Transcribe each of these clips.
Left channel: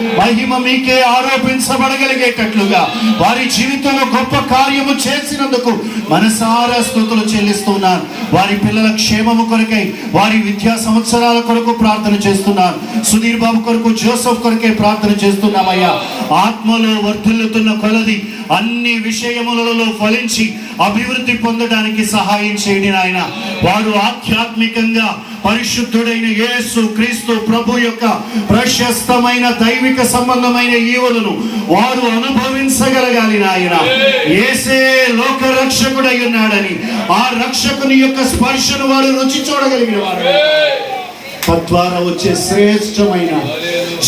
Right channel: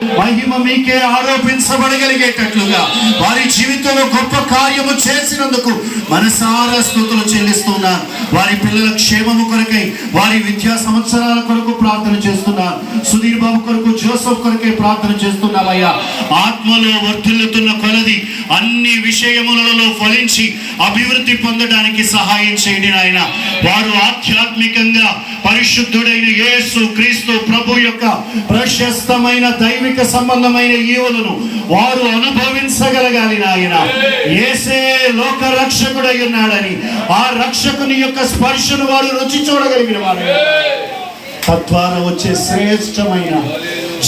మహిమ మీకే ఆరోపించబడగలిగేటట్లుగా వారి జీవితంలో గొప్ప కార్యము చేసినందుకు మనసారా స్తుతులు చెల్లిస్తున్నారు. వారి పిల్లల క్షేమము కొరకై, వారి విద్యా సంవత్సరాల కొరకు ప్రార్థన చేస్తున్నారు. సుధీర్ బాబు కొరకు, జోసెఫ్ కొరకై ప్రార్థన చేస్తున్నామయ్యా. ఆత్మలో వర్ధిల్లుతున్న కొలది అన్ని విషయములలో ఫలించి అభివృద్ధి పొందడానికి సహాయం చేయండి నాయన. వారు ఆధ్యాత్మికంగా పరిశుద్ధుడైన యేసు క్రీస్తు ప్రభు యొక్క ప్రశస్తమైన దైవిక సంబంధమైన ఈవులను వారు అనుభవించగలగాలి నాయన. యేసే లోక రక్షకుడై ఉన్నాడని ఆ రక్షకుని యొక్క స్పర్శను వారు రుచి చూడగలిగిన వారు, తద్వారా వచ్చే శ్రేష్టమైన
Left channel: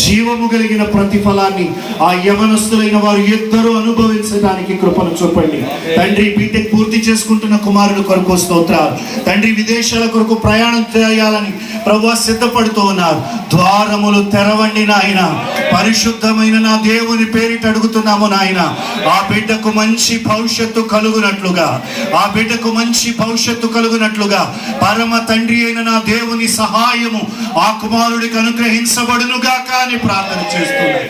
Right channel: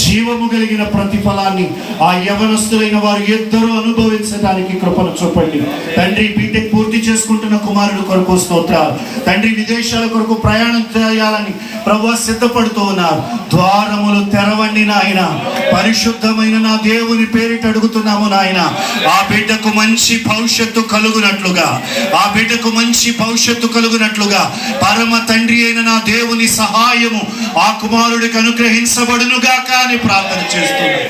జీవము కలిగిన ప్రతిఫలాన్ని ఆ యవనస్తులైన వారు ఇద్దరు అనుభవించడానికి కృపను చూపండి తండ్రి. బీటెక్ పూర్తి చేసుకుంటున్న కుమారుల కొరకు స్తోత్రాలు తండ్రి. విదేశాల కొరకు ప్రయాణం చేయాలని ప్రభువా సిద్ధపడుతూ ఉన్నారు. ద్వారములు తెరవండి నాయన. పరిశుద్ధమైన నా దేవుని పేరిట అడుగుతున్నాము నాయన. ఆ బిడ్డకు మంచి భవిష్యత్తు కలుగునట్లుగా, ఆ బిడ్డకు మంచి భవిష్యత్తు కలుగునట్లుగా పరమ తండ్రి అయిన నా దేవుని సహాయము ఆ కుమారుడికి అనుగ్రహించబడునుగాక అని ప్రార్థన చేస్తున్నారు.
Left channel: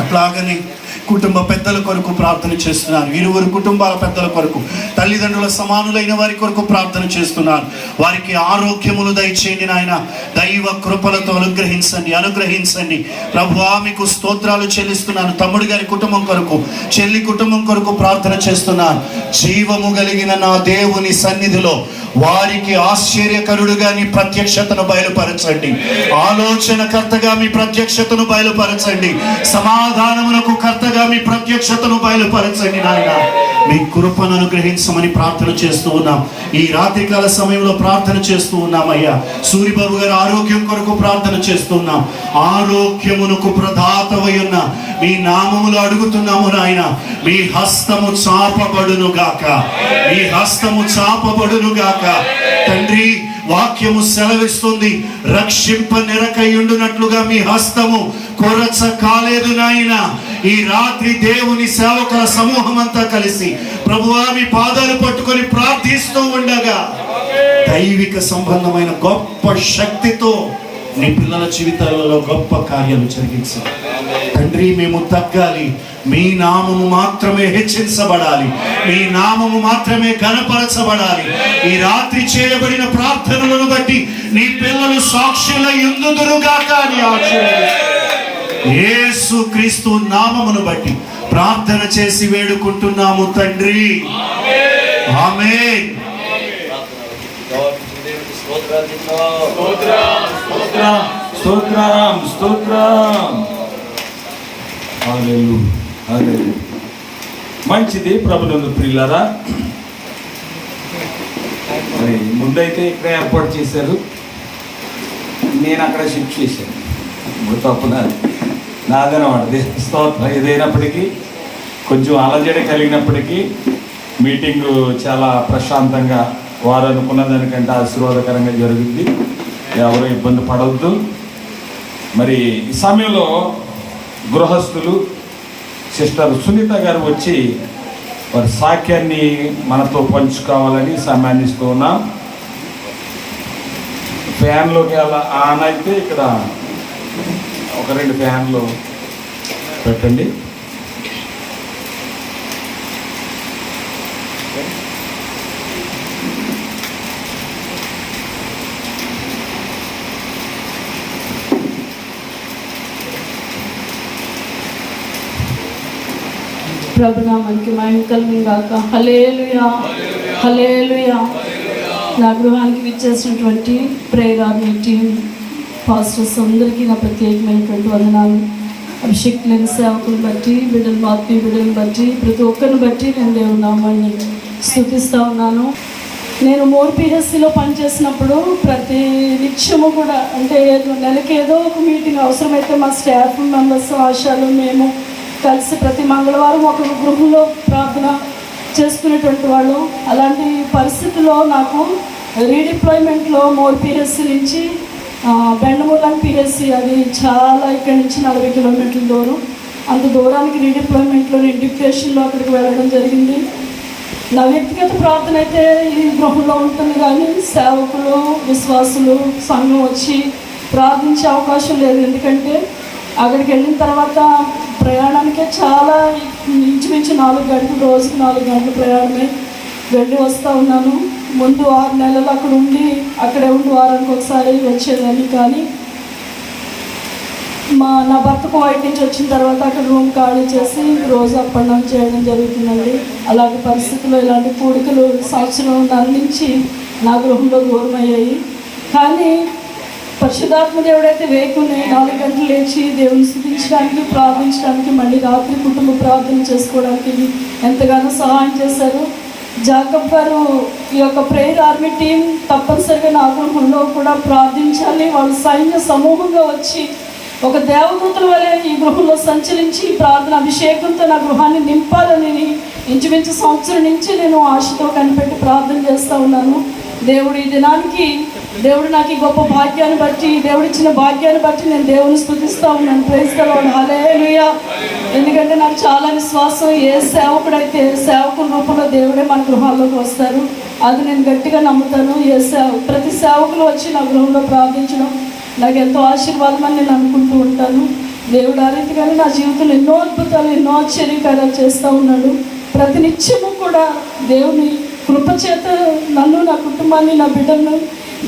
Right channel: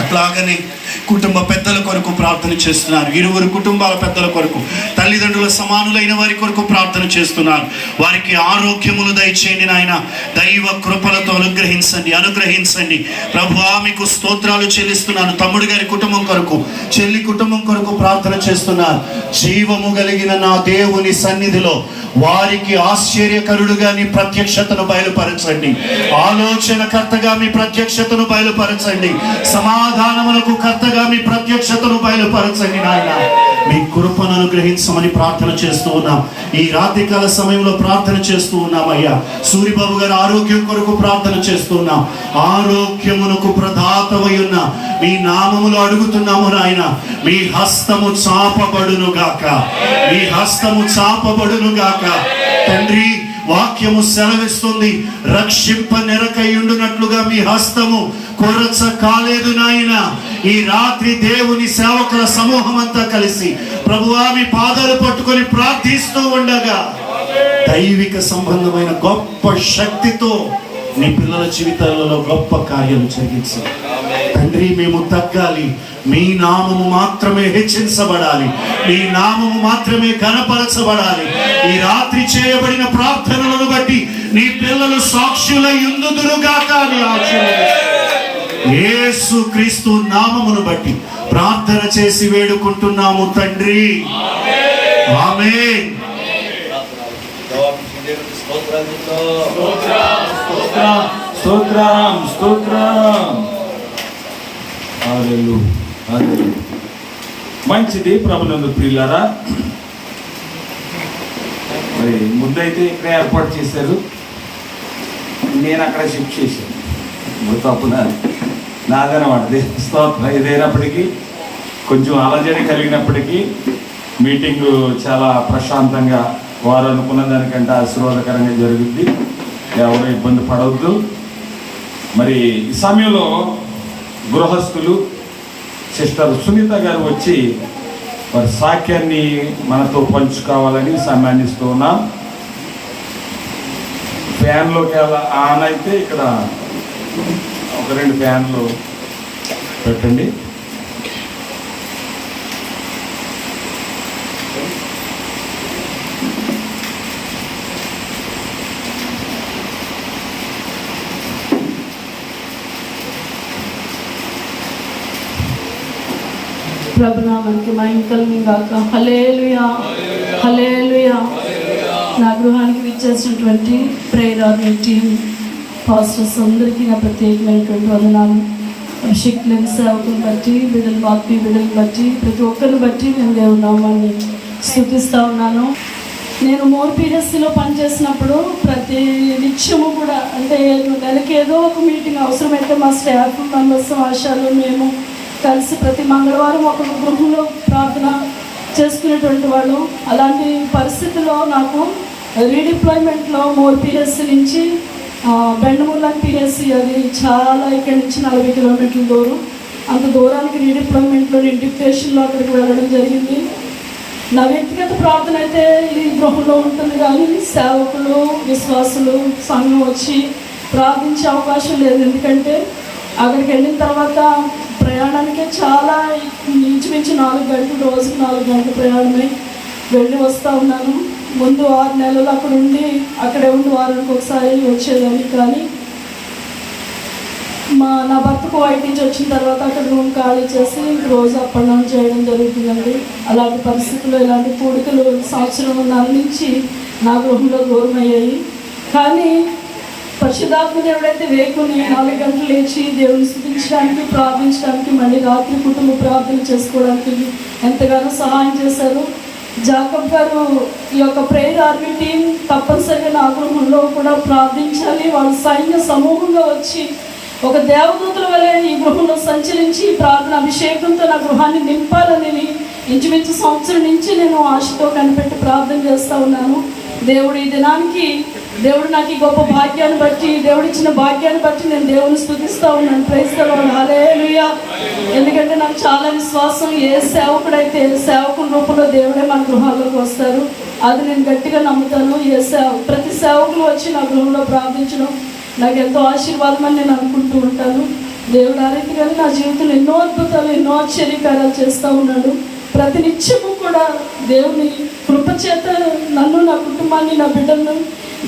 అట్లాగనే కుటుంబ పెద్దల కొరకు ప్రార్థన చేస్తున్నారు. ఇరువురు కుటుంబాల పెద్దల కొరకు, తల్లిదండ్రుల సమానులైన వారి కొరకు ప్రార్థన చేస్తున్నారు. వారికి ఆరోగ్యములు దయచేయండి నాయన. దైవ కృపలతో అనుగ్రహించండి ప్రభువా. మీకు స్తోత్రాలు చెల్లిస్తున్నాను. తమ్ముడు గారి కుటుంబం కొరకు, చెల్లి కుటుంబం కొరకు ప్రార్థన చేస్తున్నాను. జీవము కలిగిన నా దేవుని సన్నిధిలో వారికి ఆశ్చర్యకరుడుగా నీ ప్రత్యక్షతను బయలుపరచండి. ఆలోచనకర్తగా మీ ప్రత్యక్షతను బయలుపరచండి. సమాధానములకు కర్తగా మీ ప్రత్యక్షతను బయలుపరచండి నాయన. మీ కృపను అనుగ్రహించమని ప్రార్థన చేస్తూ ఉన్నాం. ఈ రాత్రికాల సమయంలో ప్రార్థన చేస్తూ ఉన్నామయ్యా. సూరిబాబు గారి ఆరోగ్యం కొరకు ప్రార్థన చేస్తూ ఉన్నాం. ఆరోగ్యమునకు ప్రదాతవై ఉన్న మీ నామములో అడుగుతున్నాము నాయన. మీ హస్తము చాపబడును గాక, మీ హస్తము చాపబడును గాక తండ్రి. వాక్యము సెలవిస్తుంది, రక్షింప నిరకయుండునట్లుగా మీ హస్తము కొరచ కాలేదు నాయన. ఈ రాత్రి దేవుని సేవకుల సమూహం అంతా కలిసి ప్రభువా మీ పాదాలు పట్టుకొని ప్రార్థిస్తూ ఉండగా దైవిక సంబంధమైన గొప్ప శక్తితో నీ పిల్లల జీవితాలలో గొప్ప కార్యాలు జరిగించాలి తండ్రి. మేము తగ్గాలి, మీ నామము మాత్రమే హెచ్చించబడాలి, మీ నామము మాత్రమే ఘనపరచబడాలి. ఈ రాత్రి చేయబడిన ప్రార్థనలను బట్టి నీ పిల్లలు సాక్షులై యుందుదురుగాక అని యేసు క్రీస్తు నామమును బట్టి ప్రార్థన చేసి వేడుకుంటున్నాము తండ్రి. ఆమేన్. మంచిది ప్రభునందు ప్రియులారా. మరి ముందైతే ఇక్కడ ఏర్పాటు చేశారు, నేను అక్కడ షిఫ్ట్ చేశాను. తప్పున్నారు నాదనమాట. స్తోత్రం. ఏదైనప్పటికీ కొంచెం అలజడి కలిగినప్పటికీ మీటింగ్ చాలా ప్రశాంతంగా, వారు అనుకున్న దానికంటే ఆశీర్వాదకరంగా జరిగింది. ఎవరు ఇబ్బంది పడవద్దు. మరి ఈ సమయంలో గృహస్థులు సిస్టర్ సునీత గారు వచ్చి వారి సాక్యాన్ని మనతో పంచుకోవాలని సమయాన్ని ఇస్తూ ఉన్నాం. ఫ్యాన్లోకి ఆన్ అయితే ఇక్కడ ఒక 2 ఫ్యాన్లు పెట్టండి. ప్రభునామానికి మహిమ కలుగును గాక. హల్లెలూయా, హల్లెలూయా. నా గృహానికి విచ్చేసినటువంటి ప్రేయర్ ఆర్మీ టీం పాస్టర్స్ అందరికీ నా ప్రత్యేకమైనటువంటి వందనాలు. అభిషేకులైన సేవకులను బట్టి, బిడ్డలు ఆత్మీయ బిడ్డలను బట్టి, ప్రతి ఒక్కరిని బట్టి నేను దేవుని నామాన్ని స్తుతిస్తూ ఉన్నాను. నేను మోర్పీఎస్సీలో పనిచేసినప్పుడు ప్రతి నిత్యము కూడా, అంటే నెలకి ఏదో ఒక మీటింగ్ అవసరమైతే మా స్టాఫ్ మెంబర్స్, ఆశాలు మేము కలిసి ప్రతి మంగళవారం ఒక గృహంలో ప్రార్థన చేసుకునేటువంటి వాళ్ళు. అలాంటి పరిస్థితుల్లో నాకు రీడిప్లాయ్మెంట్లో మోర్పీఎస్సీ నుంచి బెండమూలం పిఎస్సీ, అది చాలా ఇక్కడి నుంచి 40 కిలోమీటర్ల దూరం. అంత దూరానికి రీడిప్లాయ్మెంట్లో ఇంటిగ్రేషన్లో అక్కడికి వెళ్ళడం జరిగింది. నా వ్యక్తిగత ప్రార్థన అయితే ఈ గృహంలో ఉంటుంది, కానీ సేవకులు, విశ్వాసులు, సంఘం వచ్చి ప్రార్థించే అవకాశం లేదు. ఎందుకంటే అక్కడికి వెళ్ళిన తర్వాత ప్రయాణానికి చాలా ఇంచుమించు 4 గంటలు, రోజుకి 4 గంటల ప్రయాణమే. వెళ్ళి వస్తూ ఉన్నాను. ముందు 6 నెలలు అక్కడ ఉండి అక్కడే ఉండి వారానికి ఒకసారి వచ్చేదాన్ని. కానీ నా భర్తకు వైట్ నుంచి వచ్చిన తర్వాత అక్కడ రూమ్ ఖాళీ చేసి రోజు అప్ అండ్ డౌన్ చేయడం జరుగుతుందండి. అలాంటి పరిస్థితుల్లో ఇలాంటి కోరికలు సంవత్సరం అందించి నా గృహంలో దూరం అయ్యాయి. కానీ పరిశుద్ధాత్మ దేవుడైతే వేకుని 4 గంటలు లేచి దేవుని స్తుతించడానికి, ప్రార్థించడానికి, మళ్ళీ రాత్రి కుటుంబ ప్రార్థన చేసుకోవడానికి ఎంతగానో సహాయం చేశారు. జాకబ్ గారు ఈ యొక్క ప్రేయర్ ఆర్మీ టీం తప్పనిసరిగా నా గృహంలో కూడా ప్రార్థించాలి. వాళ్ళ సైన్య సమూహంలో వచ్చి ఒక దేవదూతల వలె ఈ గృహంలో సంచరించి ప్రార్థన అభిషేకంతో నా గృహాన్ని నింపాలని ఇంచుమించు సంవత్సరం నుంచి నేను ఆశతో కనిపెట్టి ప్రార్థన చేస్తూ ఉన్నాను. దేవుడు ఈ దినానికి, దేవుడు నాకు ఈ గొప్ప భాగ్యాన్ని బట్టి, దేవుడు ఇచ్చిన భాగ్యాన్ని బట్టి నేను దేవుని స్తుతిస్తూ ఉన్నాను. ప్రైజ్ ది లార్డ్, హల్లెలూయా. ఎందుకంటే నాకు చాలా విశ్వాసం, ఏ సేవకుడైతే సేవకుల రూపంలో దేవుడే మన గృహాల్లోకి వస్తారు. అది నేను గట్టిగా నమ్ముతాను. ప్రతి సేవకులు వచ్చి నా గృహంలో ప్రార్థించడం నాకు ఎంతో ఆశీర్వాదం అని నేను అనుకుంటూ ఉంటాను. దేవుడు ఆ రీతిగానే నా జీవితంలో ఎన్నో అద్భుతాలు, ఎన్నో ఆశ్చర్యకార్యాలు చేస్తూ ఉన్నాడు. ప్రతి నిత్యము కూడా దేవుని కృపచేత నన్ను, నా కుటుంబాన్ని, నా బిడ్డలను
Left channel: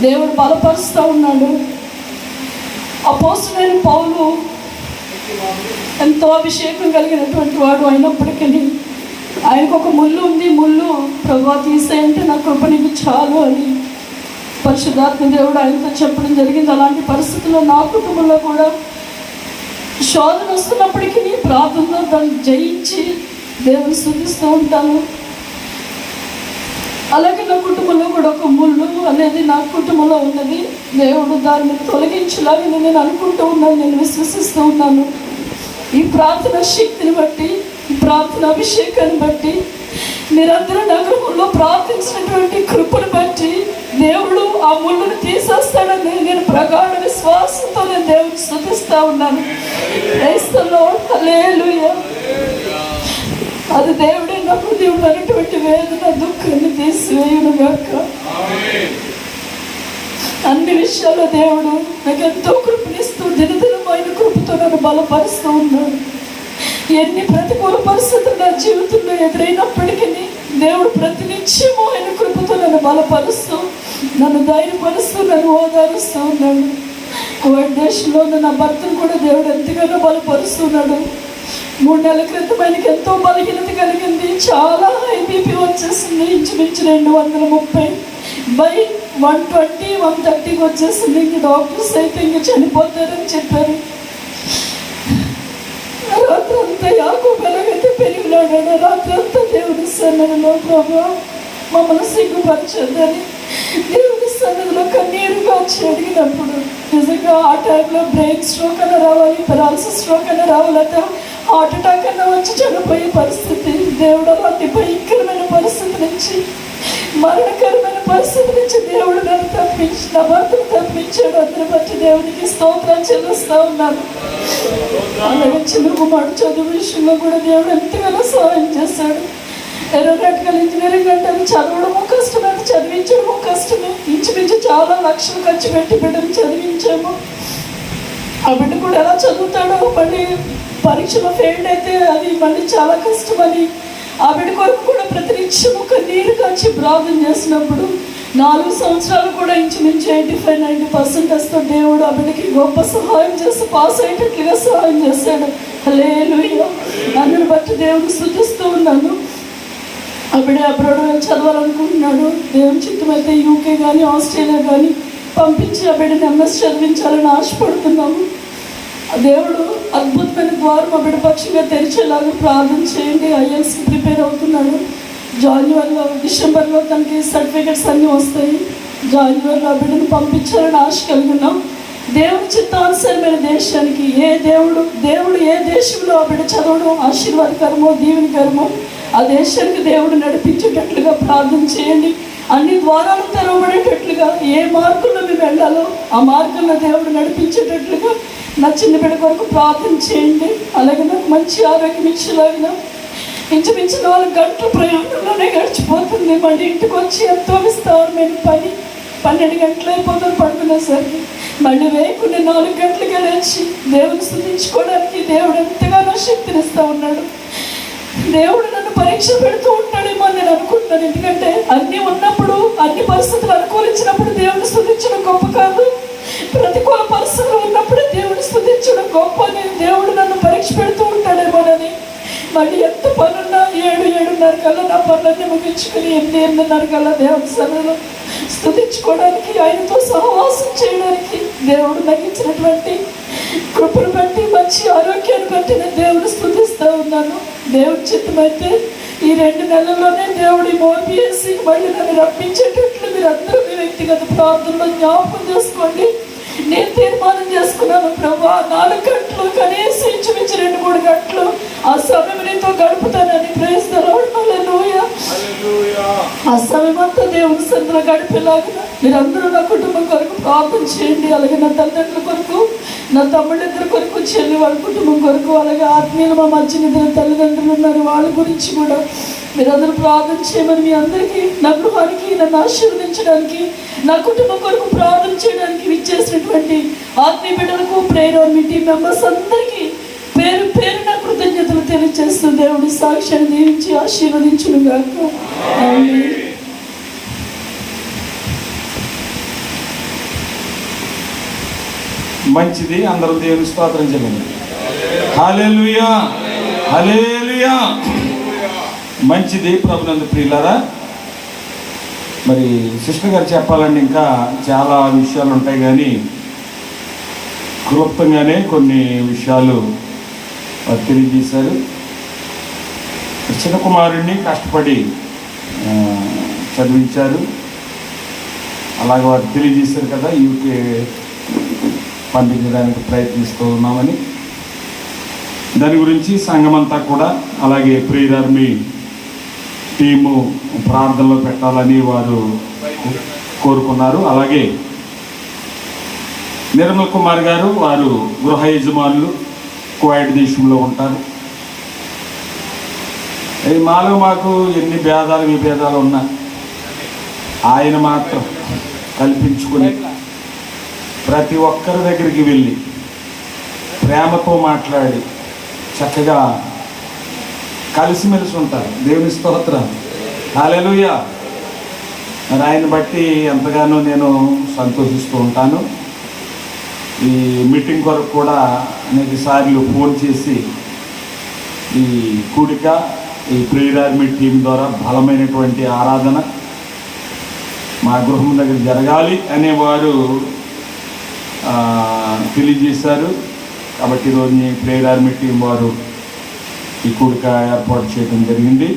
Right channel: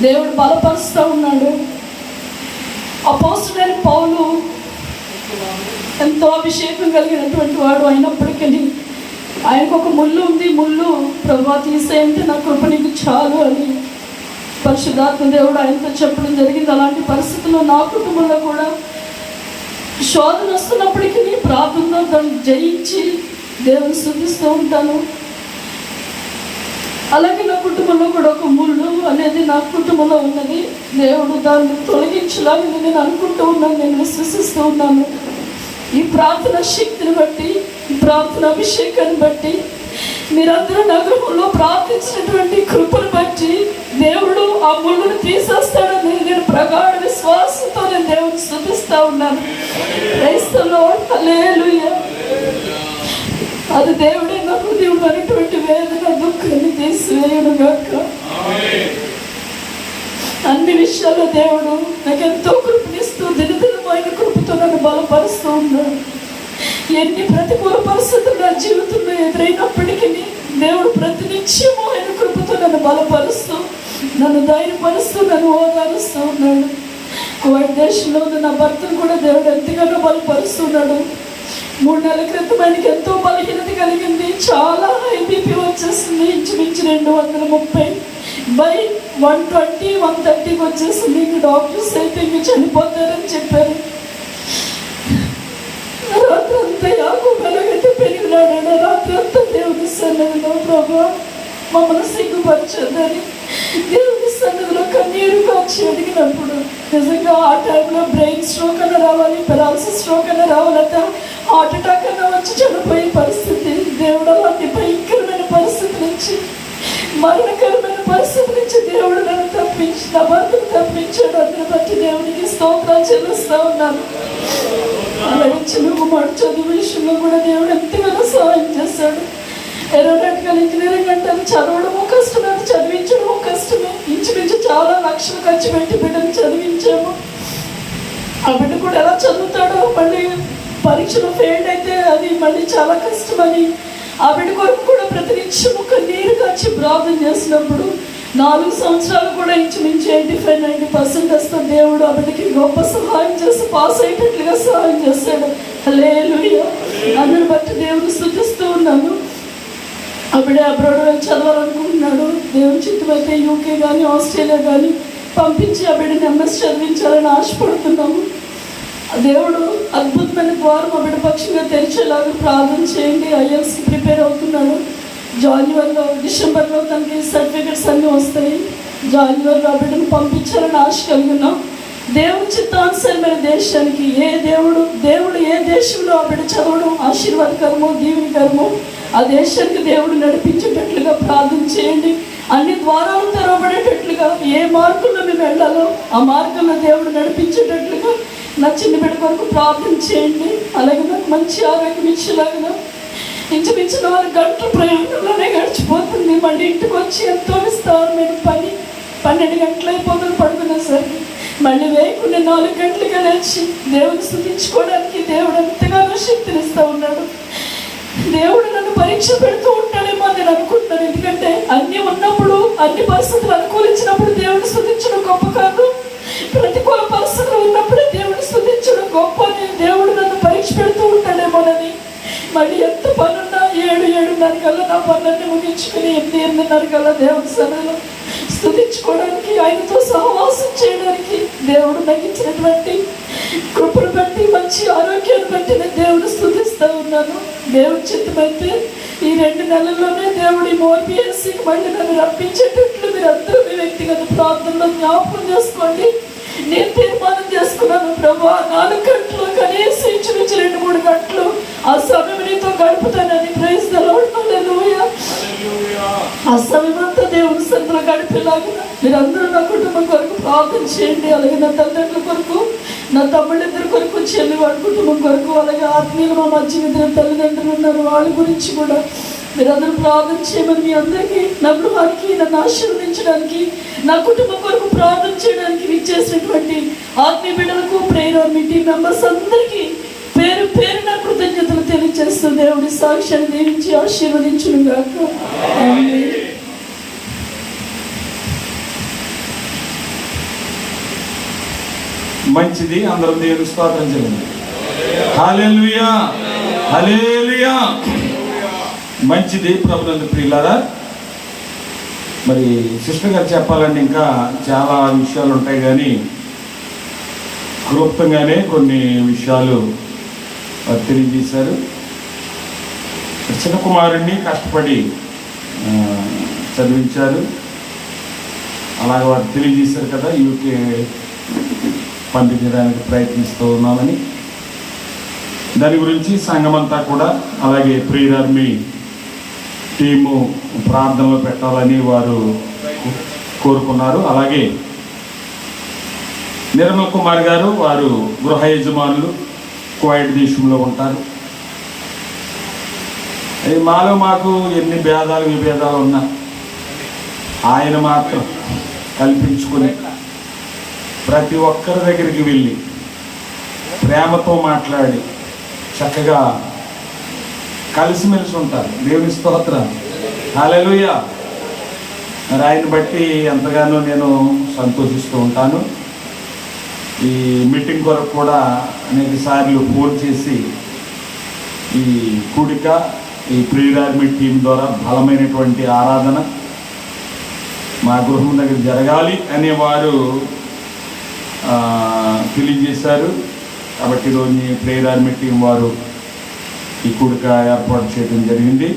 దేవుడు బలపరుస్తూ ఉన్నాడు. అపోస్తలుడైన పౌలు ఎంతో అభిషేకం కలిగినటువంటి వాడు అయినప్పటికీ ఆయనకు ఒక ముళ్ళు ఉంది. ముళ్ళు ప్రభువా తీసేయంటే నా కృప నీకు చాలు అని పరిశుద్ధాత్మ దేవుడు ఆయనతో చెప్పడం జరిగింది. అలాంటి పరిస్థితుల్లో నా కుటుంబంలో కూడా శోధన వస్తున్నప్పటికీ ప్రార్థనలో దాన్ని జయించి దేవుని స్తుతిస్తూ ఉంటాను. అలాగే నా కుటుంబంలో కూడా ఒక ముళ్ళు అనేది నా కుటుంబంలో ఉన్నది. దేవుడు దాన్ని తొలగించాలని నేను అనుకుంటూ ఉన్నాను, నేను విశ్వసిస్తూ ఉన్నాను. ఈ ప్రార్థన శక్తిని బట్టి, ఈ ప్రార్థన అభిషేకాన్ని బట్టి, మీరందరూ నా గృహంలో ప్రార్థించినటువంటి కృపను బట్టి దేవుడు ఆ ముళ్ళను తీసేస్తాడని నేను ప్రగాఢ విశ్వాసంతో నేను దేవుని స్తుతిస్తూ ఉన్నాను. ప్రైజ్ ది లార్డ్, హల్లెలూయా. అది దేవుడే నా హృదయంలో ఉన్నటువంటి వేదన, దుఃఖాన్ని తీసివేయును గాక. అన్ని విషయాల్లో దేవుడు నాకు ఎంతో కృపనిస్తూ దినదినమైన కృపతో నన్ను బలపరుస్తూ ఉన్నాడు. ఎన్ని ప్రతికూల పరిస్థితులు నా జీవితంలో ఎదురైనప్పటికీ దేవుడు ప్రతినిత్యము ఆయన కృపతో నన్ను బలపరుస్తూ, నన్ను ధైర్యపరుస్తూ, నన్ను ఓదారుస్తూ ఉన్నాడు. వైట్ దేశంలో నా భర్తను కూడా దేవుడు ఎంతగానో బలపరుస్తున్నాడు. 3 నెలల క్రితం ఆయనకి ఎంతో బలహీనత కలిగింది. చాలా హై బీపీ వచ్చేసింది. ఇంచుమించు 230/120, 130కి వచ్చేసింది. ఇంక డాక్టర్స్ అయితే ఇంక చనిపోతారని చెప్పారు. రాత్రంతా యాకోబు ఎలాగైతే పెరిగినాడని రాత్రంతా దేవుని సన్నిధిలో ప్రభువా మమ్మల్ని సిగ్గుపరచొద్దని దేవుని సన్నిధిలో కన్నీరు కాచి అడిగినప్పుడు నిజంగా ఆ టైంలో బ్రెయిన్ స్ట్రోక్ అన్న రావాలి, పెరాలసిస్ స్ట్రోక్ అన్న రావాలట, హార్ట్ అటాక్ అన్న వచ్చి చనిపోయే పరిస్థితి. దేవుడు అలాంటి భయంకరమైన పరిస్థితి నుంచి, మరణకరమైన పరిస్థితి నుంచి దేవుడు నన్ను తప్పించి, నా భర్తను తప్పించాడు. అందరి బట్టి దేవునికి స్తోత్రాలు చెల్లిస్తూ ఉన్నాను. అలాగే చిన్నకుమారు చదువు విషయంలో కూడా దేవుడు ఎంతగానో సహాయం చేశాడు. ఏరోనాటికల్ ఇంజనీరింగ్ అంటే చదవడము కష్టమే, చదివించడము కష్టమే. ఇంచుమించు చాలా లక్షలు ఖర్చు పెట్టి బిడ్డను చదివించాము. ఆ బిడ్డ కూడా ఎలా చదువుతాడో, మళ్ళీ పరీక్షలో ఫెయిల్ అయితే అది మళ్ళీ చాలా కష్టమని ఆ బిడ్డ కొరకు కూడా ప్రతినిత్యం ఒక నీరు కాచి ప్రార్థన చేసినప్పుడు 4 సంవత్సరాలు కూడా ఇంచుమించు 85-90% వస్తే దేవుడు ఆ బిడ్డకి గొప్ప సహాయం చేసి పాస్ అయ్యేటట్లుగా సహాయం చేశాడు. హల్లెలూయా. అందుని బట్టి దేవుని స్తుతిస్తూ ఉన్నాను. ఆ బిడ్డ అబ్రాడ్ చదవాలనుకుంటున్నాడు. దేవుని చిత్తమైతే యూకే కానీ ఆస్ట్రేలియా కానీ పంపించి ఆ బిడ్డని ఎంఎస్ చదివించాలని ఆశపడుతున్నాము. దేవుడు అద్భుతమైన ద్వారం మా బిడ్డ పక్షంగా తెరిచేలాగా ప్రార్థన చేయండి. ఐఎల్స్కి ప్రిపేర్ అవుతున్నాడు. డిసెంబర్లో తనకి సర్టిఫికెట్స్ అన్నీ వస్తాయి. జాన్యువరిలో ఆ బిడ్డను పంపించాలని ఆశ కలిగినాం. దేవుని చిత్తానుసరమైన దేశానికి దేవుడు ఏ దేశంలో ఆ బిడ్డ చదవడం ఆశీర్వాదకరమో దీవెనకరమో ఆ దేశానికి దేవుడు నడిపించేటట్లుగా ప్రార్థన చేయండి. అన్ని ద్వారాలు తెరవబడేటట్లుగా ఏ మార్గంలో మేము వెళ్ళాలో ఆ మార్గంలో దేవుడు నడిపించేటట్లుగా నా చిన్న బిడ్డ కొరకు ప్రార్థన చేయండి. అలాగే నాకు మంచి ఆరోగ్యం ఇచ్చేలాగా ఇంచుమించు 4 గంటల ప్రయాణంలోనే గడిచిపోతుంది. మళ్ళీ ఇంటికి వచ్చి ఎంతో విస్తారమైన పని 12 గంటలు అయిపోతుంది. ఉన్నా సరే మళ్ళీ వేయకుండా 4 గంటలుగా లేచి దేవుని స్తుతించుకోవడానికి దేవుడు ఎంతగానో శక్తినిస్తూ ఉన్నాడు. దేవుడు నన్ను పరీక్ష పెడుతూ ఉంటాడేమో అని నేను అనుకుంటున్నాను. ఎందుకంటే అన్నీ ఉన్నప్పుడు, అన్ని పరిస్థితులు అనుకూలించినప్పుడు దేవుని స్తుతించడం గొప్ప కాదు, ప్రతికూల పరిస్థితులు ఉన్నప్పుడే దేవుని స్తుతించడం గొప్ప అని దేవుడు నన్ను పరీక్ష పెడుతూ ఉంటాడేమోనని మళ్ళీ ఎంత పనున్నా 7-7:30 కల్లా నా పనులన్నీ ముగించుకుని 8-8:30 కల్లా దేవుని సన్నిధిలో స్తుతించుకోవడానికి, ఆయనతో సహవాసం చేయడానికి దేవుడు నాకు ఇచ్చినటువంటి కృపను బట్టి, మంచి ఆరోగ్యాన్ని బట్టి నేను దేవుడు స్తుతిస్తూ ఉన్నాను. దేవుడి చిత్తమైతే ఈ 2 నెలల్లోనే దేవుడి మోర్పిఎస్సి మళ్ళీ నన్ను రప్పించేటట్లు మీరు అందరూ మీ వ్యక్తిగత ప్రార్థనలో జ్ఞాపకం చేసుకోండి. నేను తీర్మానం చేసుకున్నాను, ప్రభా 4 గంటలు కనీసం ఇంచుమించు 2-3 గంటలు ఆ సమయం నీతో గడుపుతానని. ప్రైజ్ ది లార్డ్, హల్లెలూయా. ఆ సమయం అంతా దేవుని సన్నిధిలో గడిపేలాగా మీరందరూ నా కుటుంబం కొరకు ప్రార్థన చేయండి. అలాగే నా తల్లిదండ్రుల కొరకు, నా తమ్ముళ్ళిద్దరి కొరకు, చెల్లి వాళ్ళ కుటుంబం కొరకు, అలాగే ఆత్మీయులు మా మధ్య తల్లిదండ్రులు ఉన్నారు, వాళ్ళ గురించి కూడా మీరందరూ ప్రార్థన చేయమని మీ అందరికీ, నా గృహానికి, నన్ను ఆశీర్వదించడానికి, నా కుటుంబం కొరకు ప్రార్థన చేయడానికి విచ్చేసినటువంటి ఆత్మీయ బిడ్డలకు, ప్రేయర్ మీటింగ్ మెంబర్స్ అందరికీ పేరు పేరున కృతజ్ఞతలు తెలియజేస్తూ దేవుడి సాక్ష్యాన్ని దీవించి ఆశీర్వదించును గాక. ఆమేన్. మంచిది, అందరూ దేవుని స్తోత్రం చేయండి. హల్లెలూయా, హల్లెలూయా. మంచిది ప్రభునందు ప్రియులారా. మరి సిస్టర్ గారు చెప్పాలంటే ఇంకా చాలా విషయాలు ఉంటాయి, కానీ క్లుప్తంగానే కొన్ని విషయాలు తెలియజేశారు. చిన్న కుమారుడిని కష్టపడి చదివించారు, అలాగే వారు తెలియజేశారు కదా, యూకే పంపించడానికి ప్రయత్నిస్తూ ఉన్నామని. దాని గురించి సంఘమంతా కూడా, అలాగే ప్రేయర్ ఆర్మీ టీము ప్రార్థనలో పెట్టాలని వారు కోరుకున్నారు. అలాగే నిర్మల్ కుమార్ గారు, వారు గృహ యజమానులు, కువైట్ దేశంలో ఉంటారు. మాలో మాకు ఎన్ని భేదాలు విభేదాలు ఉన్నాయి, ఆయన మాత్రం కల్పించుకుని ప్రతి ఒక్కరి దగ్గరికి వెళ్ళి ప్రేమతో మాట్లాడి చక్కగా కలిసిమెలిసి ఉంటారు. దేవుని స్తోత్రం, హల్లెలూయా. మరి ఆయన బట్టి ఎంతగానో నేను సంతోషిస్తూ ఉంటాను. ఈ మీటింగ్ వరకు కూడా అనేక సార్లు ఫోన్ చేసి ఈ కూడిక, ఈ ప్రేయర్ ఆర్మీ టీం ద్వారా బలమైనటువంటి ఆరాధన మా గృహం దగ్గర జరగాలి అనేవారు తెలియజేశారు. కాబట్టి ఈరోజు ప్రేయర్ ఆర్మీ టీం వారు ఈ కూడిక ఏర్పాటు చేయడం జరిగింది.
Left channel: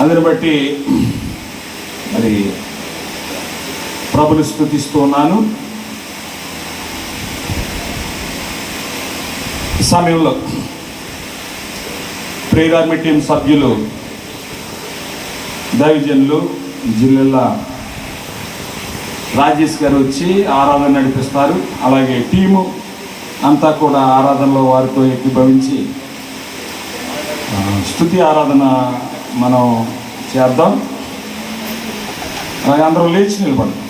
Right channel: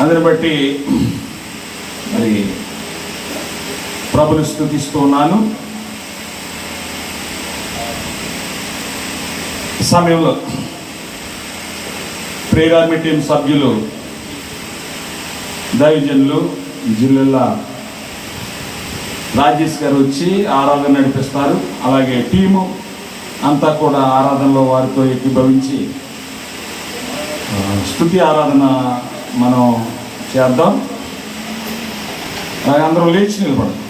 అందుని బట్టి మరి ప్రభుని స్తుతిస్తూ ఉన్నాను. ఈ సమయంలో ప్రేయర్ ఆర్మీ టీం సభ్యులు, దైవజనులు జిల్లా రాజేష్ గారు వచ్చి ఆరాధన నడిపిస్తారు. అలాగే టీము అంతా కూడా ఆరాధనలో వారితో ఏకీభవించి స్తుతి ఆరాధన మనం చేద్దాం. అలాగే అందరం లేచి నిలబడతాం.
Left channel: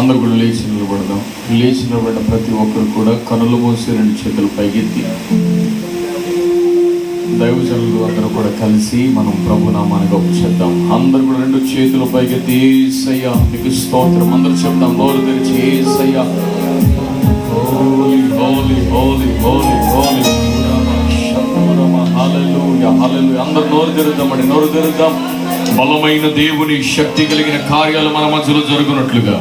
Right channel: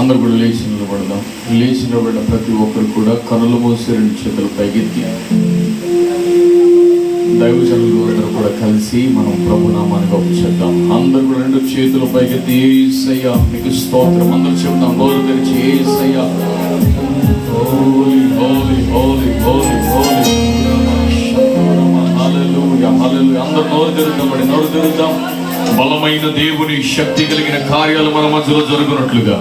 అందరూ కూడా లేచి నిలబడదాం. లేచి నిలబడిన ప్రతి ఒక్కరు కూడా కనులు మూసి 2 చేతులు పైకెత్తి దైవజనులు అందరూ కూడా కలిసి మనం ప్రభునామాన్ని గొప్ప చేద్దాం. అందరూ కూడా 2 చేతులు పైకెత్తి యేసయ్యా నీకు స్తోత్రం అందరూ చెప్తాం. నోరు తెరిచి యేసయ్యా, హోలీ హోలీ హోలీ హోలీ హోలీ, హల్లెలూయా హల్లెలూయా. అందరూ నోరు తెరుద్దామండి, నోరు తెరుద్దాం. బలమైన దేవుని శక్తి కలిగిన కార్యాలు మన మధ్యలో జరుగునట్లుగా,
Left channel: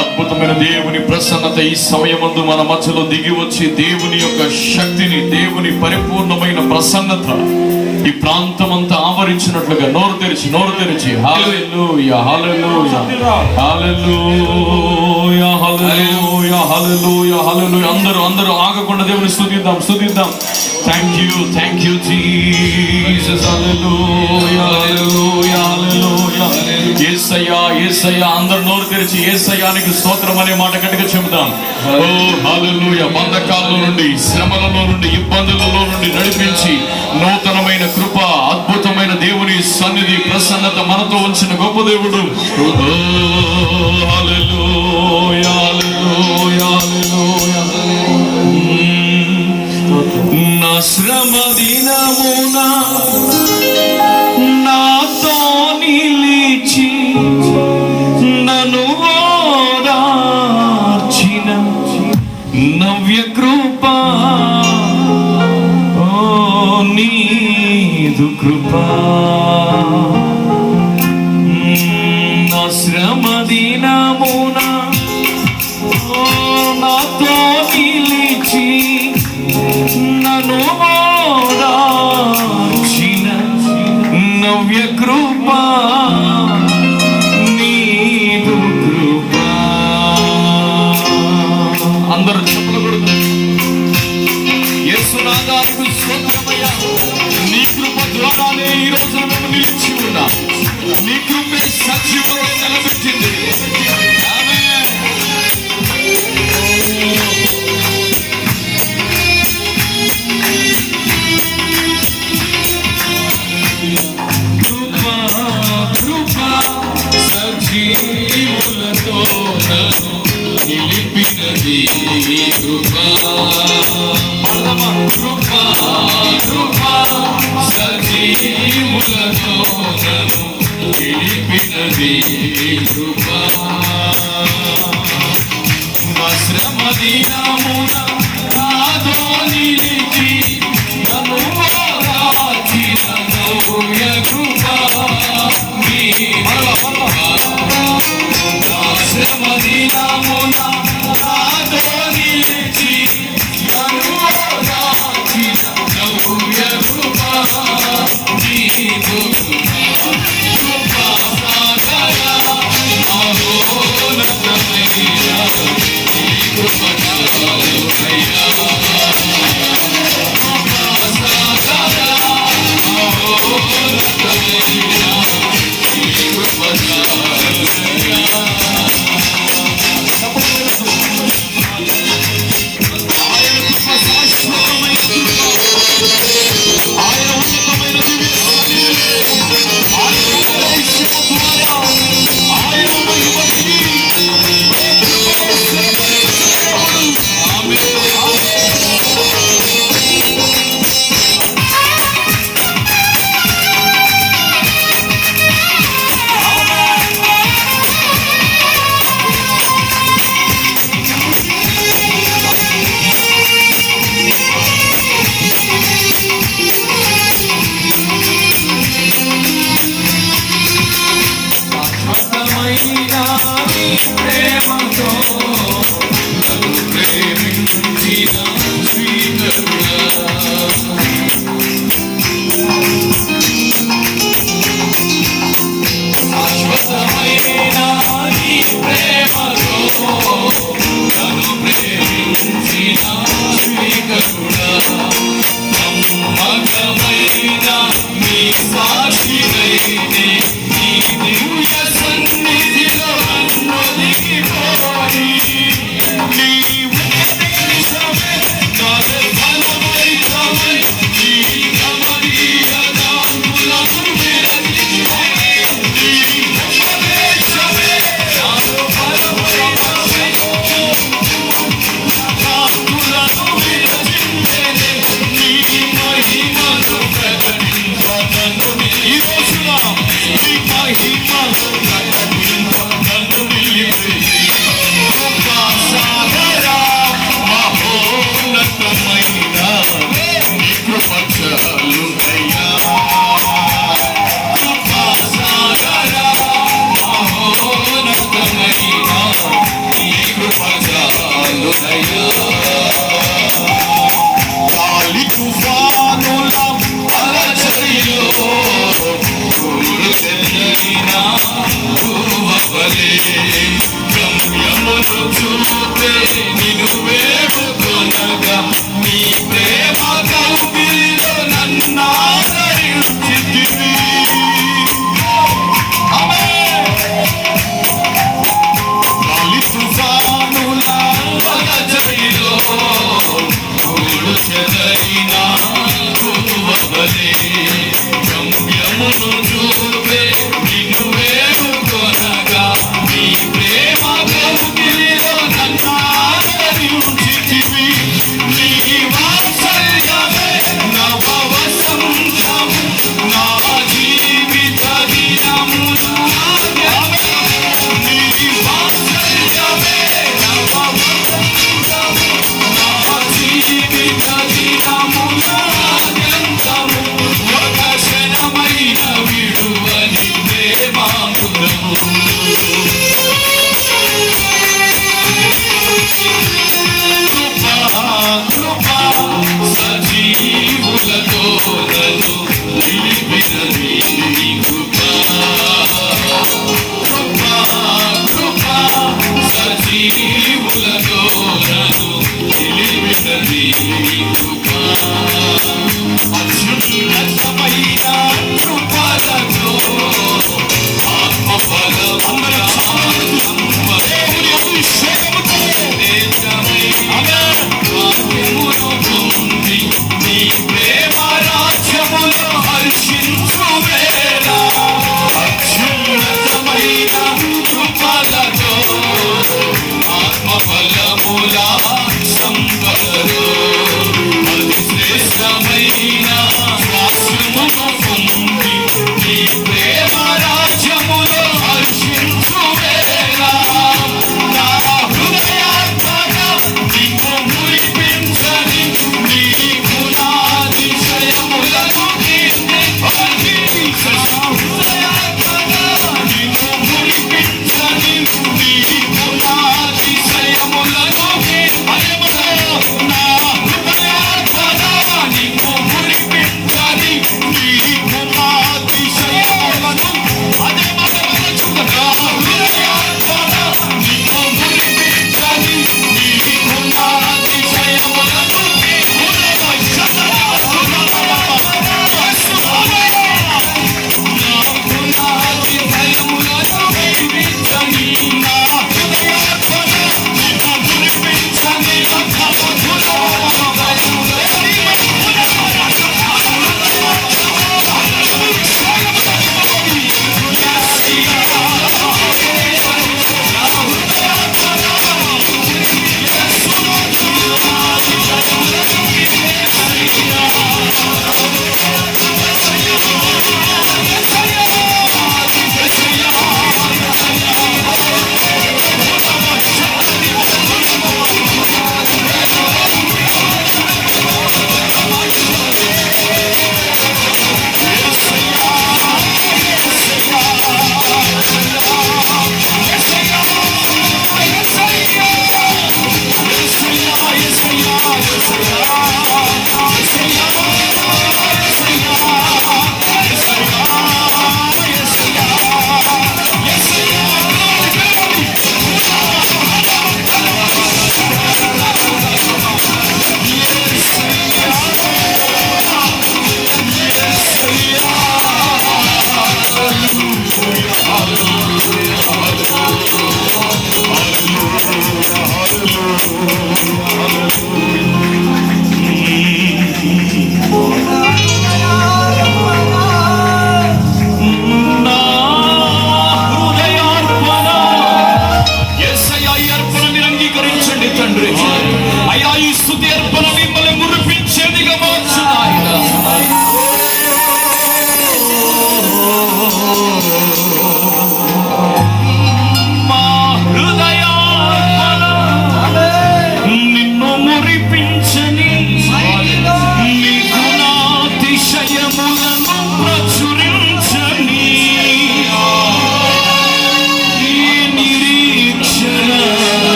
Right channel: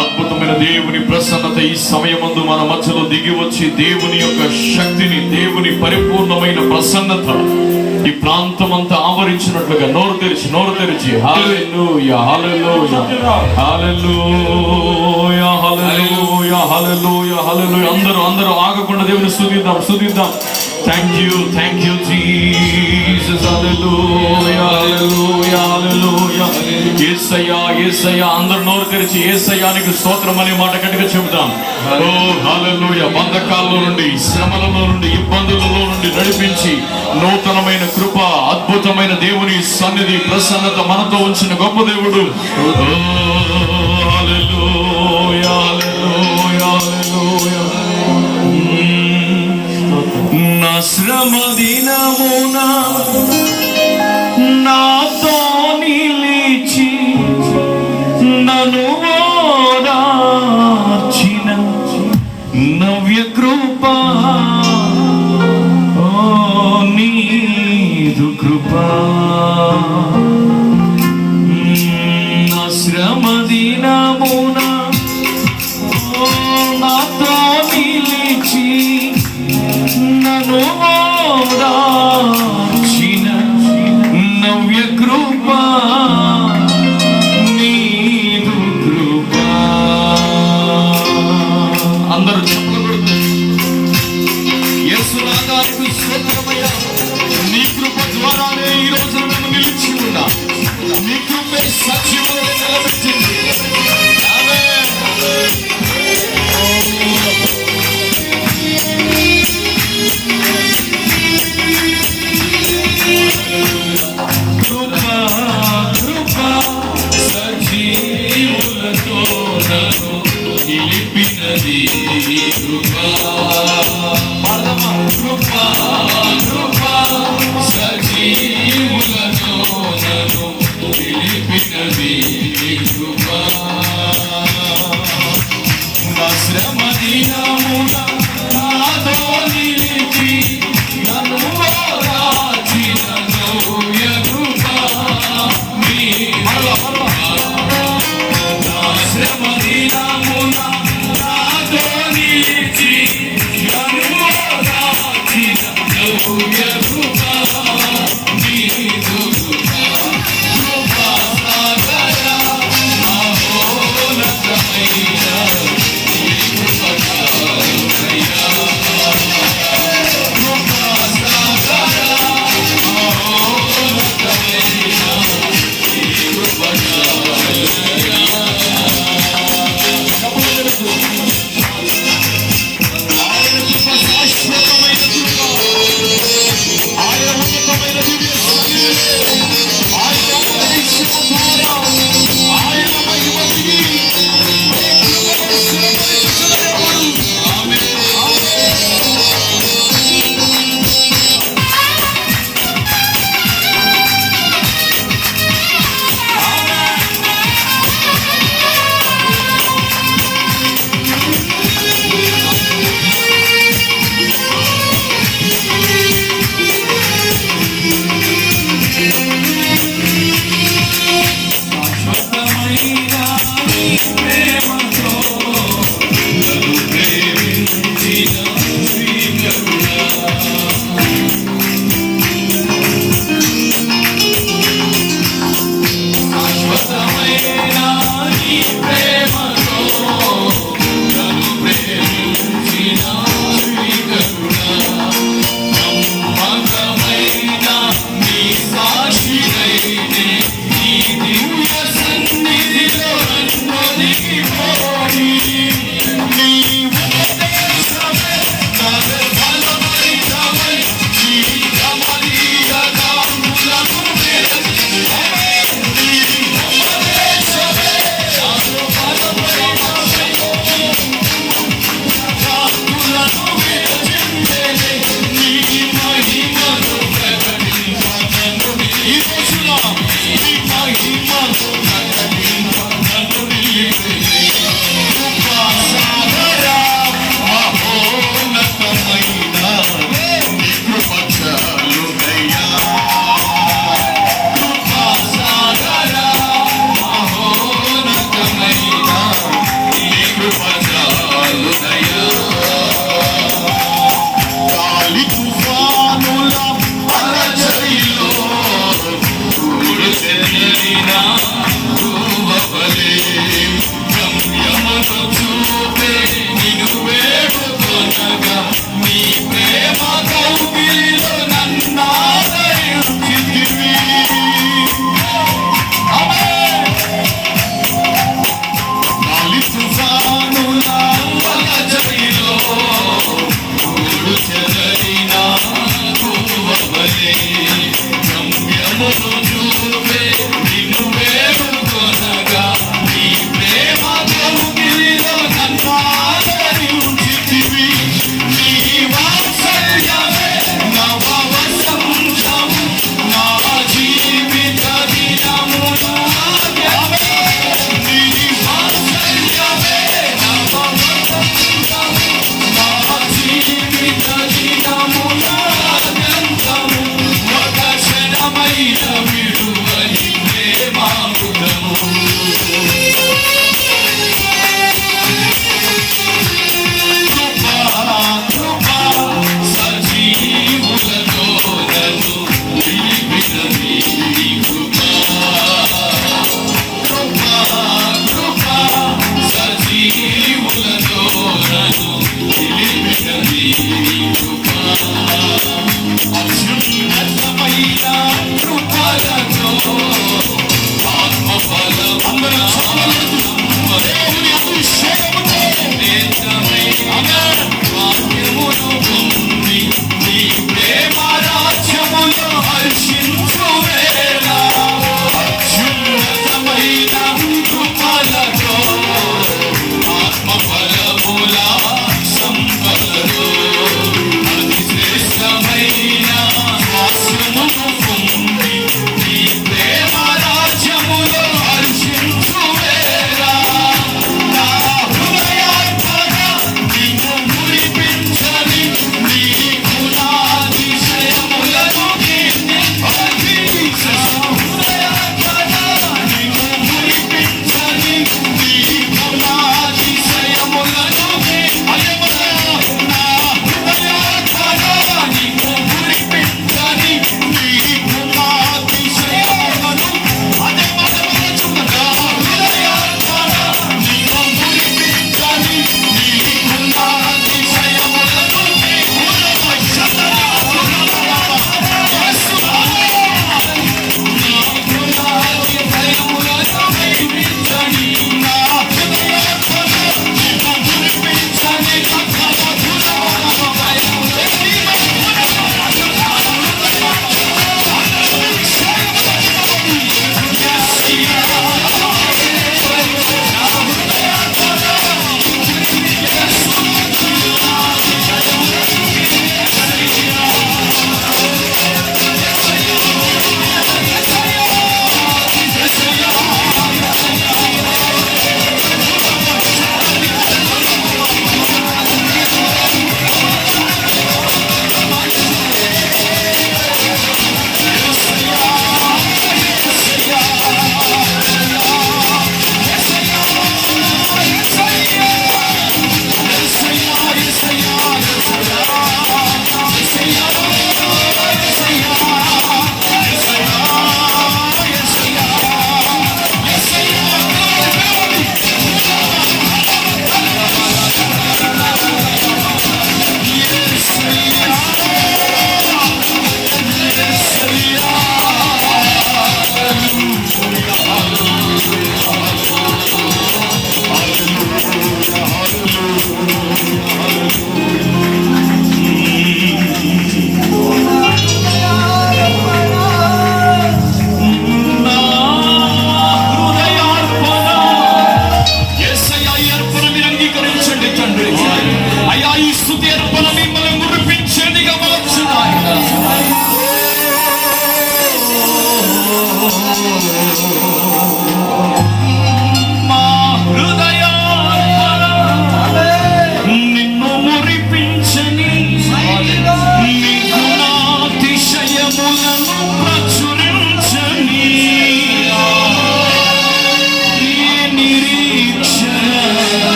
అద్భుతమైన దేవుని ప్రసన్నత ఈ సమయమందు మన మధ్యలో దిగి వచ్చి దేవుని యొక్క శక్తిని, దేవుని పరిపూర్ణమైన ప్రసన్నత ఈ ప్రాంతం అంతా ఆవరించినట్లుగా నోరు తెరిచి హల్లెలూయా హల్లెలూయా హల్లెలూయా హల్లెలూయా హల్లెలూయా హల్లెలూయా. అందరూ ఆగకుండా దేవుని స్తుతిద్దాం. Thank you Jesus. Hallelujah hallelujah hallelujah. యేసయ్యా యేసయ్యా, అందరూ నోరు తెరిచి యేసయ్యానికి స్తోత్రం అనే మాట గట్టిగా చెబుతాం. ఓ హల్లెలూయా. బంధకాల్లో నుండి, శ్రమలలో నుండి, ఇబ్బందులలో నుండి నడిపించి నూతనమైన కృప, అద్భుతమైన దేవుని సన్నిధి, ప్రసన్నత మనతో ఉంచిన గొప్ప దేవుడు. ఓ హల్లెలూయా హల్లెలూయా హల్లెలూయా. నా శ్రమ దినమున నాతో నిలిచి నన్ను ఓదార్చిన నవ్య కృప, ఓ నీదు కృప. నా శ్రమ దినమున నాతో నిలిచి నన్ను ఓదార్చిన నవ్య కృప, నీదు కృప. అందరూ చెప్పకూడదు. యేసునాథానికి స్తోత్రమయ్యా. నీ కృప ద్వారానే ఈ రోజు మేము నిలిచి ఉన్నా. నీ కృపే సజీవులుగా నిలబెట్టింది. ఆమేన్. కృప సజీవులతో నన్ను నిలిపినది కృప. కృప కృప సజీవులతో నన్ను నిలిపినది కృప. నా శ్రమ దినమున నాతో నిలిచి నన్ను ఓదార్చిన నవ్య కృప, నీదు కృప. నా శ్రమ దినమున నాతో నిలిచి నన్ను ఓదార్చిన నవ్య కృప, నీదు కృప. కృపా సాగర మహోన్నతమైన నీ కృప చాలునయ్యా. కృపా సాగర మహోన్నతమైన నీ కృప చాలునయ్యా. ఆయన కృప శాశ్వతమైన కృప. ఆయన ఉన్నతమైన దివ్య సన్నిధి. ఆయన ఐశ్వర్య ఆయన మహిమకి తుఫానుల అలజడిలో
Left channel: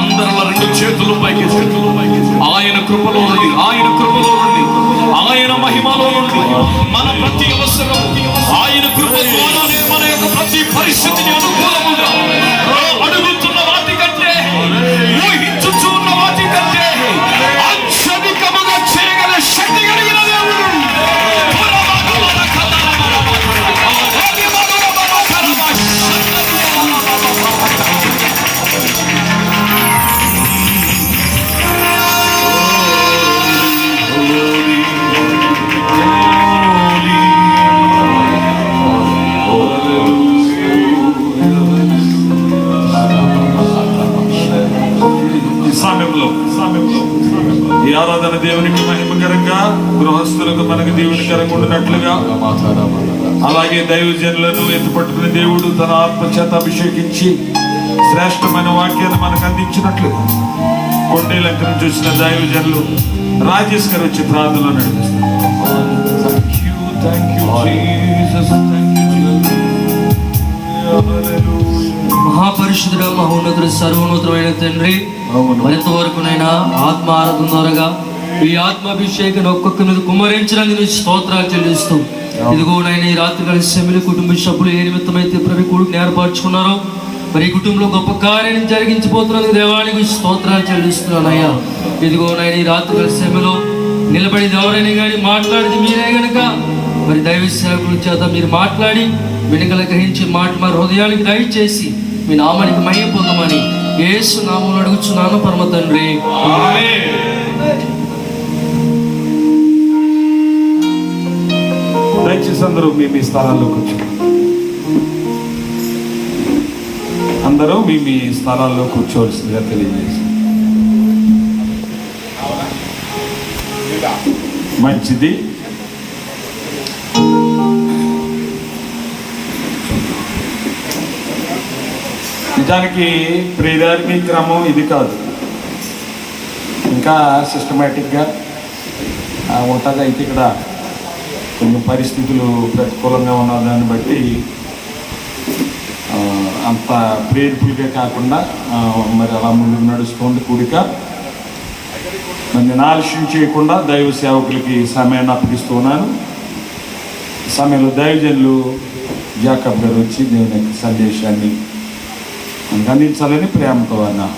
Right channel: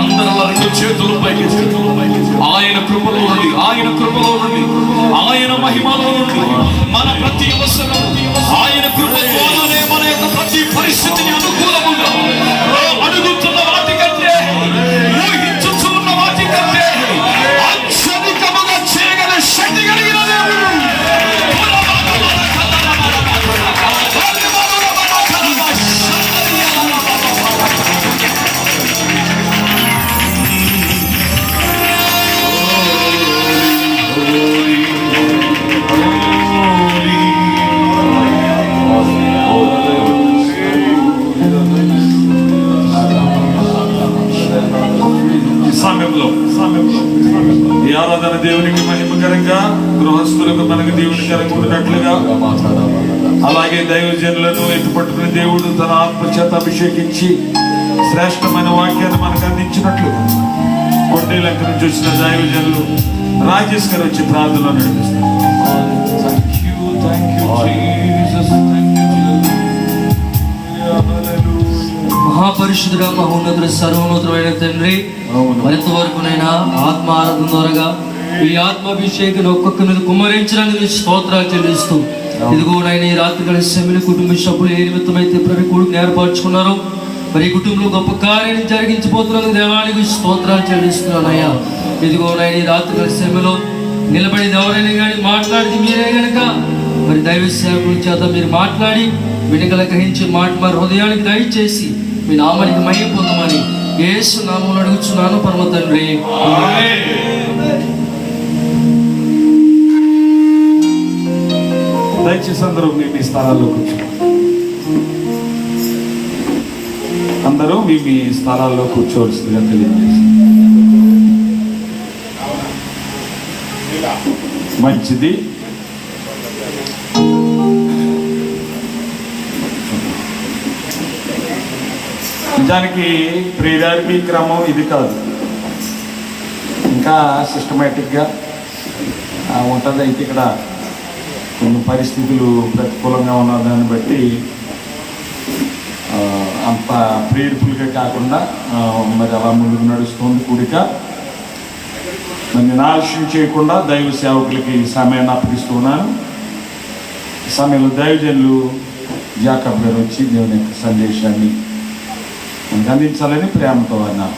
అందరూ రెండు చేతులు పైకి ఆయన కృపలో ఉంది, ఆయన కృపలో ఉంది, ఆయన మహిమలో ఉంది. మన ప్రతి అవసరం ఆయన కృప ద్వారానే మన యొక్క ప్రతి పరిస్థితిని అనుకూలముగా అడుగుతున్న వాటి కంటే, ఊహించుచున్న వాటి కంటే అత్యధికముగా చేయగల శక్తి కలిగిన దేవుడు. ఈ ఆరాధన దేవునికి మహిమకరంగా, గృహస్థులకు మనకు దేవుని కలుగునట్లుగా, అలాగే దైవజనులను ఎత్తుపట్టుకున్న దేవుడు తన ఆత్మచేత అభిషేకించి శ్రేష్టమైన వాక్యాన్ని మనకు అందించినట్లు కొండేలంకను చూసిన దైవజనులు రాజేష్ గారు వచ్చి ప్రార్థనలో నడిపిస్తారు. మహాపరిశుద్ధుడ, మహోన్నతుడు, సర్వోన్నతమైన తండ్రి, మరింత వరకునైనా ఆత్మ ఆరాధన ద్వారాగా ఈ ఆత్మాభిషేకం ఒక్కొక్క మీద కుమ్మరించడానికి స్తోత్రాలు చెల్లిస్తూ, ఇదిగో నాయన ఈ రాత్రి కలిసి సెమిని కుటుంబ సభ్యులు ఏ నిమిత్తమైతే ప్రతి కొడుకుని ఏర్పరచుకున్నారో మరి ఈ కుటుంబంలో గొప్ప కార్యాన్ని జరిగించిపోతున్నందుకు దేవానికి స్తోత్రాలు చెల్లిస్తున్నానయ్యా. ఇదిగో నాయన ఈ రాత్రి కలిసి సెమిలో నిలబడి ఎవరైనా కానీ మాట్లాడితే మీరే గనుక మరి దైవ సేవకుల చేత మీరు మాట్లాడి వెనుకల గ్రహించిన మాట మా హృదయానికి దయచేసి మీ నామానికి మహిమ పొందమని యేసు నామములో అడుగుచున్నాను పరమ తండ్రి. దయచేసి అందరూ మీ స్థానాల్లో కూర్చోండి. అందరూ మీ స్థలాల్లో కూర్చోవలసిందిగా తెలియజేసి. మంచిది. నిజానికి ప్రియారిటీ క్రమం ఇది కాదు, ఇంకా సిస్టమేటిక్గా ఉంటుంది. అయితే ఇక్కడ కొన్ని పరిస్థితులు ప్రతికూలంగా ఉన్న దాన్ని బట్టి అంత ప్రేర్ఫుల్గా కాకుండా మరి అలా ముందుకు నడుస్తుంది కూడిక. నన్ను ఆలస్యం చేయకుండా దైవ సేవకులకి సమయాన్ని అప్పగిస్తూ ఉన్నాను. ఈ సమయంలో దైవజనులు జాకబ్ గారు వచ్చి దేవుని యొక్క సందేశాన్ని అందించాలని ప్రేమతో అన్నాను.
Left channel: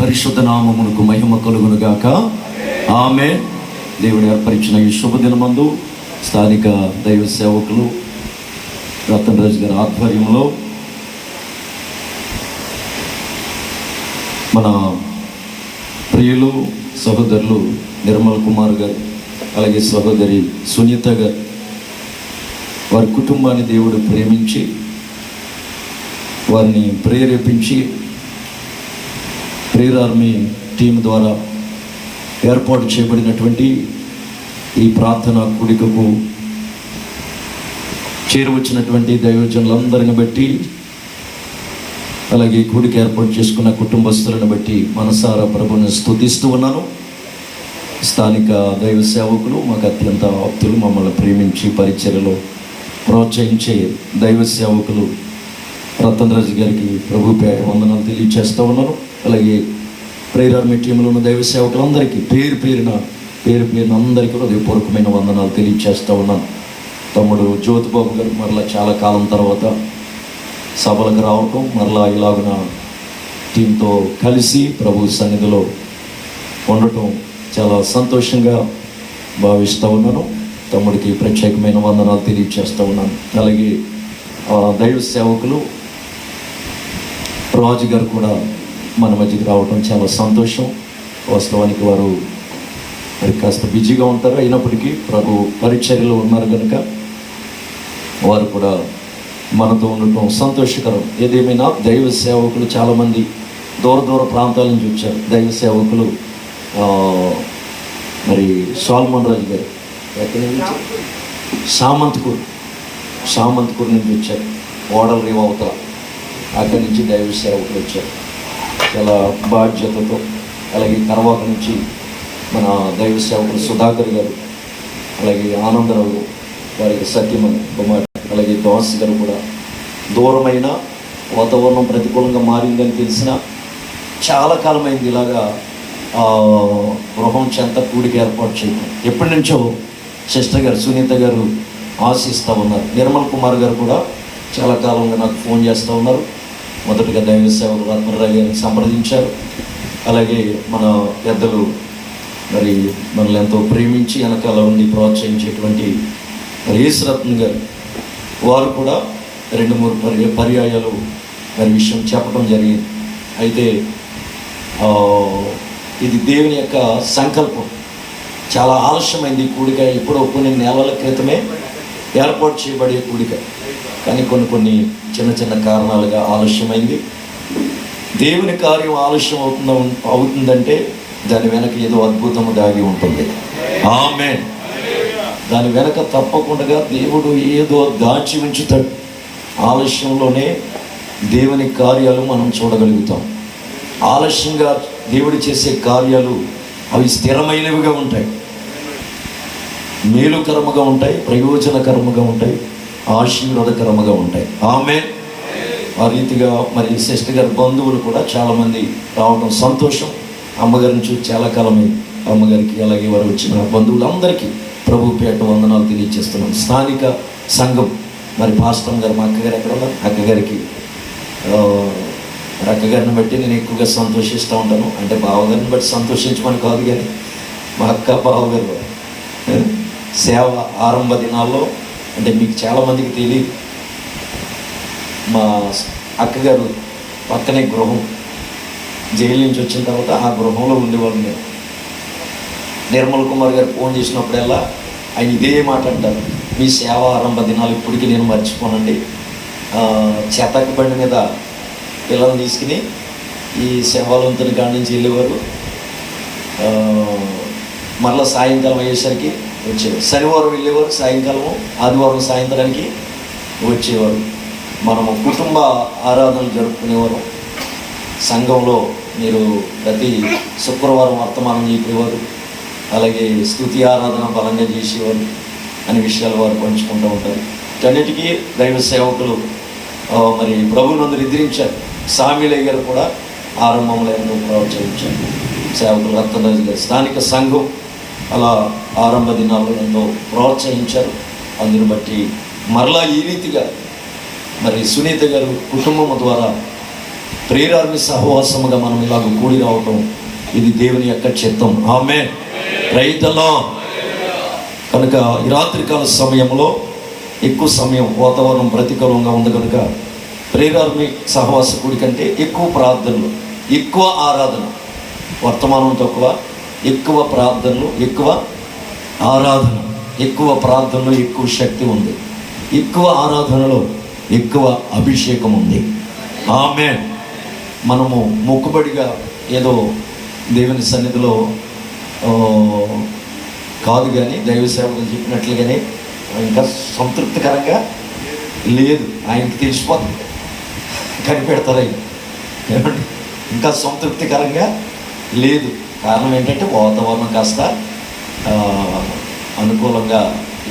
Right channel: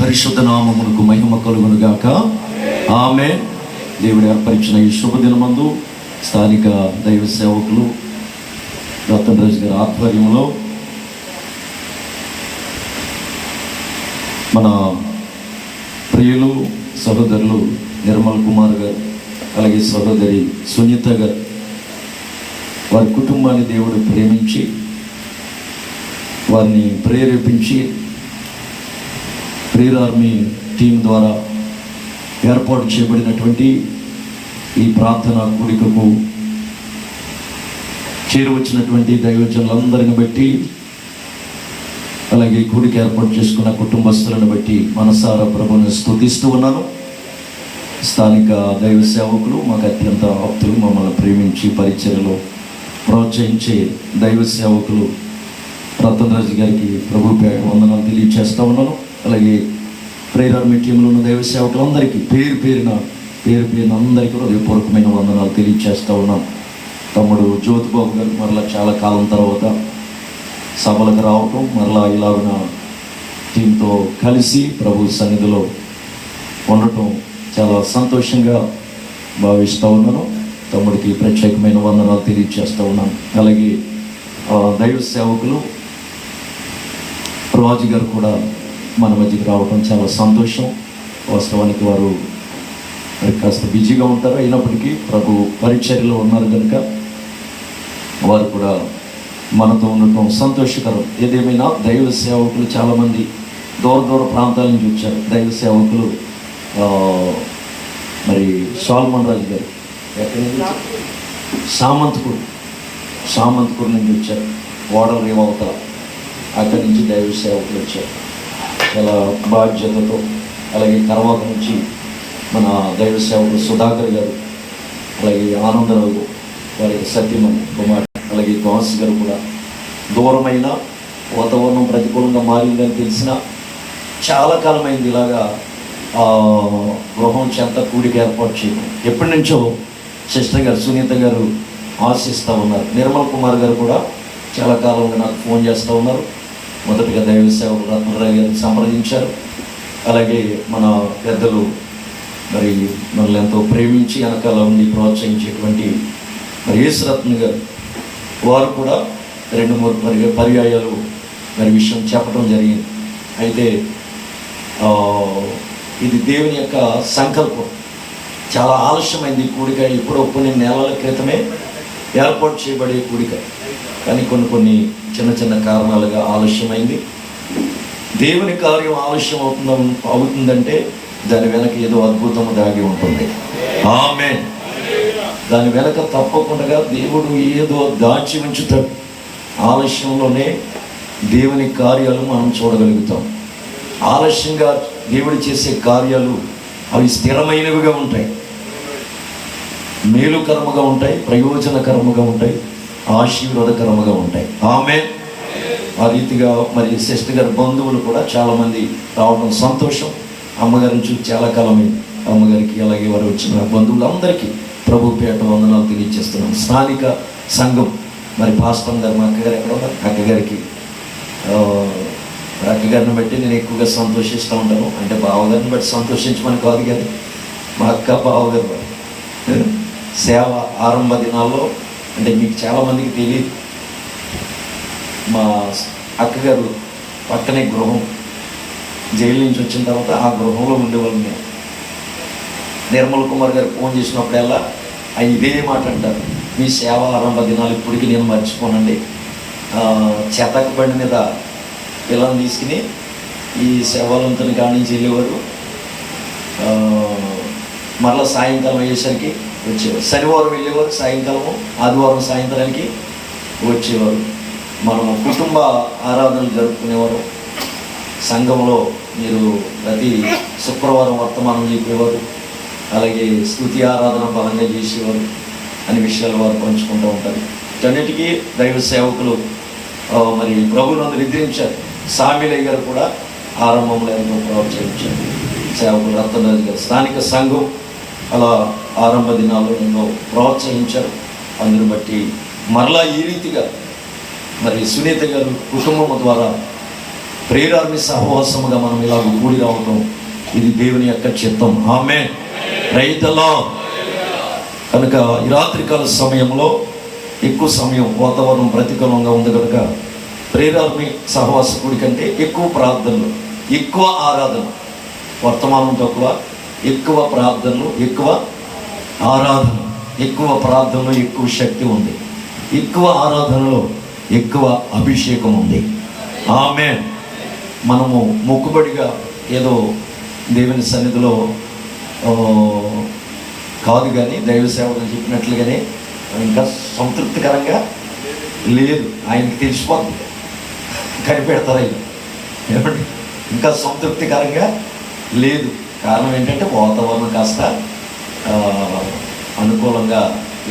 పరిశుద్ధ నామమునకు మహిమ కలుగును గాక. ఆమేన్. దేవుడు ఏర్పరిచిన ఈ శుభదినమందు స్థానిక దైవ సేవకులు రతన్ రాజు గారి ఆధ్వర్యంలో మన ప్రియులు సహోదరులు నిర్మల్ కుమార్ గారు, అలాగే సహోదరి సునీత గారు, వారి కుటుంబాన్ని దేవుడు ప్రేమించి వారిని ప్రేరేపించి ప్రేయర్ ఆర్మీ టీం ద్వారా ఏర్పాటు చేయబడినటువంటి ఈ ప్రార్థన కూడికకు చేరువచ్చినటువంటి దైవజనులందరిని బట్టి, అలాగే కూడిక ఏర్పాటు చేసుకున్న కుటుంబస్తులను బట్టి మనసారా ప్రభువుని స్తుతిస్తూ ఉన్నాను. స్థానిక దైవ సేవకులు, మాకు అత్యంత ఆప్తులు, మమ్మల్ని ప్రేమించి పరిచర్యలో ప్రోత్సహించే దైవ సేవకులు రతన్ రాజు గారికి ప్రభు పేట వందనాలు తెలియజేస్తూ ఉన్నాను. అలాగే ప్రేయర్ ఆర్మీ టీంలో ఉన్న దైవ సేవకులందరికీ పేరు పేరున అందరికీ హృదయపూర్వకమైన వందనాలు తెలియజేస్తూ ఉన్నాను. తమ్ముడు జ్యోతిబాబు గారికి మరలా చాలా కాలం తర్వాత సభలకు రావటం, మరలా ఇలాగున టీంతో కలిసి ప్రభు సన్నిధిలో ఉండటం చాలా సంతోషంగా భావిస్తూ ఉన్నాను. తమ్ముడికి ప్రత్యేకమైన వందనాలు తెలియజేస్తూ ఉన్నాను. అలాగే దైవ సేవకులు రాజు గారు కూడా మన మధ్యకి రావడం చాలా సంతోషం. వాస్తవానికి వారు మరి కాస్త బిజీగా ఉంటారు, అయినప్పటికీ ప్రభు పరిచర్యలో ఉన్నారు కనుక వారు కూడా మనతో ఉండటం సంతోషకరం. ఏదేమైనా దైవ సేవకులు చాలామంది దూర ప్రాంతాల నుంచి వచ్చారు. దైవ సేవకులు మరి సాల్మన్ రాజు గారు ఎక్కడి నుంచి, సామంతపూర్ నుంచి వచ్చారు. ఓడల అవతల అక్కడి నుంచి దైవ సేవకులు వచ్చారు చాలా బాధ్యతతో. అలాగే కరవాక నుంచి మన దైవ సేవకులు సుధాకర్ గారు, అలాగే ఆనందరావు గారు, వాళ్ళకి సత్యమని కుమార్, అలాగే దోస్ గారు కూడా దూరమైన వాతావరణం ప్రతికూలంగా మారిందని తెలిసిన చాలా కాలమైంది ఇలాగా గృహం చెంత కూడికి ఏర్పాటు చేయడం. ఎప్పటి నుంచో సిస్టర్ గారు సునీత గారు ఆశిస్తూ ఉన్నారు. నిర్మల్ కుమార్ గారు కూడా చాలా కాలంగా నాకు ఫోన్ చేస్తూ ఉన్నారు. మొదటగా దైవ సేవకులు రత్నరావు గారిని సంప్రదించారు. అలాగే మన పెద్దలు మరి మనల్ని ఎంతో ప్రేమించి వెనకాల ఉండి ప్రోత్సహించేటువంటి మరి యేసురత్న గారు, వారు కూడా 2-3 పర్యాయాలు మరి విషయం చెప్పడం జరిగింది. అయితే ఇది దేవుని యొక్క సంకల్పం. చాలా ఆలస్యమైంది కూడిక. ఎప్పుడో కొన్ని నెలల క్రితమే ఏర్పాటు చేయబడే కూడిక, కానీ కొన్ని చిన్న చిన్న కారణాలుగా ఆలస్యమైంది. దేవుని కార్యం ఆలస్యం అవుతుందంటే దాని వెనక ఏదో అద్భుతం దాగి ఉంటుంది. ఆమేన్. దాని వెనక తప్పకుండా దేవుడు ఏదో దాచి ఉంచుతాడు. ఆలస్యంలోనే దేవుని కార్యాలు మనం చూడగలుగుతాం. ఆలస్యంగా దేవుడు చేసే కార్యాలు అవి స్థిరమైనవిగా ఉంటాయి, మేలుకరముగా ఉంటాయి, ప్రయోజనకరముగా ఉంటాయి, ఆశీర్వాదకరముగా ఉంటాయి. ఆమేన్. ఆ రీతిగా మరి సిస్టర్ గారి బంధువులు కూడా చాలామంది రావడం సంతోషం. అమ్మగారిని చూసి చాలా కాలమైంది. అమ్మగారికి అలాగే వారు వచ్చిన బంధువులందరికీ ప్రభు పేట వందనాలు తెలియజేస్తున్నాను. స్థానిక సంఘం మరి పాస్టర్ గారు, మా అక్కగారు ఎక్కడ ఉన్నారు, అక్కగారిని బట్టి నేను ఎక్కువగా సంతోషిస్తూ ఉంటాను. అంటే బావగారిని బట్టి సంతోషించమని కాదు, కానీ మా అక్క బావగారు సేవ ఆరంభ దినాల్లో, అంటే మీకు చాలామందికి తెలియదు, మా అక్కగారు పక్కనే గృహం, జైలు నుంచి వచ్చిన తర్వాత ఆ గృహంలో ఉండేవాళ్ళు. నేను నిర్మల్ కుమార్ గారు ఫోన్ చేసినప్పుడల్లా ఆయన ఇదే మాట అంటారు, మీ సేవ ఆరంభ దినాలు ఇప్పటికీ నేను మర్చిపోనండి. చేతక బండి మీద పిల్లల్ని తీసుకుని ఈ సేవాలంతుని కాడి నుంచి వెళ్ళేవారు. మరలా సాయంకాలం అయ్యేసరికి వచ్చేవారు. శనివారం వెళ్ళేవారు సాయంకాలం, ఆదివారం సాయంత్రానికి వచ్చేవారు. మనము కుటుంబ ఆరాధనలు జరుపుకునేవారు. సంఘంలో మీరు ప్రతి శుక్రవారం వర్తమానం చెప్పేవారు. అలాగే స్తుతి ఆరాధన బలంగా చేసేవారు అనే విషయాలు వారు పంచుకుంటూ ఉంటారు. అన్నిటికీ దైవ సేవకులు మరి ప్రభువునందు నిద్రించారు. సామిలయ్య గారు కూడా ఆరంభంలో ఎంతో ప్రోత్సహించారు. సేవకులు రత్నరాజు గారు, స్థానిక సంఘం అలా ఆరంభ దినాల్లో ఎంతో ప్రోత్సహించారు. అందుని బట్టి మరలా ఈ రీతిగా మరి సునీత గారు కుటుంబం ద్వారా ప్రేరాన్ని సహవాసముగా మనం ఇలా కూడి రావటం, ఇది దేవుని యొక్క చిత్తం. ఆమేన్. రైతులో కనుక ఈ రాత్రికాల సమయంలో ఎక్కువ సమయం వాతావరణం ప్రతికూలంగా ఉంది కనుక ప్రేరాన్ని సహవాసకుడి కంటే ఎక్కువ ప్రార్థనలు, ఎక్కువ ఆరాధన, వర్తమానం తక్కువ, ఎక్కువ ప్రార్థనలు, ఎక్కువ ఆరాధన. ఎక్కువ ప్రార్థనలో ఎక్కువ శక్తి ఉంది, ఎక్కువ ఆరాధనలో ఎక్కువ అభిషేకం ఉంది. ఆమేన్. మనము మొక్కుబడిగా ఏదో దేవుని సన్నిధిలో కాదు, కానీ దైవ సేవలు చెప్పినట్లుగానే ఇంకా సంతృప్తికరంగా లేదు. ఆయనకి తెలిసిపోతుంది, కనిపెడతారు ఆయన. ఏమంటే ఇంకా సంతృప్తికరంగా లేదు. కారణం ఏంటంటే వాతావరణం కాస్త అనుకూలంగా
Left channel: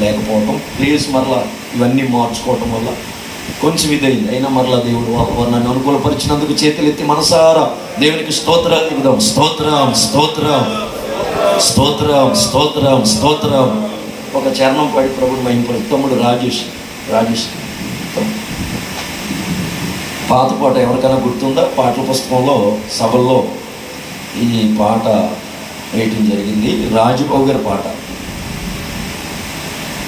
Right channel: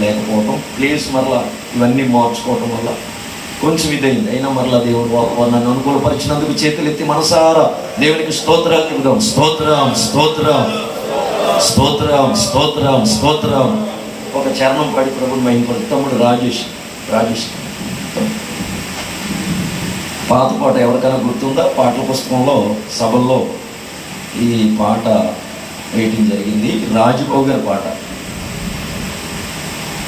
లేకపోవటం, ప్లేస్ మరలా ఇవన్నీ మార్చుకోవటం వల్ల కొంచెం ఇదైంది. అయినా మరలా దేవుడు వాతావరణాన్ని అనుకూలపరిచినందుకు చేతులెత్తి మనసారా దేవునికి స్తోత్రాలు ఇద్దాం. స్తోత్రం, స్తోత్రం, స్తోత్రం, స్తోత్రం, స్తోత్రం. ఒక చరణం పాడి ప్రభుడు మా ఇంట్లో తమ్ముడు రాజేష్ పాత పాట ఎవరికైనా గుర్తుందా? పాటల పుస్తకంలో సభల్లో ఈ పాట వేయటం జరిగింది. రాజుబాబు గారి పాట.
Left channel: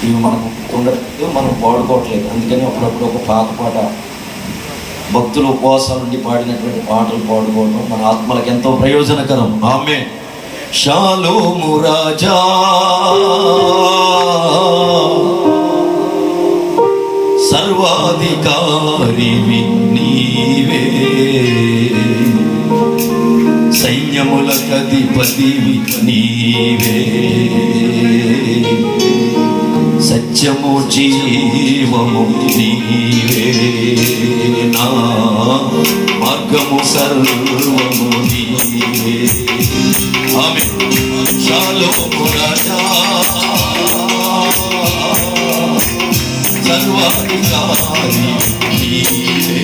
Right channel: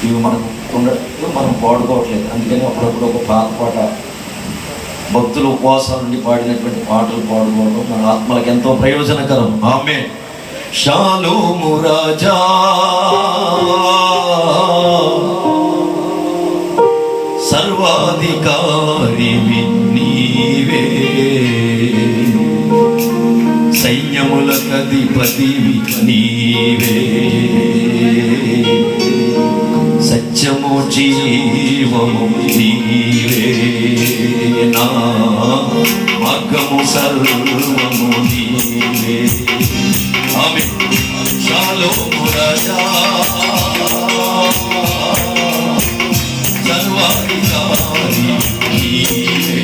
ఇవి మనకు ఉండట్లేదు, మనం పాడుకోవట్లేదు. అందుకని అప్పుడప్పుడు ఒక పాత పాట భక్తులు ఉపవాసాల నుండి పాడినటువంటి పాటలు పాడుకోవడం మన ఆత్మలకు ఎంతో ప్రయోజనకరం. ఆమేన్. షాలోము రాజా సర్వాధికారివి నీవే, సైన్యములకధిపతివి నీవే, సత్యము జీవము నీవే, నా మార్గము సర్వము నీవే. ఆమేన్. షాలోము రాజా సర్వాధికారి నీవే,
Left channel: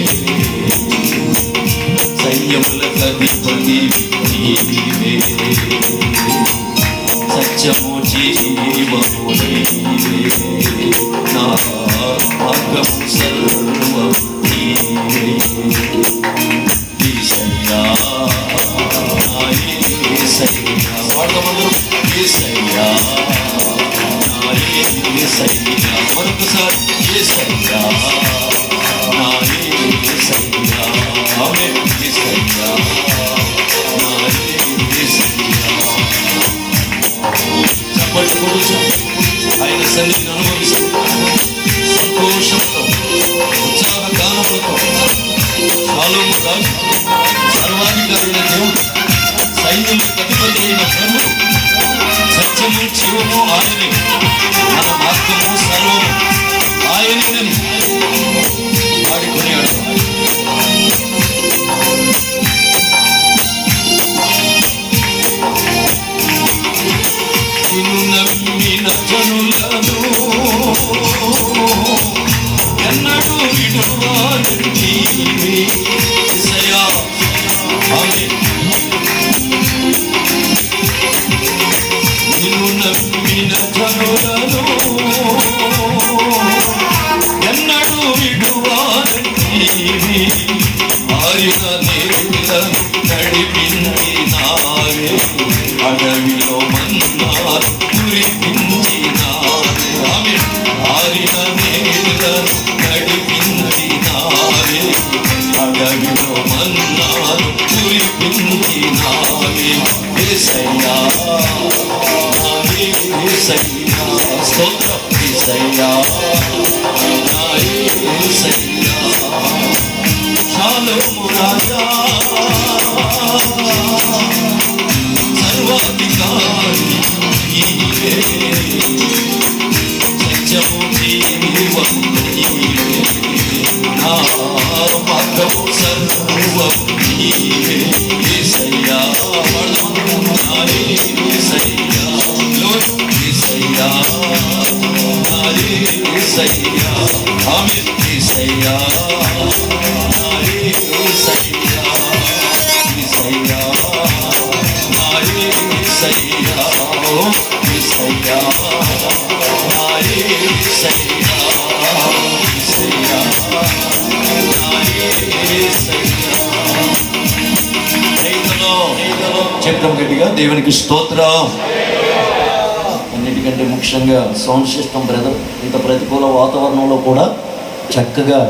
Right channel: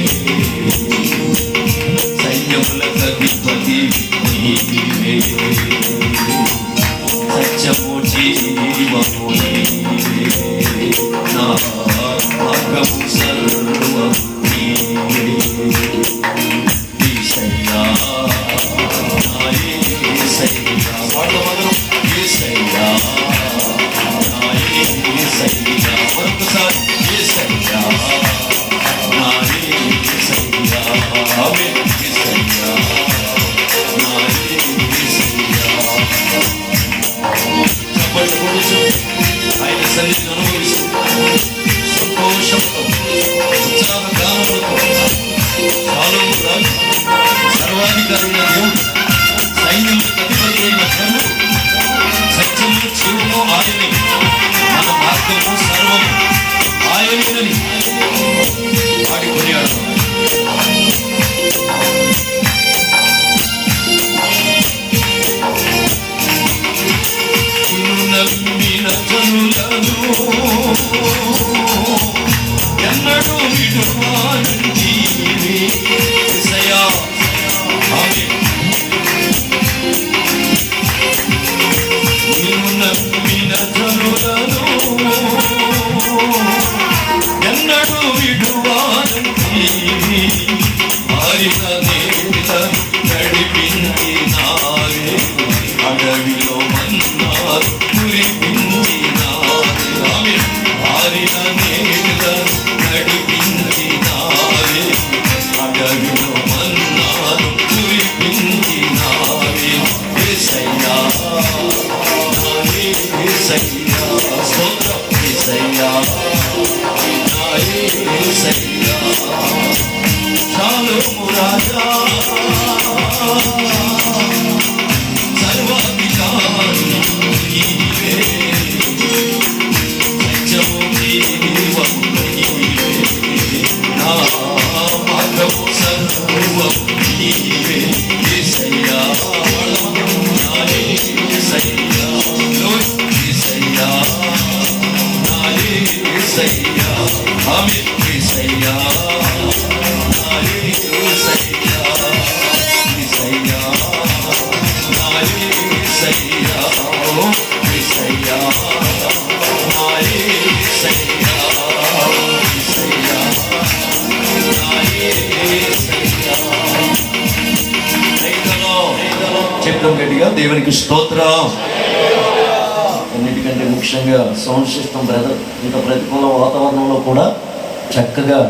సైన్యములకు అధిపతి నీవే, సత్యము జీవము నీవే, నా మార్గము సర్వము నీవే. యేసయ్యా, నా యేసయ్యా, వాడమందరం యేసయ్యా, నా యేసయ్యా, మరొకసారి యేసయ్యా, నా యేసయ్యా, ఆమేన్. యేసయ్యా, నా యేసయ్యా. చప్పట్లు కొడుచు ఆయన సన్నిధిని అనుభవిస్తూ సంతోషంతో ఉత్సాహ గానములతో కాలము రాజు సర్వాధికారుల దేవుడు సైన్యులకు అధిపతి అయిన ప్రభువు సత్యము జీవము ఆయనే, మన మార్గము సర్వము ఆయనేనని వాడి కొనియాడు. నిన్ను నమ్మిన జనులను ఎన్నడూ విడువాలని యేసయ్యా, ఆమేన్. నిన్ను నమ్మిన జనులను ఎన్నడూ విడువాలని ఆరిన నేల నడిపించినావే, అడవిలో మన్నారు కురిపించినావే, ఆమేన్. ఆరిన నేల నడిపించినావే, అడవిలో మన్నారు కురిపించినావే. యేసయ్యా, నా యేసయ్యా, స్తోత్రం. యేసయ్యా, నా యేసయ్యా, షాలోము రాజా, సర్వాధికారి నీవే, సత్యము జీవము నీవే, నా మార్గము సర్వము నీవే. యేసయ్యా, నా యేసయ్యా, యేసయ్యా, నా యేసయ్యా, ఆమేన్. యేసయ్యా, నా యేసయ్యా, యేసయ్యా, నా యేసయ్యా, యేసయ్యా, నా యేసయ్యా, యేసయ్యా, నా యేసయ్యా. చెప్తాం గట్టిగా, దేవునికి స్తోత్రం. అన్నిటికంటే ముఖ్యంగా సౌండ్ సిస్టమ్ బ్రదర్ ఇంత ప్రతికూల వాతావరణంలో కూడా చక్కగా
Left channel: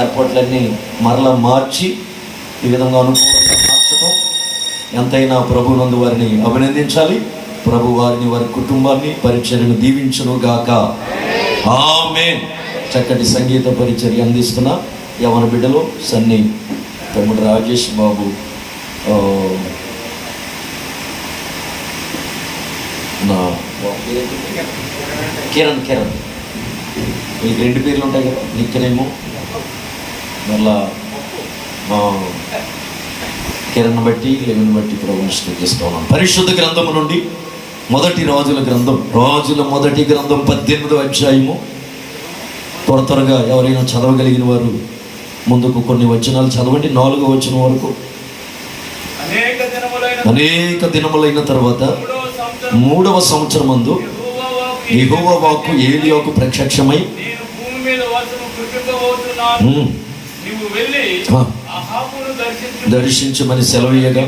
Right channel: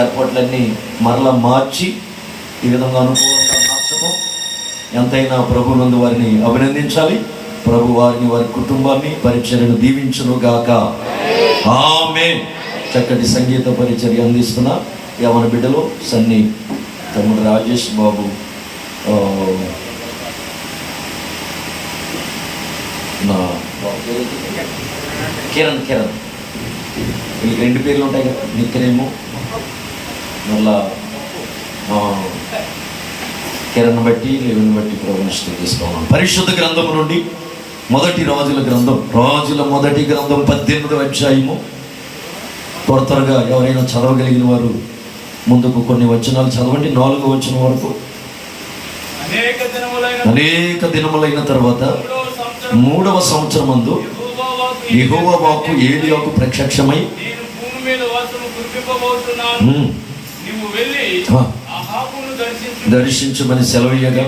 ఏర్పాట్లన్నీ మరలా మార్చి ఈ విధంగా అనుకూలంగా మార్చడం ఎంతైనా ప్రభునందు వారిని అభినందించాలి. ప్రభు వారిని, వారి కుటుంబాన్ని, పరిచర్యను దీవించును గాక. ఆమేన్. చక్కటి సంగీత పరిచర్య అందిస్తున్న యవన బిడ్డలు సన్ని తమ్ముడు రాజేష్ బాబు, నా కిరణ్ మీకు 2 పేర్లు ఉంటాయి కదా, నిక్కనేమో మళ్ళా కిరణ్ బట్టి లేవుని బట్టి ప్రభుని స్తుతిస్తున్నాం. పరిశుద్ధ గ్రంథము నుండి మొదటి రాజుల మొదటి గ్రంథం 18వ అధ్యాయము. త్వరగా ఎవరైనా చదవగలిగిన వారు ముందుకు కొన్ని వచనాలు చదవండి. 4వ వచనం వరకు. అనేక దినములైన తర్వాత 3వ సంవత్సరమందు యెహోవా వాక్కు ఏలీయాకు ప్రత్యక్షమై, దర్శించమని సెలవీయగా,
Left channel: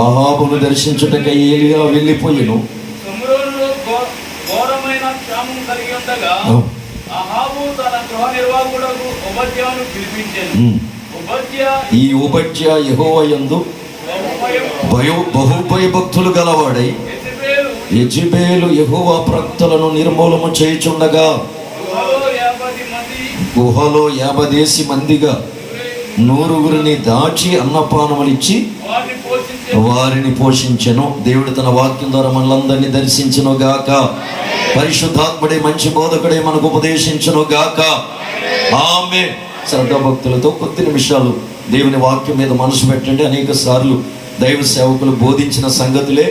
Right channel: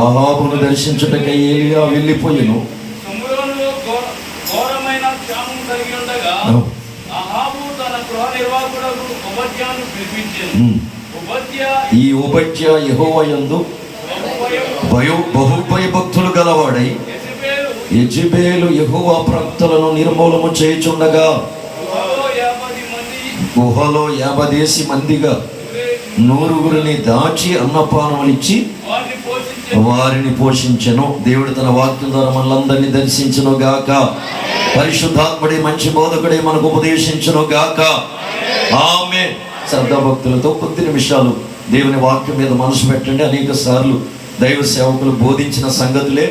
అహాబును దర్శించుటకై ఏలీయా వెళ్ళిపోయెను. ఈ ఓబద్యా యెహోవా యందు బహుభయభక్తులు గలవాడై యెజెబెలు యెహోవా ప్రవక్తలను నిర్మూలము చేయుచుండగా గుహలో 50 మందిగా 100 దాచి అన్నపానములిచ్చి వారిని పోషించెను. దేవుడు తన వాక్యం ద్వారా మనలందరినీ దర్శించును గాక. పరిశుద్ధాత్ముడే, మంచి బోధకుడే మనకు ఉపదేశించును గాక. ఆమేన్. శ్రద్ధాభక్తులతో కొద్ది నిమిషాలు దేవుని వాక్యం మీద మనసు పెట్టండి. అనేక సార్లు దైవ సేవకులు బోధించిన సంగతులే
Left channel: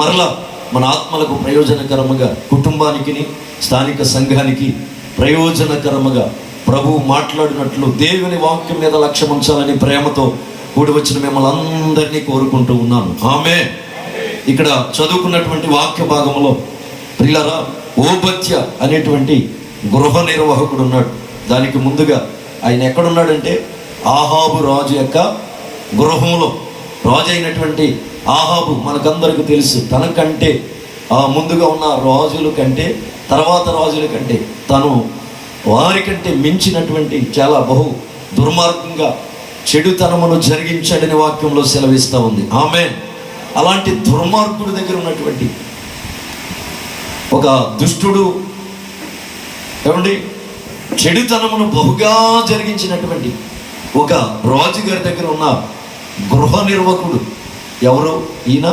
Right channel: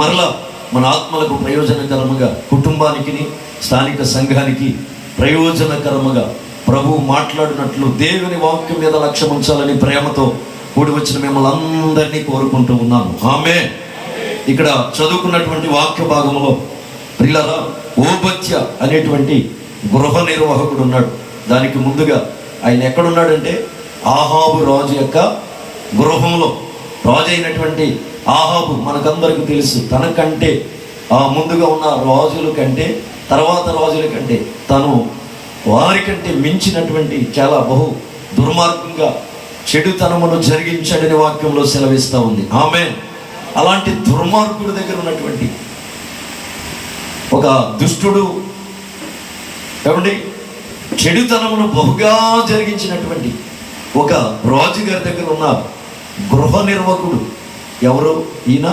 మరలా మన ఆత్మలకు ప్రయోజనకరముగా, కుటుంబానికి, స్థానిక సంఘానికి ప్రయోజనకరముగా ప్రభువు మాట్లాడినట్లు దేవుని వాక్యం మీద లక్ష్యం ఉంచాలని ప్రేమతో కూడి వచ్చిన మిమ్మల్ని అందరినీ కోరుకుంటూ ఉన్నాను. ఆమె ఇక్కడ చదువుకున్నటువంటి వాక్య భాగంలో ప్రియులారా, ఓబద్య అనేటువంటి గృహ నిర్వాహకుడు ఉన్నాడు. దానికి ముందుగా ఆయన ఎక్కడున్నాడంటే ఆహాబు రాజు యొక్క గృహంలో. రాజు అయినటువంటి ఆహాబు మనకందరికీ తెలుసు, తనకంటే ముందుగా ఉన్న రాజుల కంటే, తర్వాత రాజుల కంటే తను వారికంటే మించినటువంటి చాలా బహు దుర్మార్గంగా చెడుతనమును జరిగించాడని వాక్యంలో సెలవిస్తూ ఉంది. ఆమె అలాంటి దుర్మార్గుడి దగ్గర ఉన్నటువంటి ఒక దుష్టుడు, ఏమండి, చెడుతనమును బహుగా జరిగించినటువంటి ఒక రాజుగారి దగ్గర ఉన్న గృహ నిర్వాహకుడు ఎవరు? ఈయన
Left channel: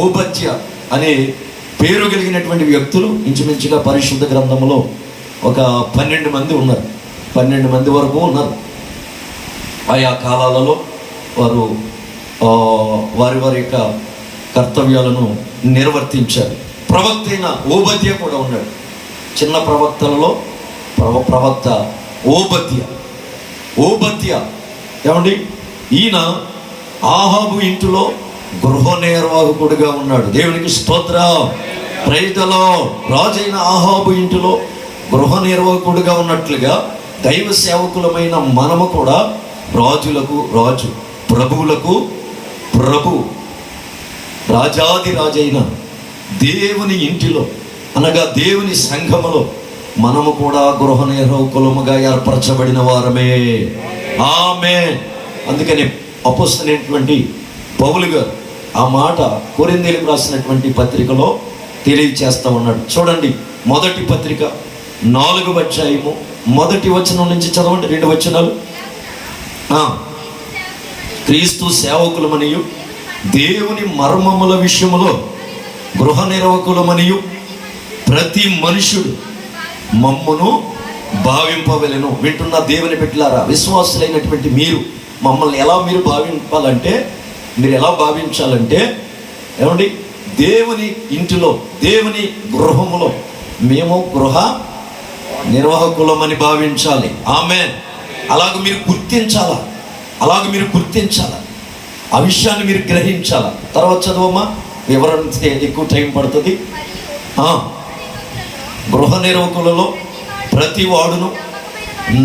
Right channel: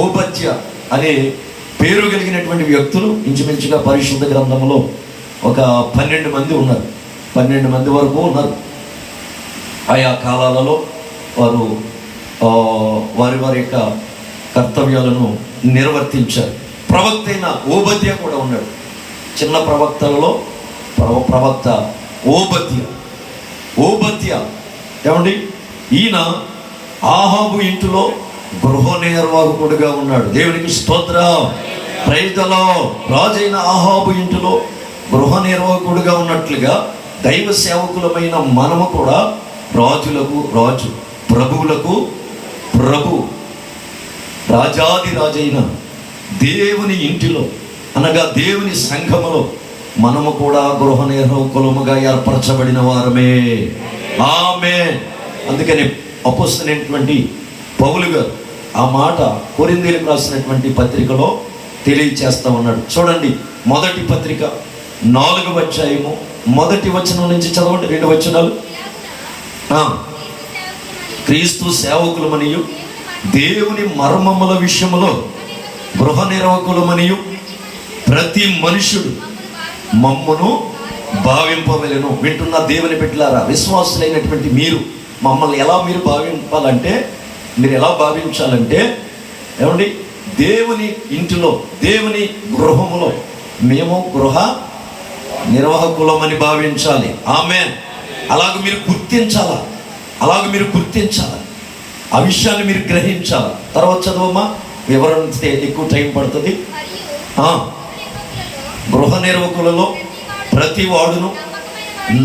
ఓబద్య అనే పేరు కలిగినటువంటి వ్యక్తులు ఇంచుమించుగా పరిశుద్ధ గ్రంథంలో ఒక 12 మంది ఉన్నారు. 12 మంది వరకు ఉన్నారు. ఆయా కాలాలలో వారు వారి యొక్క కర్తవ్యాలను నిర్వర్తించారు. ప్రవక్త అయిన ఓబద్య కూడా ఉన్నాడు. చిన్న ప్రవక్తలలో ప్రవక్త ఓబద్య ఏమండి, ఈయన ఆహాబు ఇంటిలో గృహ నిర్వాహకుడుగా ఉన్నాడు. దేవునికి స్తోత్రం. Praise the Lord. రాజైన ఆహాబు ఇంటిలో గృహ నిర్వాహకుడుగా ఉన్నట్లుగా దైవ సేవకులమైన మనము కూడా రాజులకు రాజు, ప్రభువులకు ప్రభు, రాజాది రాజైన దేవుని ఇంటిలో అనగా దేవుని సంఘములో మనము కూడా గృహ నిర్వాహకులముగా ఏర్పరచబడిన వారమే. ఆమేన్. అందుకని అపోస్తలుడైనటువంటి పౌలు గారు ఆ మాట కొరింథీయులకు రాసినటువంటి పత్రికలో తెలియచేస్తా ఉన్నాడు. చూడండి, మొదటి పత్రిక 4వ అధ్యాయము 1వ వచనం నుంచి చదవండి. 2 వచనాలు. క్రీస్తు సేవకులమనియు దేవుని మర్మముల విషయములో గృహ నిర్వాహకులమనియు ప్రతి మనుషుడు మమ్మును భావింపవలెను. వింటున్న దేవుని బిడ్డలారా, విశ్వాసులైనటువంటి మీరు మమ్మల్ని ఎలా మీరు భావింపాలంటే, మీరు ఎలా భావించాలంటే, ఏమండి, దేవుని ఇంటిలో, దేవుని గృహములో మేము గృహ నిర్వాహకులమని భావించాలి. ఆమేన్. అలాగ మీరు గుర్తించాలా, ఆ విషయాన్ని మీరు గ్రహించాలా. తర్వాత చదవమ్మా, వివరణ ఎక్కువ టైం పడుతుంది. గృహ నిర్వాహకులలో ప్రతి వాడును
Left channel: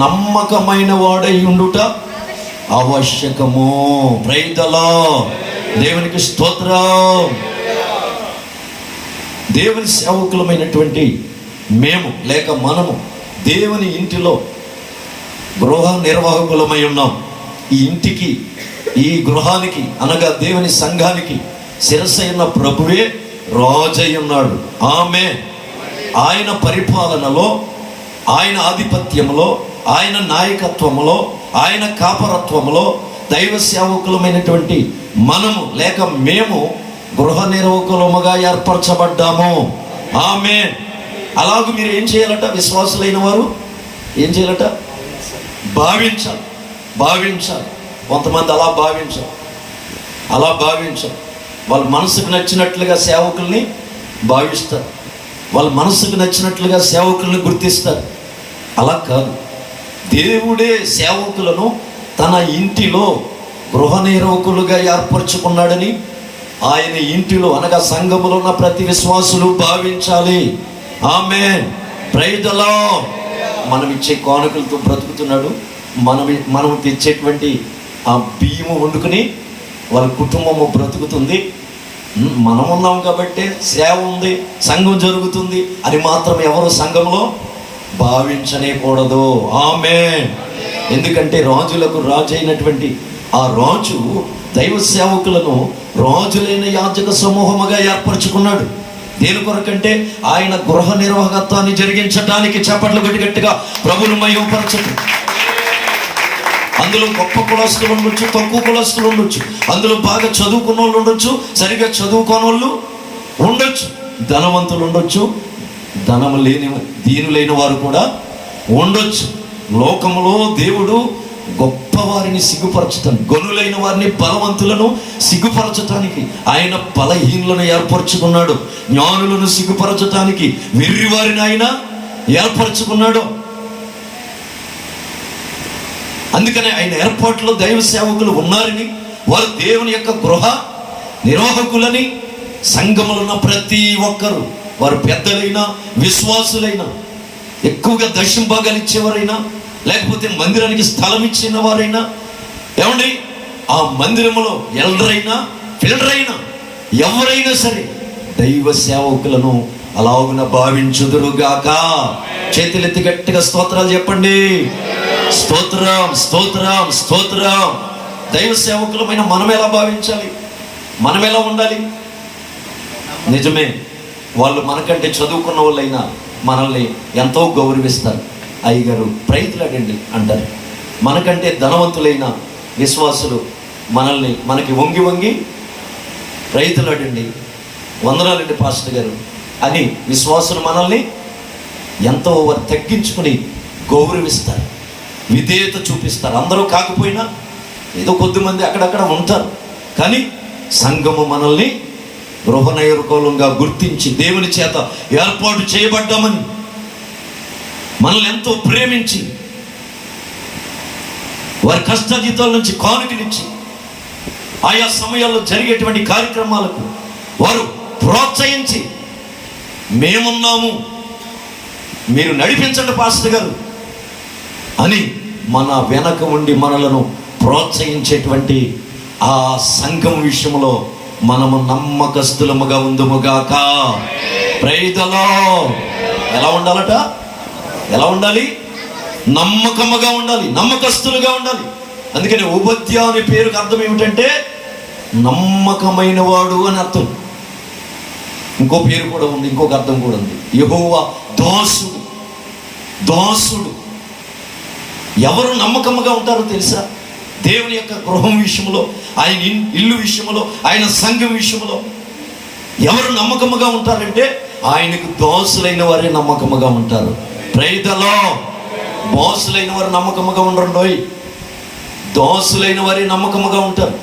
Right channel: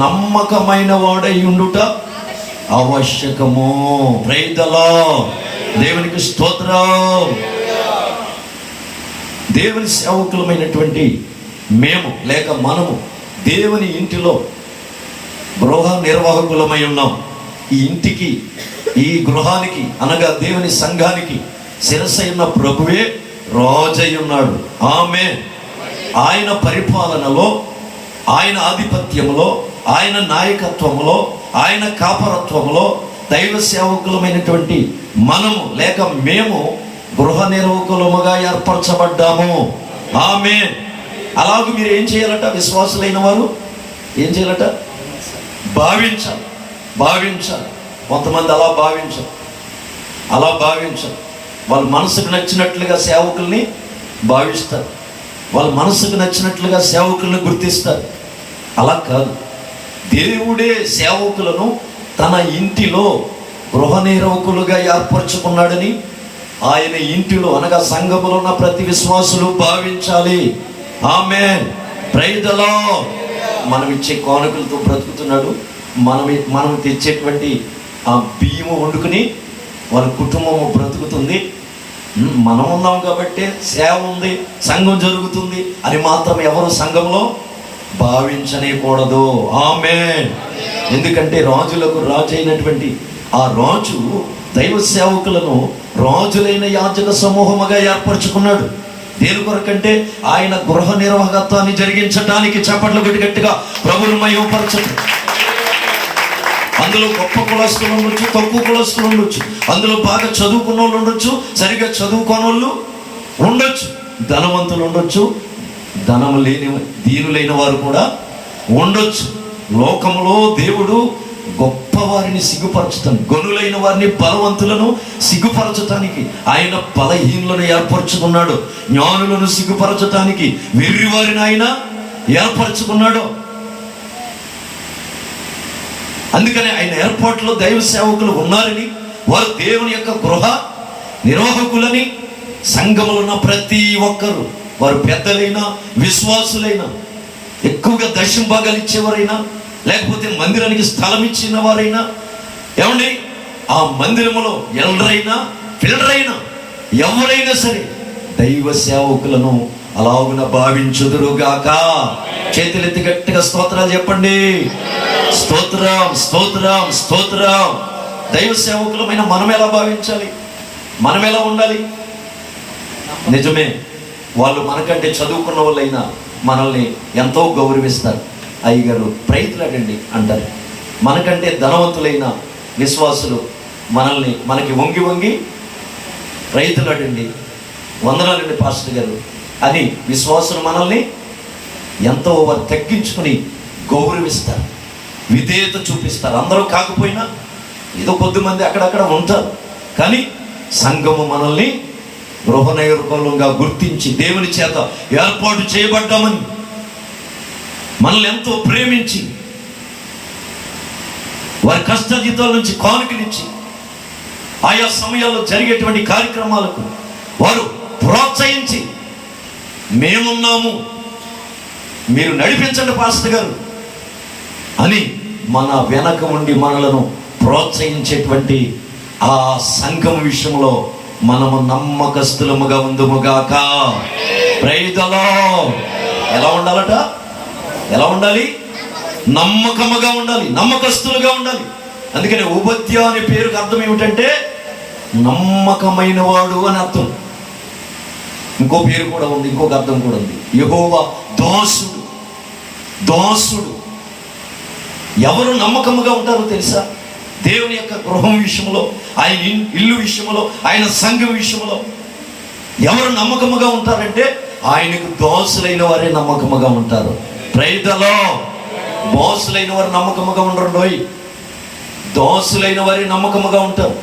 నమ్మకమైన వాడై ఉండుట ఆవశ్యకము. Praise the lord. దేవునికి స్తోత్రం. దేవుని సేవకులమైనటువంటి మేము లేక మనము దేవుని ఇంటిలో గృహ నిర్వాహకులమై ఉన్నాం. ఈ ఇంటికి, ఈ గృహానికి అనగా దేవుని సంఘానికి శిరసైన ప్రభువే రాజై ఉన్నాడు. ఆమేన్. ఆయన పరిపాలనలో, ఆయన ఆధిపత్యంలో, ఆయన నాయకత్వంలో, ఆయన కాపరత్వంలో దైవ సేవకులమైనటువంటి మనము లేక మేము గృహ నిర్వాహకులముగా ఏర్పరచబడ్డాము. ఆమేన్. అలాగే మీరు ఏం చేయాలట? విశ్వాసులైన వారు ఏం చేయాలట? భావించాలి. కొంతమంది అలా భావించారు. వాళ్ళ మనసుకు నచ్చినట్లుగా సేవకుల్ని భావిస్తారు, వాళ్ళ మనసుకు నచ్చినట్లుగా సేవకుల్ని గుర్తిస్తారు. అలా కాదు. దేవుడే సేవకులను తన ఇంటిలో గృహ నిర్వాహకులుగా ఏర్పరచుకున్నాడని ఆయన ఇంటిలో అనగా సంఘములో ఉన్న ప్రతి విశ్వాసులు భావించాలి. ఆమేన్. Praise the Lord. మనం ఇచ్చే కానుకలతో బ్రతుకుతున్నాడు. మనం తెచ్చేటువంటి ఆ బియ్యము వండుకుని వాళ్ళ కుటుంబము బ్రతుకుతుంది. మనం ఉన్నాం కాబట్టి సేవ ఉంది, సంఘం జరుగుతుంది అని మాత్రం ఎవరు సంఘంలో భావించనేకూడదు. ఆమేన్. ఎందుకంటే రాజులకు రాజు అయినటువంటి ఆ రాజు దైవ సేవకులను రాజులైన యాజక సమూహముగా ఏర్పరచుకున్నాడు. దేని కొరకంటే ఆయన గృహ నిర్వాహకత్వాన్ని జరిగించడానికి. చప్పట్లు కొట్టి గట్టిగా ప్రభువును మహిమపరచండి. అందులో గొప్ప కులస్తులు ఉండొచ్చు, తక్కువ కులస్తులు ఉండొచ్చు, అందులో బాగా చదువుకున్న వాళ్ళు ఉండొచ్చు, సరిగ్గా చదువుకోని వాళ్ళు ఉండొచ్చు, ధనవంతులు ఉండొచ్చు, ధనం లేని దీనులైన వారు కూడా ఉండొచ్చు. లోకంలో దేవుడు గొప్ప వారిని సిగ్గుపరచటానికి, గనులైన వారిని, బలవంతులను సిగ్గుపరచటానికి ఆయన బలహీనులను ఏర్పరచుకున్నాడు. జ్ఞానులను సిగ్గుపరచటానికి వెర్రి వారిని ఆయన ఏర్పరచుకున్నాడు. అందుకని ఆయన ఏర్పాట్లో దైవ సేవకులు ఉన్నారని, వారు దేవుని యొక్క గృహ నిర్వాహకులని, సంఘములో ఉన్న ప్రతి ఒక్కరు, వారు పెద్దలైనా విశ్వాసులైనా, ఎక్కువగా దశమ భాగాలు ఇచ్చేవారైనా, లేకపోతే మందిరానికి స్థలం ఇచ్చిన వారైనా, ఏమండి ఆ మందిరములో ఎల్డరైనా ఫిల్డరైనా ఎవరైనా సరే దైవ సేవకులను అలాగున భావించుదురుగాక. చేతులెత్తి గట్టిగా స్తోత్రాలు చెప్పండి. స్తోత్రం, స్తోత్రం, స్తోత్రం. దైవ సేవకులమైన మనం ఎలా భావించాలి? మనం ఎలా ఉండాలి? నిజమే, వాళ్ళు మనకంటే చదువుకున్న వాళ్ళైనా మనల్ని ఎంతో గౌరవిస్తారు. అయ్యగారు ప్రయత్నాడండి అంటారు. మనకంటే ధనవంతులైన విశ్వాసులు మనకి వంగి వంగి రైతులాడండి, వందనాలండి పాస్టర్ గారు అని విశ్వాసులు మనల్ని ఎంతో వారు తగ్గించుకుని గౌరవిస్తారు, విధేయత చూపిస్తారు. అందరూ కాకపోయినా ఏదో కొద్దిమంది అక్కడక్కడ ఉంటారు. కానీ సంఘము మనల్ని గృహనైర్గోళంగా గుర్తించి దేవుని చేత ఏర్పాటు చేయబడ్డామని మనల్ని ఎంతో ప్రేమించి వారి కష్టజీతాల నుంచి కానుకనిచ్చి ఆయా సమయాల్లో జరిగేటువంటి కార్యక్రమాలకు వారు ప్రోత్సహించి మేమున్నాము, మీరు నడిపించండి పాస్టర్ గారు అని మన వెనక ఉండి మనలను ప్రోత్సహించేటువంటి ఆ సంఘం విషయంలో మనము నమ్మకస్తులముగా ఉందుముగాక. Praise the Lord. ఎలా ఉండాలట? ఎలా ఉండాలి? నమ్మకముగా ఉండాలి, నమ్మకస్తులుగా ఉండాలి. అందుకని ఉబద్య అనే పేరుకి అర్థం ఏమిటంటే నమ్మకమైన వాడు అని అర్థం. ఇంకో పేరు కూడా ఉంది, ఇంకొక అర్థం కూడా ఉంది, యెహోవా దాసుడు. దాసుడు. ఎవరు నమ్మకముగా ఉంటారో తెలుసా? దేవుని యొక్క గృహం విషయంలో, ఆయన ఇల్లు విషయంలో, ఆయన సంఘం విషయంలో ఎవరు నమ్మకముగా ఉంటారంటే ఆయనకు దాసులైన వారే నమ్మకముగా ఉంటారు. Praise the lord. బాసులైన వారు నమ్మకముగా ఉండరు, దాసులైన వారే నమ్మకముగా ఉంటారు.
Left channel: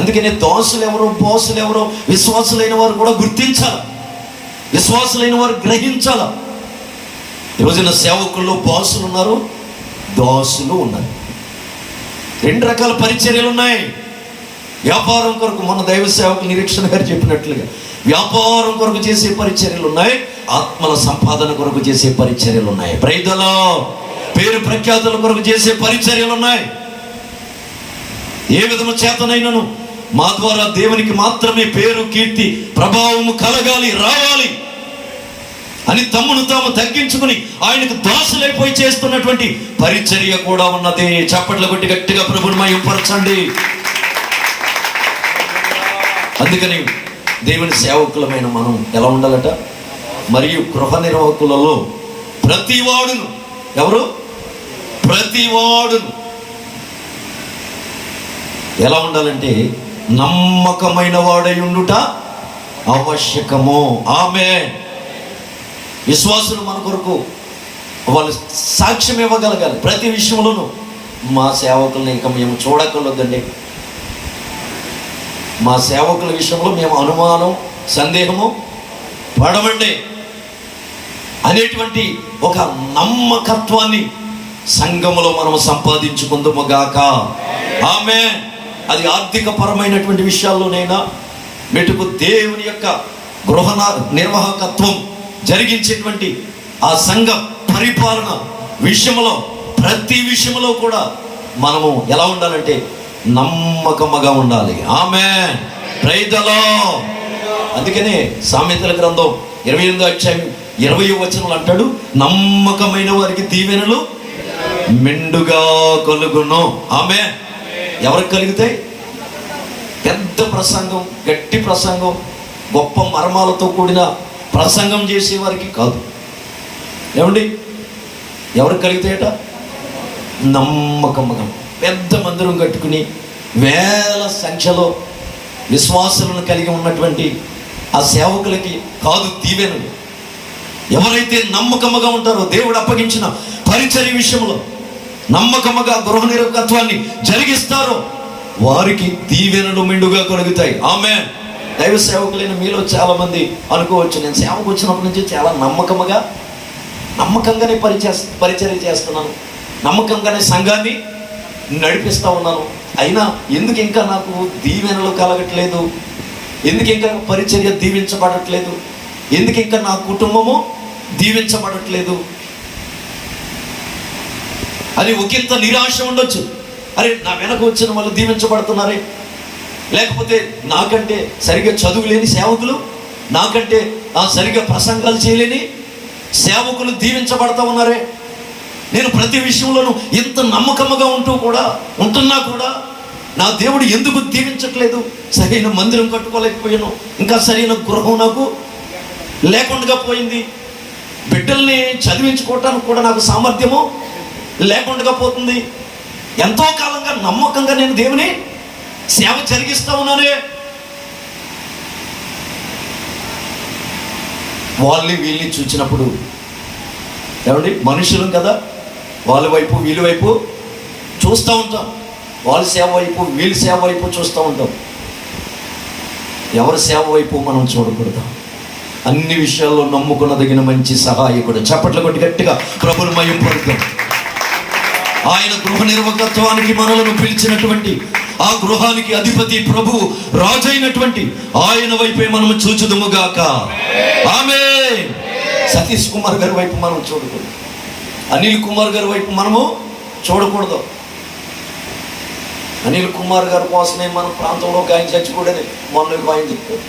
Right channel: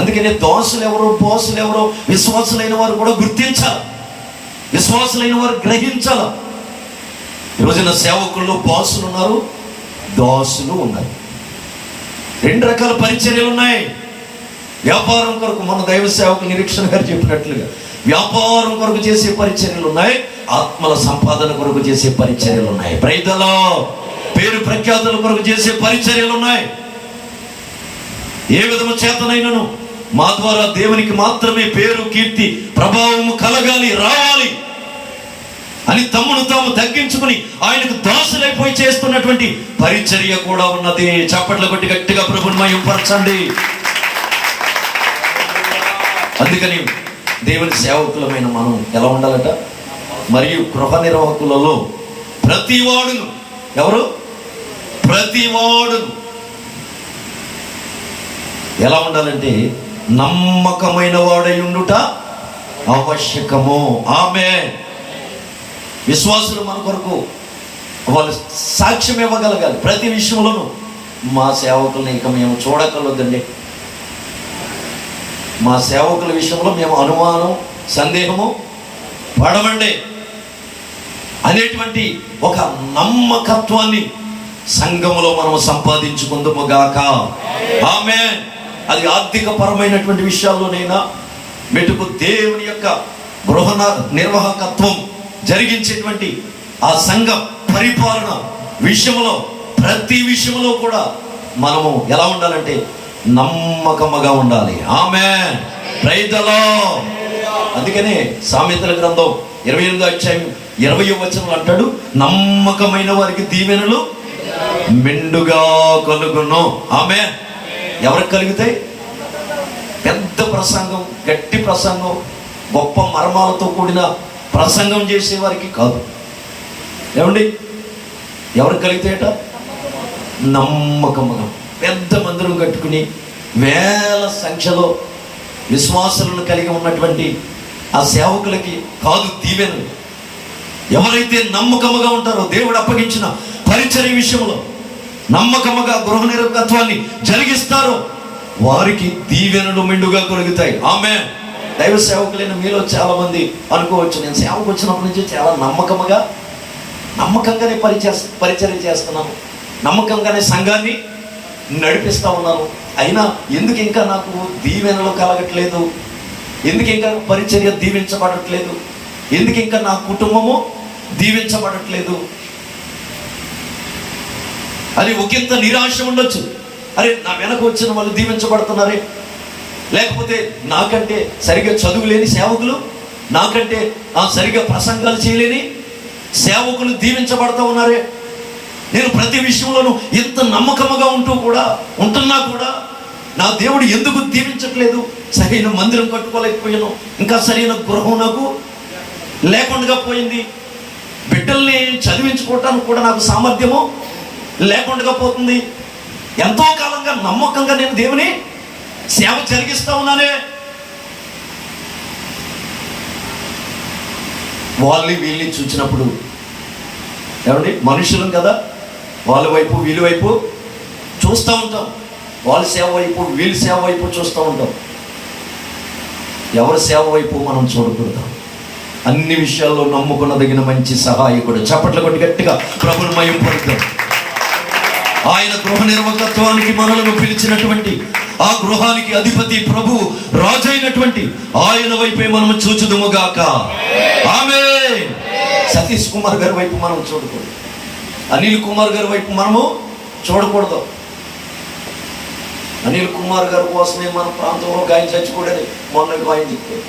అందుకనే దాసులు ఎవరో బాసులు ఎవరో విశ్వాసులైన వారు కూడా గుర్తించాలి, విశ్వాసులైన వారు గ్రహించాలి. ఈరోజున సేవకుల్లో బాసులు ఉన్నారు, దాసులు ఉన్నారు. రెండు రకాల పరిచర్యలు ఉన్నాయి. వ్యాపారం కొరకు మన దైవ సేవకు నిరీక్షణ గారు చెప్పినట్లుగా వ్యాపారం కొరకు చేసే పరిచర్యలు ఉన్నాయి, ఆత్మల సంపాదన కొరకు చేసే పరిచర్యలు ఉన్నాయి. Praise the Lord. పేరు ప్రఖ్యాతుల కొరకు చేసే పరిచర్యలు ఉన్నాయి. ఏ విధము చేతనైనను మా ద్వారా దేవునికి మాత్రమే పేరు, కీర్తి, ప్రభావము కలగాలి, రావాలి అని తమ్మును తాము తగ్గించుకుని ఆయనకు దాసులైపోయి చేస్తున్నటువంటి పరిచర్య కూడా ఉన్నది. చప్పట్ల కొట్టి గట్టిగా ప్రభువుని మహిమపరచండి. అందుకని దేవుని సేవకులమైన మనం ఎలా ఉండాలట? మరియు గృహ నిర్వాహకులలో ప్రతివాడును, ఎవరు? ప్రతివాడును ఎలా ఉండాలంటే నమ్మకమైన వాడై ఉండుట ఆవశ్యకము. ఆమేన్. విశ్వాసులు మన కొరకు వాళ్ళు సాక్ష్యం ఇవ్వగలగాలి ప్రతి విషయంలోనూ. మా సేవకులను ఇక మేము చూడకలొద్దండి, మా సేవకుల విషయంలో మేము అనుమానం, సందేహము పడమండి అనేటువంటి ఒక నమ్మకత్వాన్ని సంఘములో మనం సంపాదించుకుందాము గాక. ఆమేన్. అది ఆర్థిక పరమైనటువంటి విషయాల్లోనైనా మెటుకు దేవుని యొక్క గృహ నిర్వాహకత్వం జరిగించేటువంటి ఆ సంఘ పరిపాలన విషయంలో, ప్రతి విషయంలో కూడా మనము ఎలా ఉండాలంటే నమ్మకముగా ఉండాలి. ఆమేన్. Praise the Lord. అందుకనే సామెతల గ్రంథం 28వ అధ్యాయం 20వ వచనం అంటాడు, నమ్మకమైన వారికి దీవెనలు మెండుగా కలుగును. ఆమేన్. ఎవరికి కలుగుతాయి? పెద్ద ప్రసంగం, గట్టి ప్రసంగం, గొప్ప మర్మాలతో కూడిన ప్రసంగం చేసే వారికి కాదు. ఏమండి? ఎవరికి కలుగుతాయట? నమ్మకముగా పెద్ద మందిరం కట్టుకుని వేల సంఖ్యలో విశ్వాసులను కలిగి ఉన్నటువంటి ఆ సేవకులకి కాదు దీవెను. ఎవరైతే నమ్మకముగా ఉంటారో దేవుడు అప్పగించిన పరిచర్య విషయంలో నమ్మకముగా గృహ నిర్వాహకత్వాన్ని జరిగిస్తారో వారికి దీవెనలు మెండుగా కలుగుతాయి. ఆమేన్. దైవ సేవకులైన మీలో చాలా మంది అనుకోవచ్చు, నేను సేవకు వచ్చినప్పటి నుంచి చాలా నమ్మకంగానే పరిచర్య చేస్తున్నాను, నమ్మకంగానే సంఘాన్ని నడిపిస్తా ఉన్నాను, అయినా ఎందుకు ఇంకా నాకు దీవెనలు కలగట్లేదు, ఎందుకు ఇంకా పరిచర్య దీవించబడట్లేదు, ఎందుకు ఇంకా నా కుటుంబము దీవించబడట్లేదు అని ఒకంత నిరాశ ఉండొచ్చు. అరే, నా వెనక వచ్చిన వాళ్ళు దీవించబడుతున్నారే, లేకపోతే నాకంటే సరిగ్గా చదువు లేని సేవకులు, నాకంటే సరిగ్గా ప్రసంగాలు చేయలేని సేవకులు దీవించబడతా ఉన్నారే, నేను ప్రతి విషయంలోనూ ఎంత నమ్మకముగా ఉంటున్నా కూడా నా దేవుడు ఎందుకు దీవించట్లేదు? సరైన మందిరం కట్టుకోలేకపోయాను, ఇంకా సరైన గృహం నాకు లేకుండా పోయింది, బిడ్డల్ని చదివించుకోవటానికి కూడా నాకు సామర్థ్యము లేకుండా పోతుంది. ఎంతో కాలంగా నమ్మకంగా నేను దేవుని సేవ జరిగిస్తా ఉన్నానే. వాళ్ళని వీళ్ళని చూసినప్పుడు ఏమండి, మనుషులం కదా, వాళ్ళ వైపు వీళ్ళ వైపు చూస్తూ ఉంటాం, వాళ్ళ సేవ వైపు వీళ్ళ సేవ వైపు చూస్తూ ఉంటాం. ఎవరి సేవ వైపు మనం చూడకూడదు. అన్ని విషయాల్లో నమ్ముకున్నదగిన మంచి సహాయకుడు. చప్పట్లు కొట్టి గట్టిగా ప్రభుని మహిమ పలుకుదాం. ఆయన గృహ నిర్వాహకత్వానికి మనలను పిలిచినటువంటి ఆ గృహానికి అధిపతి ప్రభు రాజైనటువంటి ఆయన వైపే మనము చూచుదుముగాక. ఆమేన్. సతీష్ కుమార్ గారి వైపు మనం చూడకూడదు, అనిల్ కుమార్ గారి వైపు మనము చూడకూడదు. అనిల్ కుమార్ గారి కోసమే మన ప్రాంతంలో ఒక ఆయన చచ్చిపోయేది. మొన్న ఆయన చెప్పారు,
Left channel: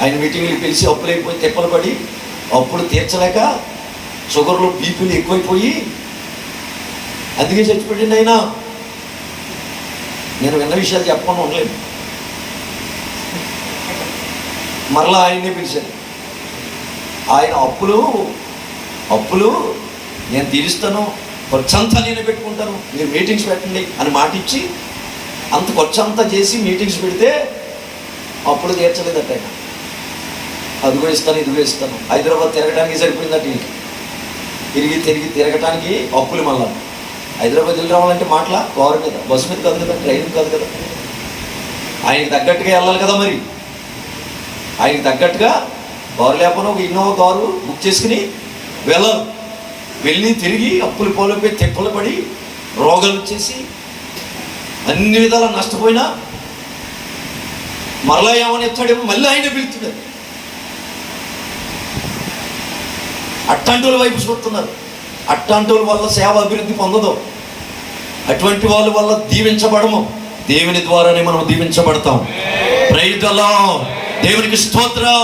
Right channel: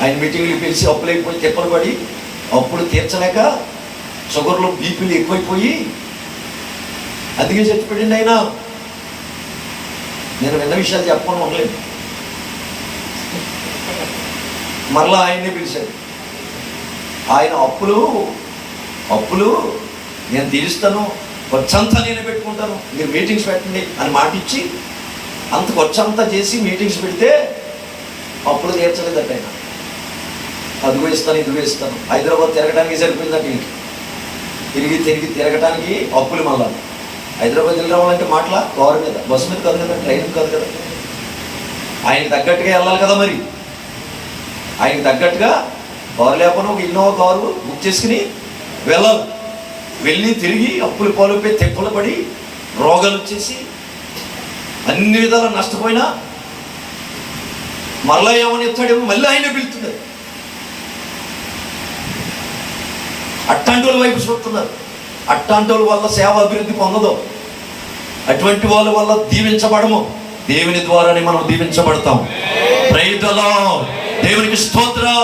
ఆయన మీటింగ్లు పిలిచి అప్పులైపోయి తిప్పలు పడి అప్పుడు తీర్చలేక షుగర్లు బీపీలు ఎక్కువైపోయి అందుకే చచ్చిపోయింది ఆయన. నేను విన్న విషయాలు చెప్పకుండా ఉండలేదు. మరలా ఆయన్ని పిలిచారు. ఆయన అప్పులు నేను తీరుస్తాను, ఖర్చంతా నేను పెట్టుకుంటాను, మీరు మీటింగ్స్ పెట్టండి అని మాట ఇచ్చి అంత ఖర్చంతా చేసి మీటింగ్స్ పెడితే అప్పుడు తీర్చలేదట ఆయన. అదిగో ఇస్తాను, ఇదిగో ఇస్తాను. హైదరాబాద్ తిరగడానికి సరిపోయిందట. తిరిగి తిరగటానికి అప్పులు. మళ్ళా హైదరాబాద్ వెళ్ళి రావాలంటే మాటల కారు మీద, బస్సు మీద కాదు కదా, ట్రైన్ కాదు కదా. ఆయనకి తగ్గట్టుగా వెళ్ళాలి కదా. మరి ఆయనకి తగ్గట్టుగా కారు లేకపోయినా ఒక ఇన్నోవా కారు బుక్ చేసుకుని వెళ్ళి తిరిగి అప్పులు పాలైపోయి తెప్పలు పడి రోగాలు వచ్చేసి అన్ని విధాలు నష్టపోయినా మరలా ఏమని ఎత్తాడేమో మళ్ళీ ఆయన పిలుతున్నాడు. అట్టాంటోళ్ళ వైపు చూస్తున్నారు. అట్టాంటోళ్ళ వల్ల సేవ అభివృద్ధి పొందదు. అటువంటి వాళ్ళ వల్ల దీవించబడము. దేవుని ద్వారానే మనం దీవించబడతాం. Praise the lord. దేవునికి స్తోత్రం.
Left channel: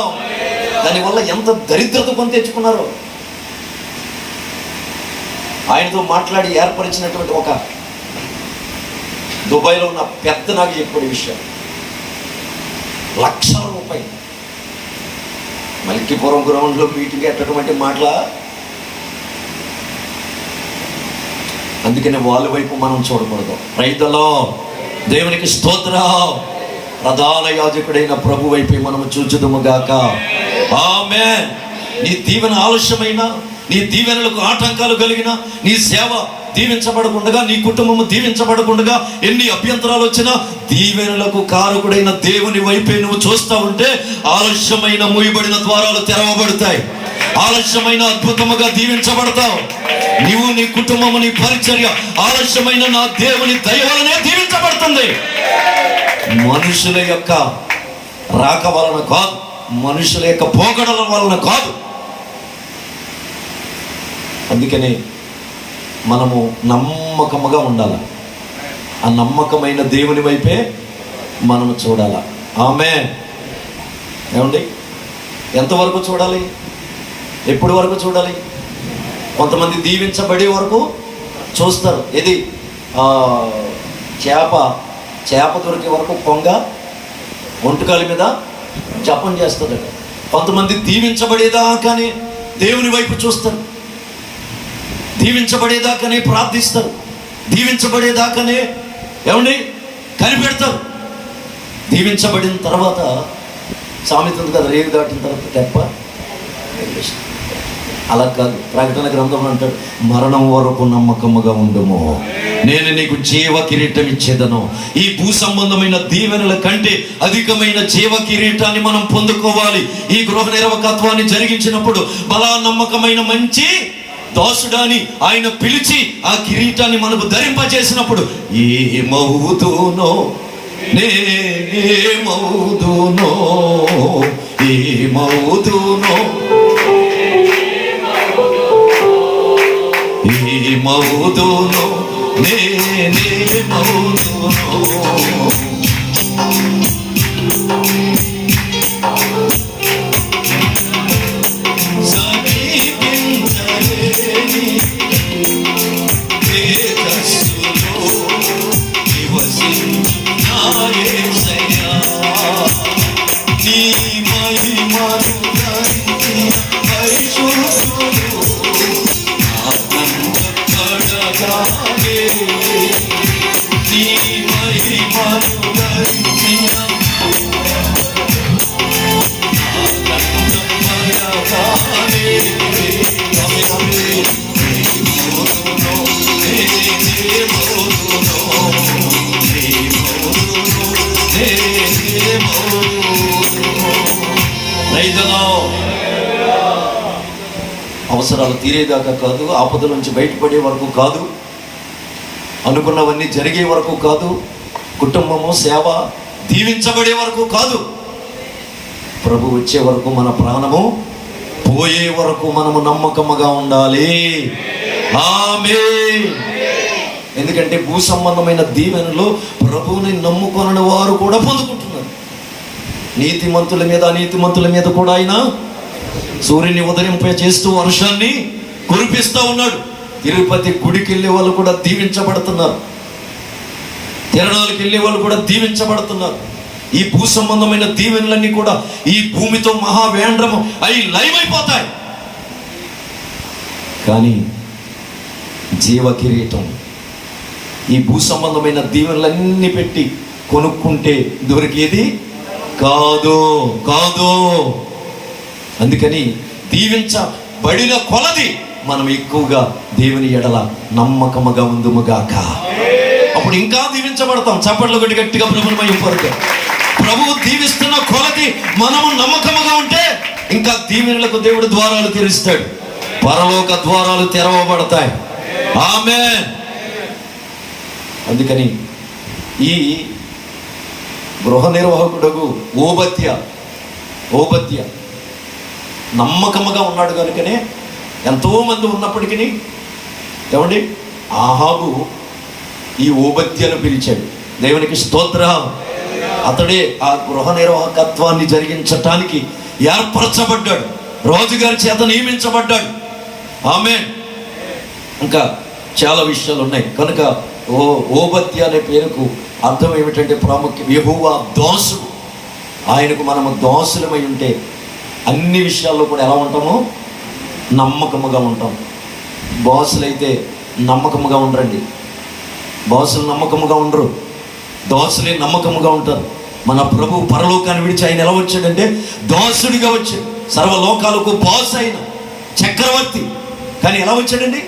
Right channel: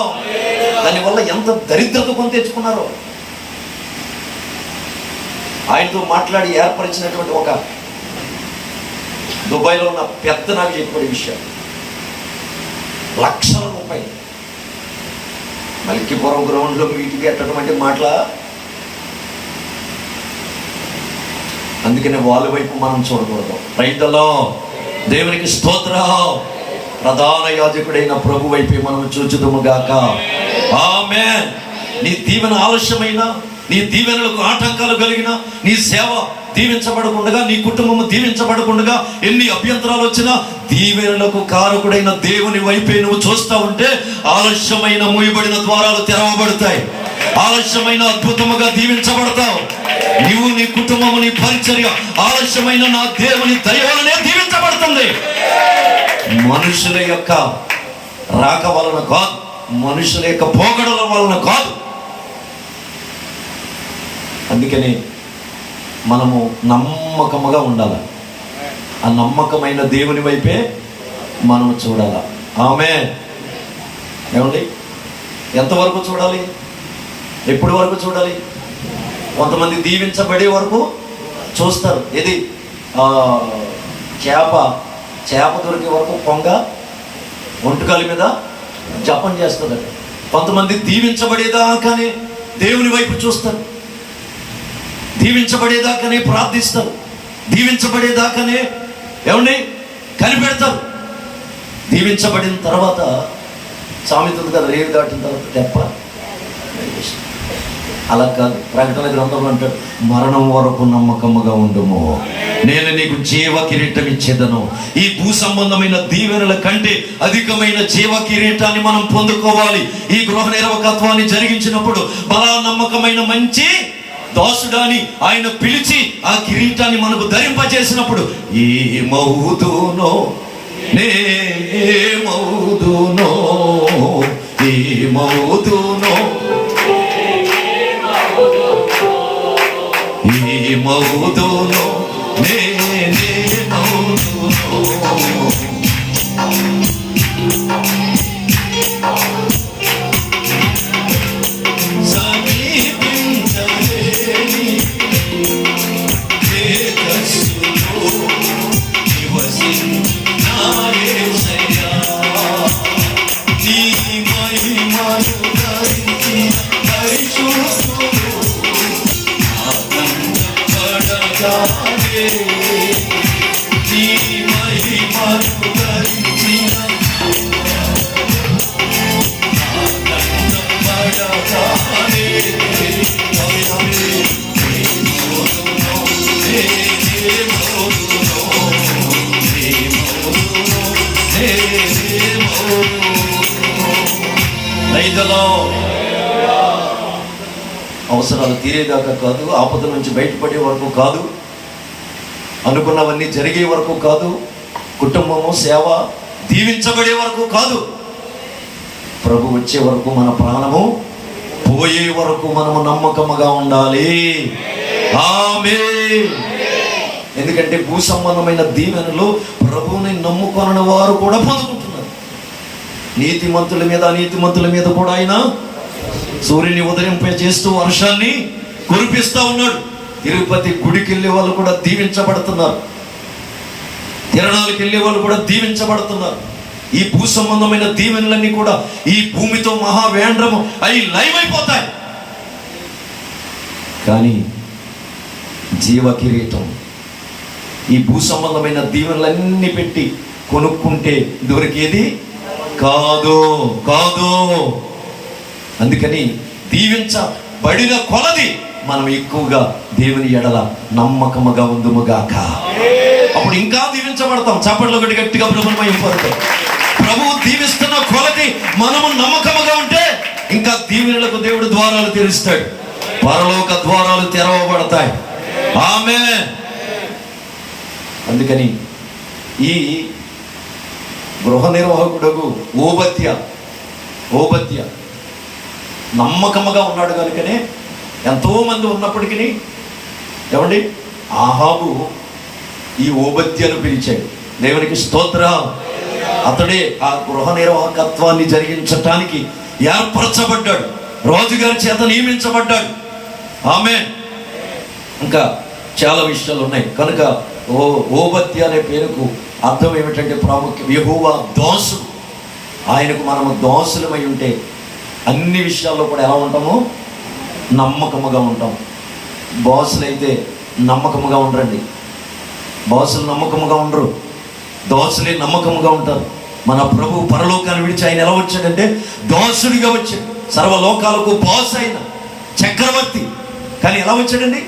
దానివల్ల ఎంత దరిద్రత కొని తెచ్చుకున్నారో. ఆయనతో మాట్లాడి ఏర్పరిచినటువంటి ఒక దుబాయ్లో ఉన్న పెద్ద నాకు చెప్పే విషయం, లక్షల రూపాయలు మల్కీపురం గ్రౌండ్లో మీటింగ్ ఎట్టటువంటి మాటల. అందుకని వాళ్ళ వైపు మనం చూడకూడదు. రైతులో దేవునికి స్తోత్రం. ప్రధాన యాజకుడైన ప్రభు వైపే మనం చూచుదుముగాక. ఆమేన్. నీ దీవెన ఆలస్యమైన, నీ దీవెనలకు ఆటంకాలు కలిగిన, నీ సేవ దీవించబడకుండా, నీ కుటుంబము దీవించబడకుండా ఎన్ని అభ్యంతరాలు వచ్చినా దీవెనలకు కారకుడైన దేవుని వైపే నువ్వు చూస్తూ ఉంటే ఆలస్యమైన మూయబడిన ద్వారాలు తెరవబడతాయి. ఆలస్యమైన అద్భుతముగా దీవించబడతావు. నీవు, నీ కుటుంబము, నీ పరిచర్య ఆలస్యమైన నా దేవుని దయ వలనే దీవించబడుతుంది. మనుషుల యొక్క రాక వలన కాదు, మనుషుల యొక్క పోగడల వలన కాదు. అందుకని మనము నమ్మకముగా ఉండాలి. ఆ నమ్మకమైన దేవుని వైపే మనం చూడాలి. ఆమేన్. ఏమండి, ఎంతవరకు చూడాలి? ఎప్పటి వరకు చూడాలి? కొంతమంది దీవించబడే వరకు చూస్తారు. ఇది చేప దొరికే వరకు పొంగ ఒంటుకాలి మీద జపం చేస్తుందట. కొంతమంది దీవించబడేదాకానే దేవుని వైపు చూస్తారు, దీవించబడేదాకానే ప్రార్థిస్తారు, దీవించబడేదాకానే ఏమండి కనిపెడతారు. దీవించబడిన తర్వాత సామెత ఉంది కదా, రేవు దాటిన తర్వాత తెప్ప. అలా కాదు. ప్రకటన గ్రంథంలో అంటాడు, మరణం వరకు నమ్మకముగా ఉండుము, నేను నీకు జీవ కిరీటం ఇచ్చేదను. ఈ భూ సంబంధమైన దీవెనల కంటే అధికమైన జీవ కిరీటాన్ని మనం పొందుకోవాలి. ఈ గృహ నిర్వాహకత్వాన్ని జరిగించినప్పుడు బలా నమ్మకమైన మంచి దోసుడాని ఆయన పిలిచి ఆ కిరీటాన్ని మనకు ధరింపజేసినప్పుడు ఏమవుదునో నేనేమవుదునో ఏమవుదునో ఏమవుదునో నేనేమవుదునో అవసరాలు తీరేదాకా కాదు, ఆపద నుంచి బయటపడే వరకు కాదు, అనుకున్నవన్నీ జరిగే వరకు కాదు, కుటుంబము సేవ దీవించబడే వరకు కాదు, ప్రభు వచ్చే వరకు మన ప్రాణము పోయే వరకు మనము నమ్మకముగా ఉండాలి. ఆమేన్. ఎందుకంటే భూ సంబంధమైన దీవెనలు ప్రభువుని నమ్ముకొనని వారు కూడా పొందుకుంటున్నారు. నీతిమంతుల మీద అనీతిమంతుల మీద కూడా ఆయన సూర్యుని ఉదయింపే చేస్తూ వర్షాన్ని కురిపిస్తా ఉన్నాడు. తిరుపతి గుడికి వెళ్ళే వాళ్ళు కూడా దీవించబడుతున్నారు, తిరణాలకు వెళ్ళే వాళ్ళు కూడా దీవించబడుతున్నారు. ఈ భూ సంబంధమైన దీవెనలన్నీ కూడా ఈ భూమితో మహావేంద్రము అవి లైవ్ అయిపోతాయి. కానీ జీవ కిరీటం ఈ భూ సంబంధమైన దీవెనలన్నీ పెట్టి కొనుక్కుంటే దొరికేది కాదు కాదు. అందుకని దీవించబడిన కొలది మనం ఎక్కువగా దేవుని ఎడల నమ్మకముగా ఉందుముగాక. అప్పుడు ఇంకా దీవించబడతాం. చప్పట్లు కొట్టి గట్టిగా ప్రభుత్వం ప్రభు దీవిస్తున్న కొలది మనము నమ్మకముగా ఉంటే ఇంకా దీవెనలకు దేవుడు ద్వారాలు తెరుస్తాడు, పరలోక ద్వారాలు తెరవబడతాయి. ఆమేన్. అందుకని ఈ గృహ నిర్వాహకుడు ఓబద్య నమ్మకముగా ఉన్నాడు కనుకనే ఎంతో మంది ఉన్నప్పటికీ ఏమండి ఆహాబు ఈ ఓబద్యను పిలిచాడు. దేవునికి స్తోత్ర. అతడే ఆ గృహ నిర్వాహకత్వాన్ని జరిగించటానికి ఏర్పరచబడ్డాడు, రాజుగారి చేత నియమించబడ్డాడు. ఆమేన్. ఇంకా చాలా విషయాలు ఉన్నాయి కనుక ఓబద్య అనే పేరుకు అర్థం ఏమిటంటే ప్రాముఖ్యం యెహోవా దాసుడు. ఆయనకు మనము దాసులమై ఉంటే అన్ని విషయాల్లో కూడా ఎలా ఉంటామో నమ్మకముగా ఉంటాం. బాసులైతే నమ్మకముగా ఉండరండి, బాసులు నమ్మకముగా ఉండరు, దాసులే నమ్మకముగా ఉంటారు. మన ప్రభు పరలోకాన్ని విడిచి ఆయన ఎలా వచ్చాడంటే దాసుడిగా వచ్చాడు. సర్వలోకాలకు బాస్ అయిన చక్రవర్తి, కానీ ఎలా వచ్చాడండి?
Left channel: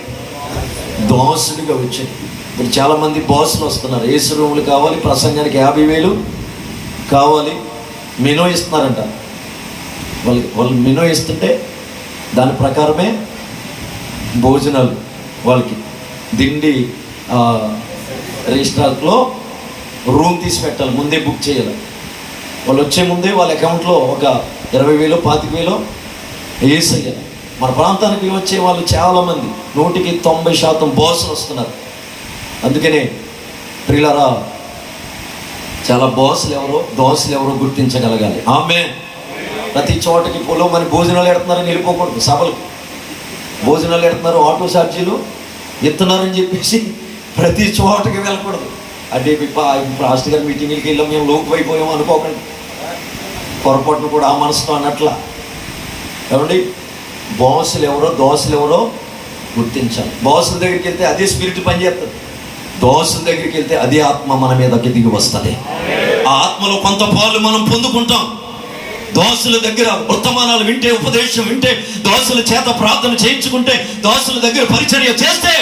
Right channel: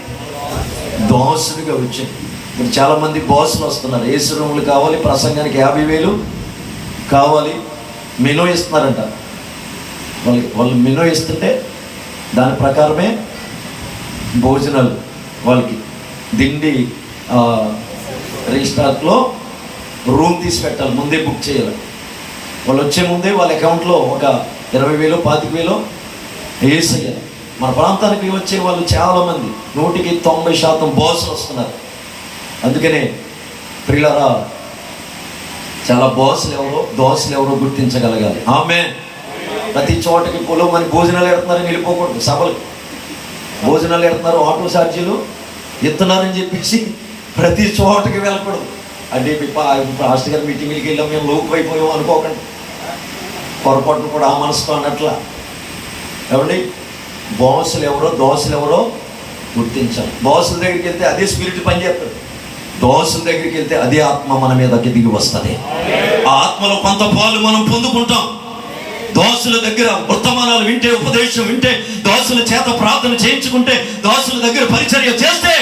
దాసుడిగా వచ్చాడు. ఇప్పుడు చాలామంది బాసులు వస్తున్నారు. ఏసు రూములు కావాలి, ప్రసంగానికి 50,000 కావాలి, మెనూ ఇస్తున్నారంట. వాళ్ళు మెనూ ఇస్తుంటే దాని ప్రకారమే భోజనాలు వాళ్ళకి దిండి రిజిస్టార్లో రూమ్ తీసి పెట్టాలి, ముందే బుక్ చేయాలి. వాళ్ళు వచ్చే ముందే వాళ్ళ అకౌంట్లో ఒక 20,000 25,000 వేసేయాలి. మన ప్రాంతానికి వచ్చే వాళ్ళు చాలామంది 100% బాసులు వస్తున్నారు. అందుకనే ప్రియులారా చాలా బాసులు ఎవరో దోసులు ఎవరో గుర్తించగలగాలి. ఆమె ప్రతి చోటకి పొలం అని భోజనాలు ఎడుతున్నారని వెళ్ళిపోకూడదు. సభలకు భోజనాలు ఎడుతున్నారు, ఆటో ఛార్జీలు ఎత్తున్నారని చెప్పేసి ప్రతి చోటకి వెళ్ళకూడదు. అంటే పాస్టర్ గారి మీటింగ్కి వెళ్ళాం మేము లోపు అయిపోయాం అనుకోకండి, పొరపాటును కూడా ఆ మనసుతో అన్నట్లా. ఏమండి బాసులు ఎవరో దోసులు ఎవరో గుర్తించాలి. బాసుల దగ్గరికి వెళ్తే అదే స్పిరిట్ పనిచేస్తుంది, దోసుల దగ్గరికి వెళ్తే అదే ఆత్మ మన మీదకి దిగి వస్తుంది. ఆ ఆత్మలో కొంత పాలు మనం పొందుకుంటాం. దోసుల దగ్గర వర్తమానాలు వింటే, ఉపదేశం వింటే, దోసుల చేత ప్రార్థన చేయించుకుంటే, దోసుల దగ్గర పరిచర్య చేస్తే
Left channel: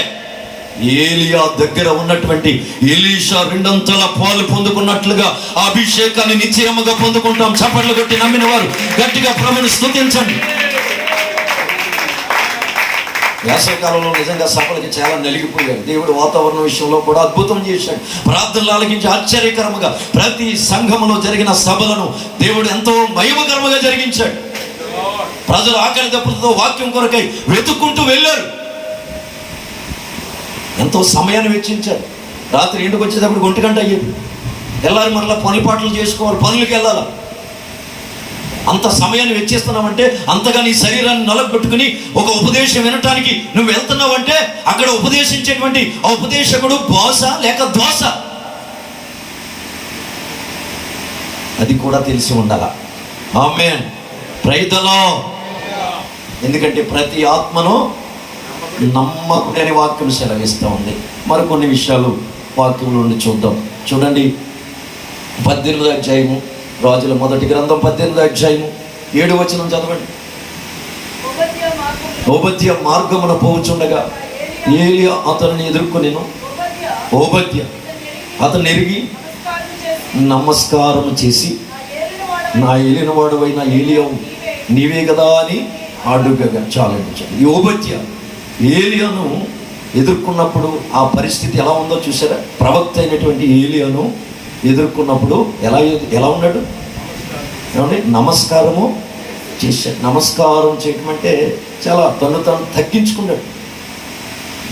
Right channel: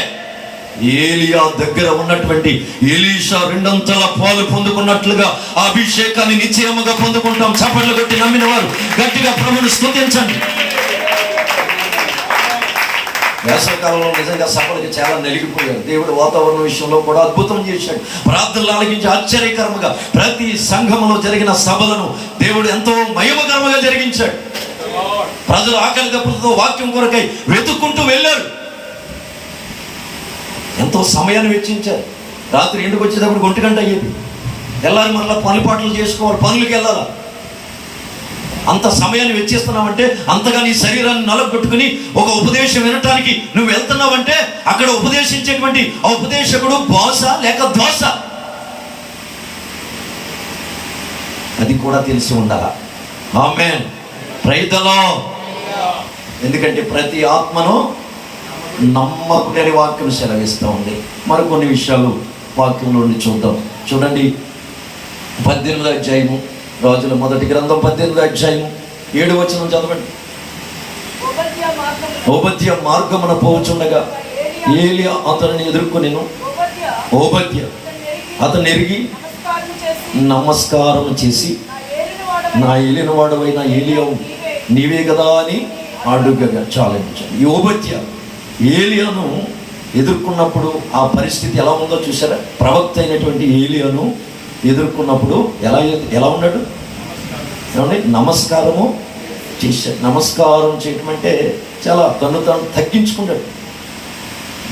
ఏలియా దగ్గర ఉన్నటువంటి ఎలీషా 2 పాలు పొందుకున్నట్లుగా ఆ అభిషేకాన్ని నిశ్చయముగా పొందుకుంటాం. చప్పట్లు కొట్టి నమ్మిన వారు గట్టిగా ప్రభువును స్తుతించండి. వేసవికాలంలో నిజంగా సభలకి చాలా నలిగిపోయాడు. దేవుడు వాతావరణ విషయంలో కూడా అద్భుతం చేశాడు. ప్రార్థనలు ఆలకించి ఆశ్చర్యకరముగా ప్రతి సంఘంలో జరిగిన సభలను దేవుడు ఎంతో మహిమకరముగా జరిగించాడు. ప్రజలు ఆకలి దప్పులతో వాక్యం కొరకై వెతుక్కుంటూ వెళ్ళారు. ఎంతో సమయాన్ని వెచ్చించారు. రాత్రి ఇంటికి వచ్చేటప్పుడు 1 గంట అయ్యేది. వెళ్ళాలి, మరలా పనులు చేసుకోవాలి, పనులకి వెళ్ళాలి. అంత సమయాన్ని వెచ్చిస్తున్నావంటే, అంతగా నీ శరీరాన్ని నలగొట్టుకుని ఒక ఉపదేశం వినటానికి నువ్వు వెళ్తున్నావంటే, అక్కడ ఉపదేశించేటువంటి ఆ ఉపదేశకుడు బాస లేక దోస, అది కూడా తెలిసి ఉండాలా. ఆమేన్. Praise the Lord. ఎందుకంటే ప్రతి ఆత్మను నమ్మకునే వాక్యం సెలవిస్తూ ఉంది. మరికొన్ని విషయాలు వాక్యంలో నుండి చూద్దాం. చూడండి, 18వ అధ్యాయము, రాజుల మొదటి గ్రంథం 18వ అధ్యాయము 7వ వచనం చదవండి. ఓబద్య మార్గమున పోవచుండగా ఏలియా అతనిని ఎదుర్కొనెను. ఓబద్య అతను ఎరిగి నమస్కారం చేసి, నా ఏలిన వాడవైన ఏలియావు నీవే కదా అని అడుగగా చాలించాడు. ఈ ఓబద్య ఏలియాను ఎదుర్కొన్నప్పుడు ఆ పరిస్థితి ఎలా ఉందో చూసారా? ప్రవక్త అయినటువంటి ఏలియాను ఎదుర్కొన్నప్పుడు ఎలా ఉన్నాడు? ఏమండి? నమస్కారము చేశాడు. నమస్కారం చేయటం అంటే చాలా తను తగ్గించుకున్నాడు.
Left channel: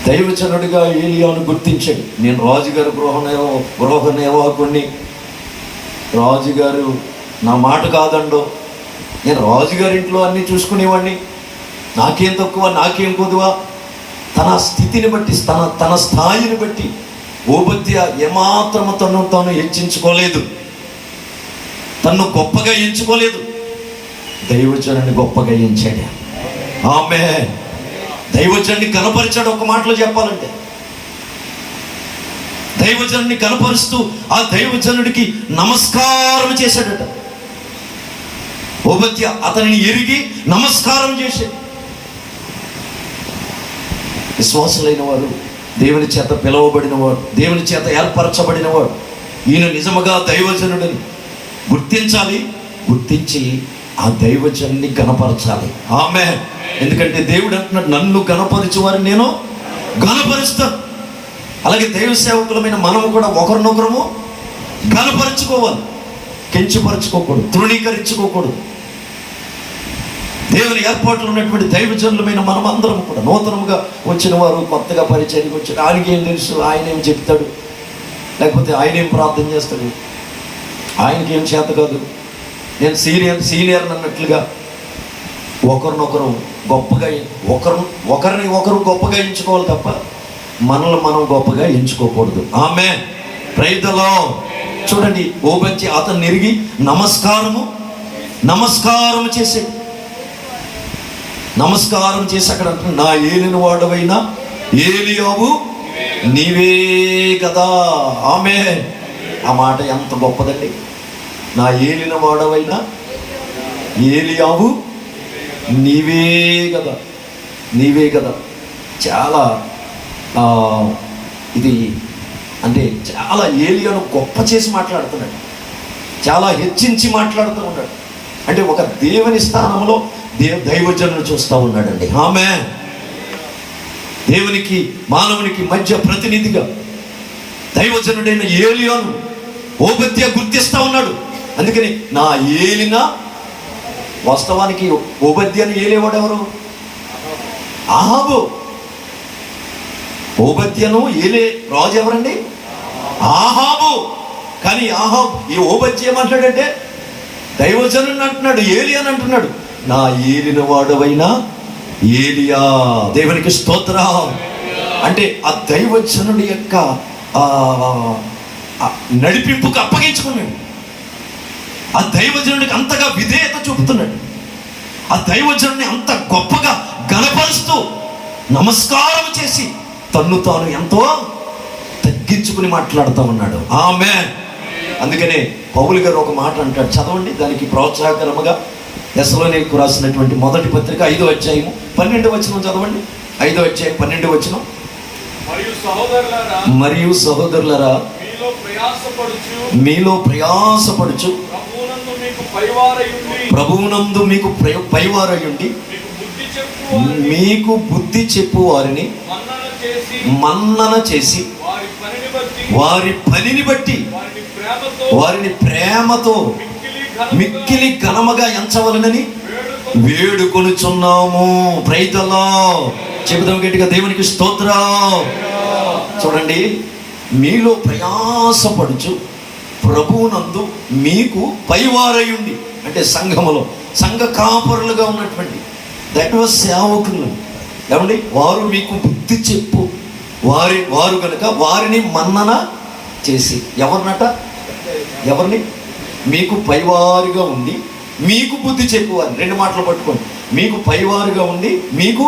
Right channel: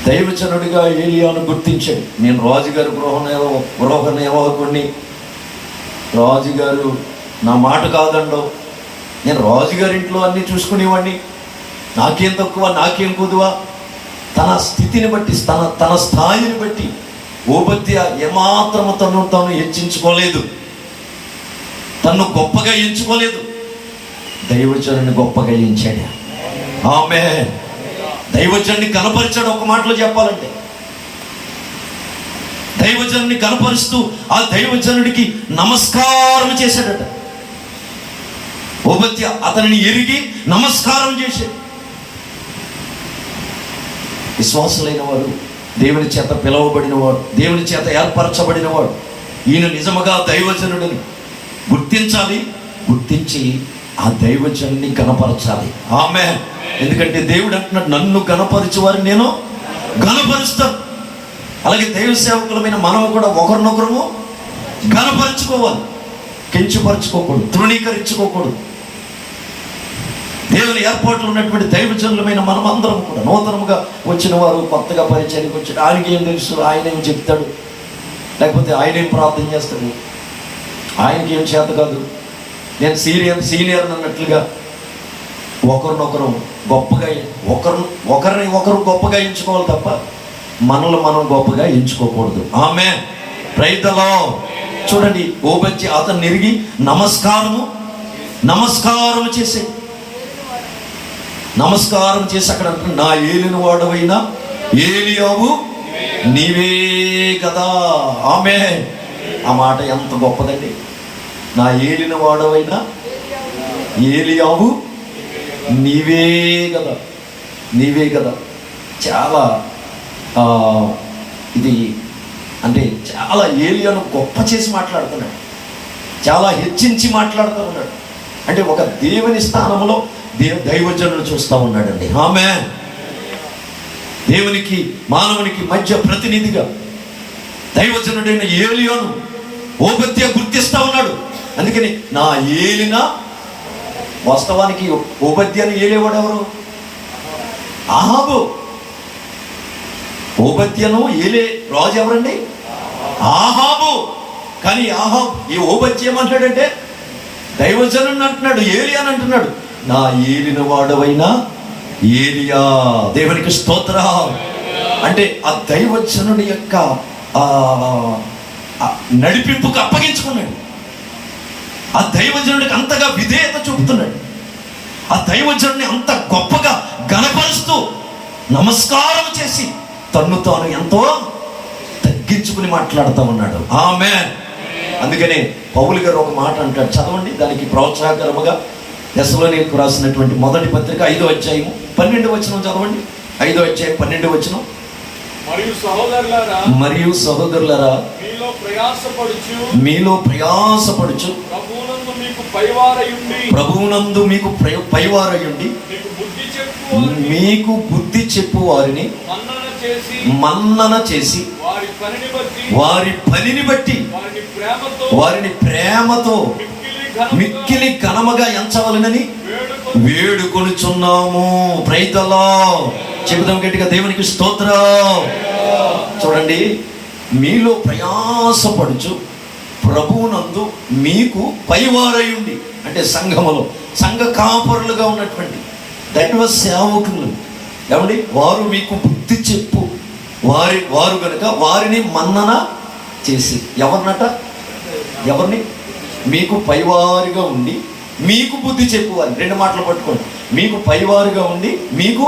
దైవజనుడిగా ఏలియాను గుర్తించాడు. నేను రాజుగారు గృహ నిర్వాహకుడిని, రాజుగారు నా మాట కాదండో, నేను రాజుగారింట్లో అన్నీ చూసుకునేవాడిని, నాకేం తక్కువ నాకేం కొదువా, తన స్థితిని బట్టి తన స్థాయిని బట్టి ఓబద్య ఏమాత్రము తాను హెచ్చించుకోలేదు, తన్ను గొప్పగా ఎంచుకోలేదు. దైవజనుని గొప్పగా ఎంచాడు. ఆమేన్. దైవజనుని కనపరిచాడు. ఒక మాటలో చెప్పాలంటే దైవజనుని కనపరుస్తూ ఆ దైవజనుడికి నమస్కారం చేశాడట. ఓబద్య అతనిని ఎరిగి నమస్కారం చేశాడు. విశ్వాసులైన వాడు, దేవుని చేత పిలువబడినవాడు, దేవుని చేత ఏర్పరచబడినవాడు, ఈయన నిజముగా దైవజనుడని గుర్తించాలి. గుర్తించి ఆ దైవజనుని గణపరచాలి. ఆమేన్. ఎందుకంటే దేవుడు అంటున్నాడు, నన్ను గణపరచువారు నేను గణపరుస్తాను. అలాగే దైవ సేవకులమైన మనము కూడా ఒకరినొకరము గణపరచుకోవాలి. కించపరచుకోకూడదు, తృణీకరించుకోకూడదు. దేవుని ఏర్పాట్లు ఉన్నటువంటి దైవజనులమైన మనం అందరం కూడా, నూతనముగా వచ్చిన వారు, కొత్తగా పరిచయానికి వచ్చాడు, ఆయనకి ఏం తెలుసు, ఆయన ఏం చెప్తాడు, లేకపోతే ఆయన ఏం ప్రార్థన చేస్తాడు, ఆయనకి ఏం చేత కాదు, నేను సీనియర్ అన్నట్లుగా ఒకరినొకరు గొప్పగా ఒకరిని గొప్పగా ఎంచుకోవాలి తప్ప మనల్ని మనం గొప్పగా ఎంచుకోకూడదు. ఆమేన్. Praise the Lord. చూడండి, ఓబద్య అతను ఎరిగి నమస్కారం చేసేది. నమస్కారం చేసి అక్కడ అంటున్నాడు, నా ఏలిన వాడవైన ఏలియావు నీవే కదా. ఆమేన్. ఆ మాట ఎంత గొప్పదండి. నా ఏలిన వాడవైన ఏలియావు నీవే కదా, నీవే కదా. చాలా ఇది అంటే చాలా ఏలియాను గొప్ప చేసి మాట్లాడుతున్నాడు, చాలా హెచ్చించి మాట్లాడుతూ ఉన్నాడు. అంటే ఒక దేవుని స్థానంలో దైవజనులు చూస్తూ ఉన్నాడండి. ఆమేన్. దేవునికి మానవునికి మధ్య ప్రతినిధిగా దైవజనుడైన ఏలియాను ఓబద్య గుర్తిస్తూ ఉన్నాడు. అందుకని నా ఏలిన, వాస్తవానికి ఓబద్యను ఏలేవాడు ఎవరు? ఆహాబు. ఓబద్యను ఏలే రాజు ఎవరండి? ఆహాబు. కానీ ఆహాబు ఈ ఓబద్య ఏమంటాడంటే దైవజనుడిని అంటున్నాడు, ఏలియా అని అంటున్నాడు. నా ఏలిన వాడవైన ఏలియా. దేవునికి స్తోత్రం. అంటే ఆ దైవజనుడి యొక్క నడిపింపుకు అప్పగించుకున్నాడు. ఆ దైవజనుడికి అంతగా విధేయత చూపుతున్నాడు. ఆ దైవజనుడిని అంత గొప్పగా గణపరుస్తూ నమస్కారం చేసి తన్ను తాను ఎంతో తగ్గించుకుని మాట్లాడుతూ ఉన్నాడు. ఆమేన్. అందుకనే పౌలు గారు ఒక మాట అంటాడు, చదవండి. దానికి ప్రోత్సాహకరముగా తెస్సలోనికీయులకు రాసినటువంటి మొదటి పత్రిక 5వ అధ్యాయము 12వ వచనం చదవండి. 5వ అధ్యాయం 12వ వచనం. మరియు సహోదరులారా మీలో ప్రయాసపడుచు ప్రభువునందు మీకు పైవారయుండి మీకు బుద్ధి చెప్పు వారిని మన్నన చేసి వారి పనిని బట్టి వారిని ప్రేమతో మిక్కిలి ఘనముగా ఎంచవలనని వేడుకొనుచున్నాము. Praise the Lord. చెబుదాం గట్టిగా, దేవునికి స్తోత్రం. చూడండి, మీలో ప్రయాసపడుచు ప్రభువునందు మీకు పైవారయుండి, అంటే సంఘములో సంఘ కాపరులుగా ఉన్నటువంటి దైవ సేవకులు ఏమండి, వారు మీకు బుద్ధి చెప్పు వారు కనుక వారిని మన్నన చేసి, ఎవరిని మీకు పైవారుగా ఉండి మీకు బుద్ధి చెప్పేవారు. రెండు మాటలు పట్టుకోండి, మీకు పైవారుగా ఉండి మీకు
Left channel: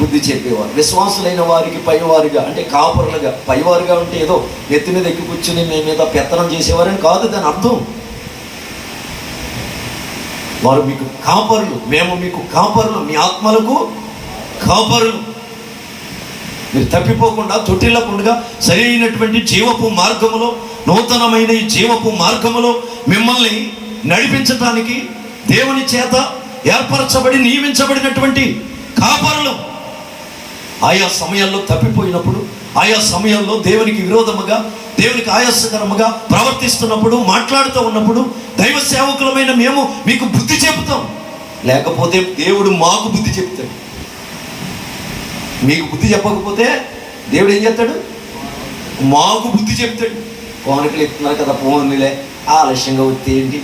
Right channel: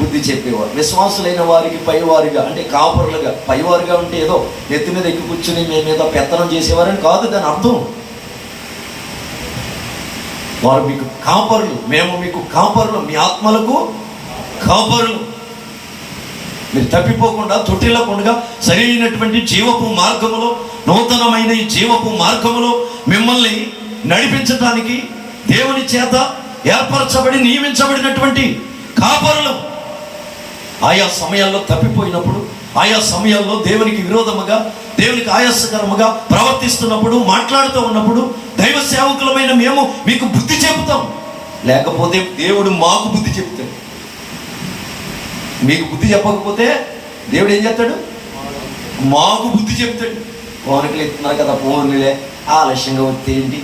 బుద్ధి చెప్పేవారు. విశ్వాసులైన వారికి పైవారుగా, అంటే కాపరులుగా. పైవారుగా ఉంటే ఏదో నెత్తి మీద ఎక్కి కూర్చుని మీ మీద పెత్తనం చేసేవారని కాదు దాని అర్థం. వారు మీకు కాపరులు, మేము మీకు కాపరులు, మీ ఆత్మలకు కాపరులు. మీరు తప్పిపోకుండా తొట్టిల్లకుండా సరైనటువంటి జీవపు మార్గములో, నూతనమైన ఈ జీవపు మార్గములో మిమ్మల్ని నడిపించడానికి దేవుని చేత ఏర్పరచబడి నియమించబడినటువంటి కాపరులు. ఆయా సమయాల్లో తప్పిపోయినప్పుడు, ఆయా సమయాల్లో దేవునికి విరోధముగా, దేవునికి ఆయాసకరముగా ప్రవర్తిస్తున్నప్పుడు, మాట్లాడుతూ ఉన్నప్పుడు దైవ సేవకులమైన మేము మీకు బుద్ధి చెబుతాం. లేకపోతే దేవుడు మాకు బుద్ధి చెప్తాడు. మీకు బుద్ధి చెప్పకపోతే దేవుడు ఏం చేస్తాడు? మాకు బుద్ధి చెప్తాడు. ఫోన్లు ఇస్తున్నారు కదా, ఫోన్లే ఆలస్యంగా వస్తే ఏంటి,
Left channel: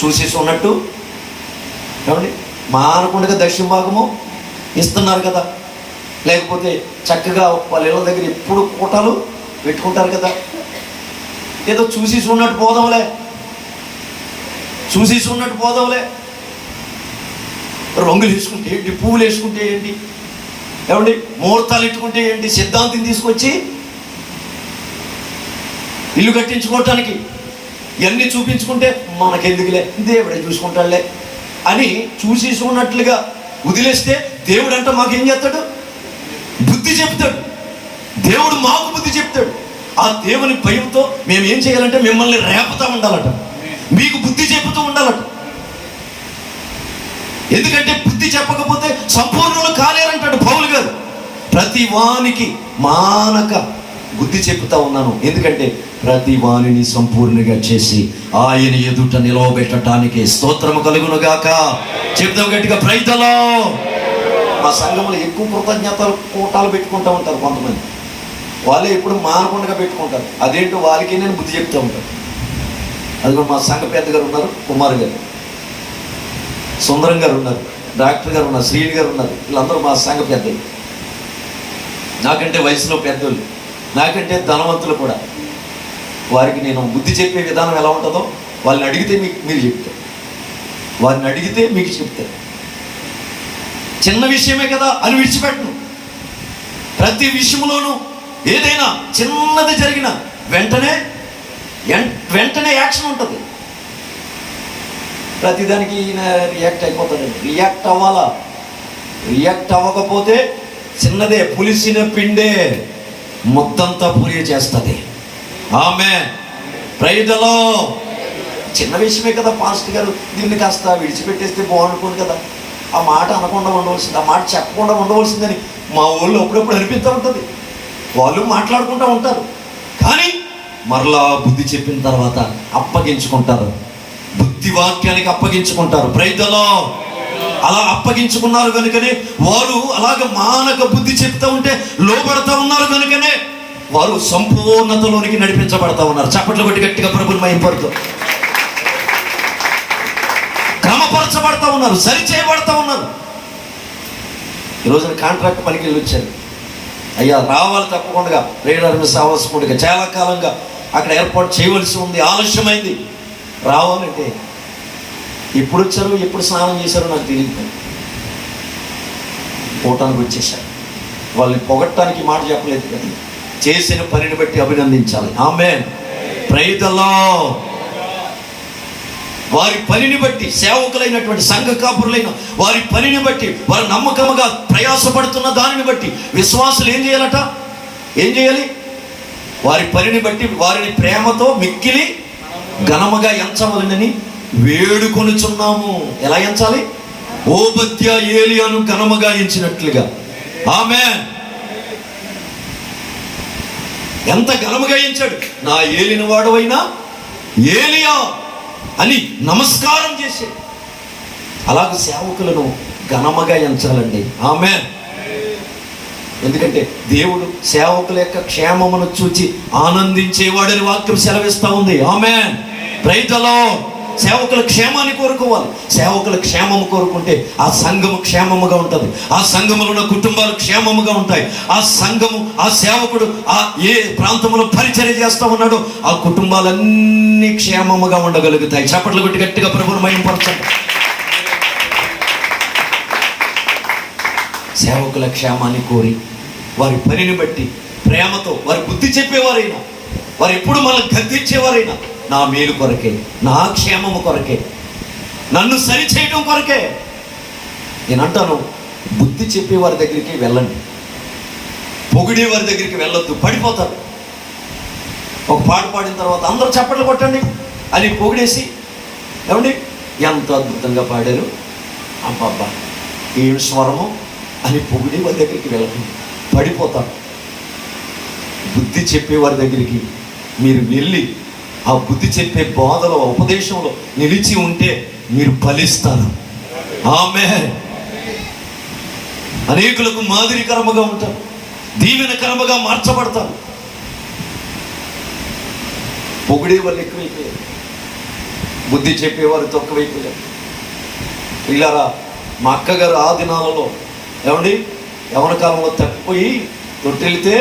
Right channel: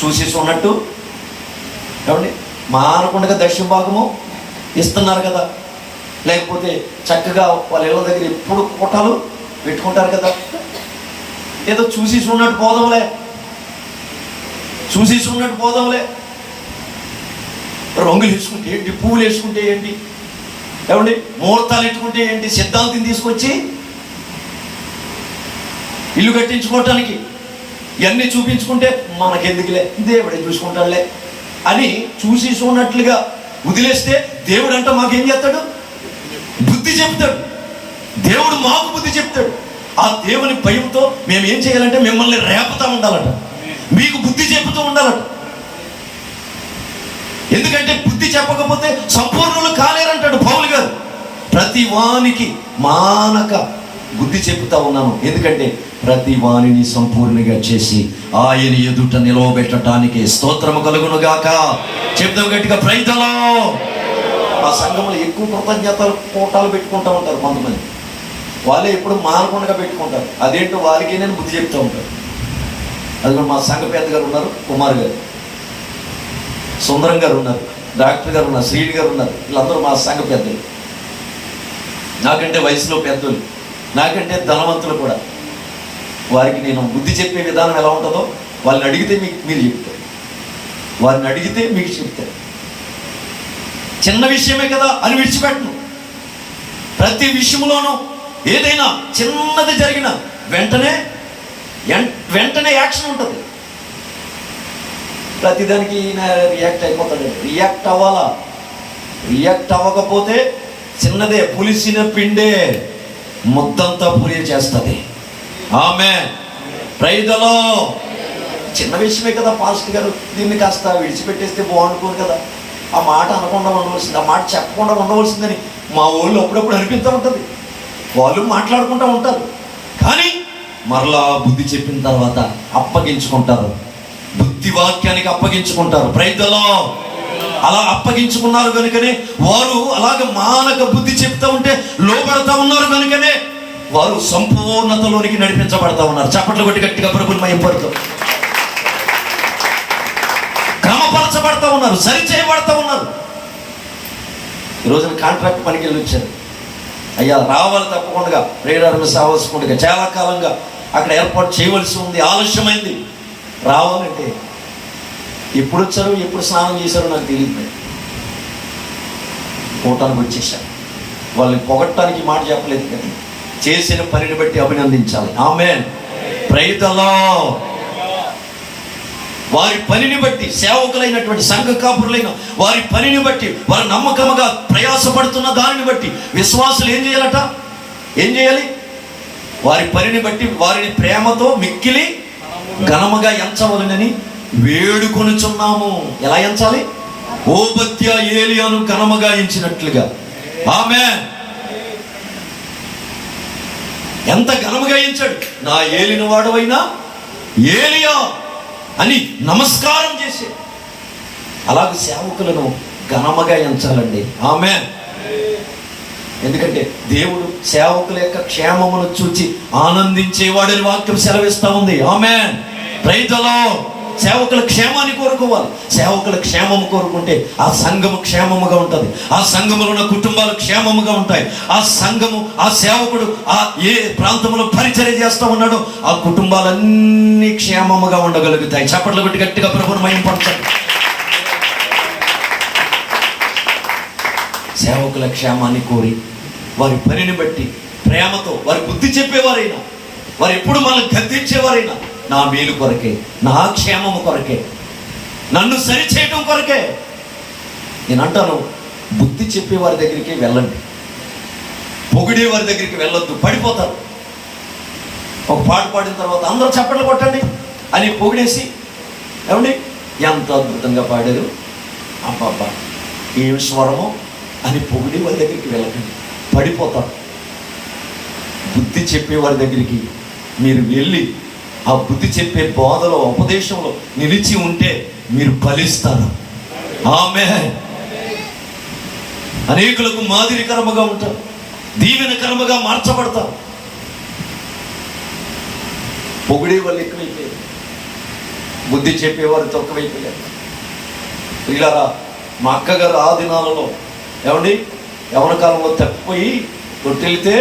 చూసేసి ఉన్నట్టు ఏమండి, మానకుండా దక్షిణ భాగము ఇస్తున్నారు కదా, లేకపోతే చక్కగా వాళ్ళ ఇళ్ళ దగ్గర ఎప్పుడు కోటాలు పెట్టుకుంటారు కదా, ఏదో చూసేసి ఉన్నట్టు పోదాంలే, రంగులు వేసుకుంటే ఏంటి, పువ్వులు వేసుకుంటే ఏంటి, ఏమండి ముహూర్తాలు ఎట్టుకుంటే ఏంటి, సిద్ధాంతం తీసుకొచ్చి ఇల్లు కట్టించుకోవటానికి ఇవన్నీ చూపించుకుంటే మనకెందుకులే, దేవుడే చూసుకుంటాడులే అని చూసి చూడనట్లుగా వదిలేస్తే దేవుడు అంటే మాకేం చేస్తాడు? బుద్ధి చెప్తాడు. దేవుడు మాకు బుద్ధి చెప్తాడు. ఆ దేవుని భయంతో మేము ఏం చేయాలంటే మిమ్మల్ని రేపుతా ఉండాలట, మీకు బుద్ధి చెప్తూ ఉండాలట. ఎందుకంటే బుద్ధి చెప్పకపోతే సంపూర్ణులు కాలేరంటాడు పౌలు గారు. ప్రతి వానికి మానక బుద్ధి చెప్తా ఉన్నాను, ఎందుకంటే ప్రతి వాణిని సంపూర్ణంగా చేసి ఆయన ఎదుట నిలవబెట్టడానికి స్తోత్రము కలుగును గాక. చెప్తాం గట్టిగా, ప్రైజ్ ది లార్డ్. ఆ సంఘంలో ఎక్కువ కృతజ్ఞతలు కోటాలు పెట్టుకుంటూ ఉంటారు కొంతమంది. వాళ్ళే ఎప్పుడు మానకుండా పెట్టుకుంటారు. అదేంటో వాళ్ళకి నేను బుద్ధి చెప్తూ ఉంటాను. అది కూడా మా సంఘ పెద్ద గారు ఉన్నారు, కుమార్ గారు, సుందరం గారు ఉన్నారు, డాక్టర్ గారు ఉన్నారు, శ్రీని గారు ఉన్నారు. వీళ్ళందరూ మా సంఘ పెద్దలు, నాకంటే వయసులో పెద్దలు, నాకంటే ధనవంతులు కూడా. వారికి నేను బుద్ధి చెప్పే విధానం ఎలా ఉంటుందో వాళ్ళని అడిగితే మీరు చెప్తారు, వారిని అడిగితే మీకు చెప్తారు. చిన్న విషయమే కదా అని విడిచిపెట్టను. ప్రతి విషయంలోనూ ఏదైనా చిన్నది జరిగిన వెంటనే యాక్షన్ ఉంటుంది. ప్రతిదానికి రియాక్ట్ అయిపోతాడు. రియాక్ట్ అవ్వాలా? రియాక్ట్ అవ్వకపోతే చిన్నదే పులిసిన పిండే ముద్దంతా పూరి చేస్తుంది. ఆమేన్. Praise the Lord. చిన్న విషయమే కదా పాస్టర్ గారు, దీన్ని కాస్త విడిచిపెట్టేస్తే బాగుంటుంది కదా, ఆ మాట అనకుండా ఉండవలసింది, ఆ మాట చెప్పకుండా ఉండవలసిందని మా వాళ్ళు అప్పుడప్పుడు అనిపిస్తూ ఉంటుంది. వాళ్ళు మాట్లాడుకుంటూ ఉంటారు, కానీ మరలా బుద్ధి చెప్పిన తర్వాత అప్పగించుకుంటారు, బుద్ధి వాక్యానికి అప్పగించుకుంటారు. Praise the lord. అలా అప్పగించుకున్నారు కనుకనే వారు అలాగ మానక బుద్ధి చెప్తూ ఉంటే లోబడతా ఉన్నారు కనుకనే వారు సంపూర్ణతలోనికి నడిపించబడతా ఉన్నారు. చప్పట్లు కొట్టి గట్టిగా ప్రభువుని మహిమపడుతూ క్రమపరచబడతా ఉన్నారు, సరిచేయబడతా ఉన్నారు. ఈ రోజున కాంట్రాక్ట్ పనికి వెళ్ళి వచ్చారు. అయ్యా రావాలి తప్పకుండా, రేడార్ మిస్ అవ్వాల్సిందిగా చాలా కాలంగా అక్కడ ఏర్పాటు చేయవలసి ఉంది, ఆలస్యమైంది. రావాలంటే ఎప్పుడు వచ్చారు, ఎప్పుడు స్నానం చేశారో నాకు తెలియదు. పోవటానికి వచ్చేసారు. వాళ్ళని పొగట్టడానికి మాట చెప్పలేదు, కానీ చేసిన పనిని బట్టి అభినందించాలి. ఆమేన్. Praise the Lord. వారి పనిని బట్టి, సేవకులైనటువంటి సంఘ కాపురులైన వారి పనిని బట్టి, వారు నమ్మకముగా ప్రయాసపడుతున్న దానిని బట్టి విశ్వాసులు ఏం చేయాలట? ఏం చేయాలి? వారి పనిని బట్టి వారిని ప్రేమతో మిక్కిలి ఘనముగా ఎంచవలనని వేడుకొనుచున్నాము. ఎలా ఎంచాలి? ఓబద్య ఏలియాను ఘనముగా ఎంచినట్లుగా. ఆమేన్. ఎంత ఘనముగా ఎంచాడు. నా ఏలిన వాడవైనా ఏలియా అని నమస్కారం చేశాడు. అలాగే సేవకులను ఘనముగా ఎంచాలండి. ఆమేన్. ఎందుకంటే దేవుడు సేవకుల యొక్క క్షేమమును చూచి ఆనందించేవాడని వాక్యం సెలవిస్తా ఉంది. ఆమేన్. Praise the Lord. సేవకుల క్షేమాన్ని కోరుకోవాలి. సేవకుల క్షేమము కోరుకుంటే ఆ సంఘము క్షేమముగా ఉంటుంది. ఆ సంఘములో ఉన్న కుటుంబాలు క్షేమముగా ఉంటాయి. ఆ సంఘము, ఆ సేవకుడు ఆ ఏ ప్రాంతంలో పరిచర్య చేస్తా ఉన్నాడో ఆ కుటుంబాలన్నీ క్షేమముగా ఉండగలుగుతాయి. చప్పట్లు కొట్టి గట్టిగా ప్రభువును మహిమపరచండి. సేవకుల క్షేమాన్ని కోరి వారి పనిని బట్టి ప్రేమతో వారి బుద్ధి చెప్పేవారైనా, వారు ఎప్పుడు మనల్ని గద్దించేవారైనా నా మేలు కొరకే, నా క్షేమము కొరకే, నన్ను సరిచేయడం కొరకే. నేను అంటాను, బుద్ధి చెప్పే వారి దగ్గరికి వెళ్ళండి, పొగిడే వారి దగ్గరికి వెళ్ళొద్దు, పడిపోతారు. ఒక పాట పాడిన తర్వాత అందరూ చప్పట్లు కొట్టండి అని పొగిడేసి, ఏమండి ఎంత అద్భుతంగా పాడారు, అబ్బబ్బా ఏం స్వరము అని పొగిడే వారి దగ్గరికి వెళ్ళండి, పడిపోతారు. బుద్ధి చెప్పేవారి దగ్గరికి మీరు వెళ్ళి ఆ బుద్ధి చెప్పే బోధలో, ఉపదేశంలో నిలిచి ఉంటే మీరు ఫలిస్తారు. ఆమేన్. అనేకులకు మాదిరికరముగా ఉంటారు, దీవెనకరముగా మార్చబడతారు. పొగిడే వాళ్ళు ఎక్కువైపోయారు, బుద్ధి చెప్పేవారు తక్కువైపోయారు. ఇలారా మా అక్కగారు ఆ దినాలలో ఏమండి యవ్వన కాలంలో తప్పిపోయి కొట్టెళ్తే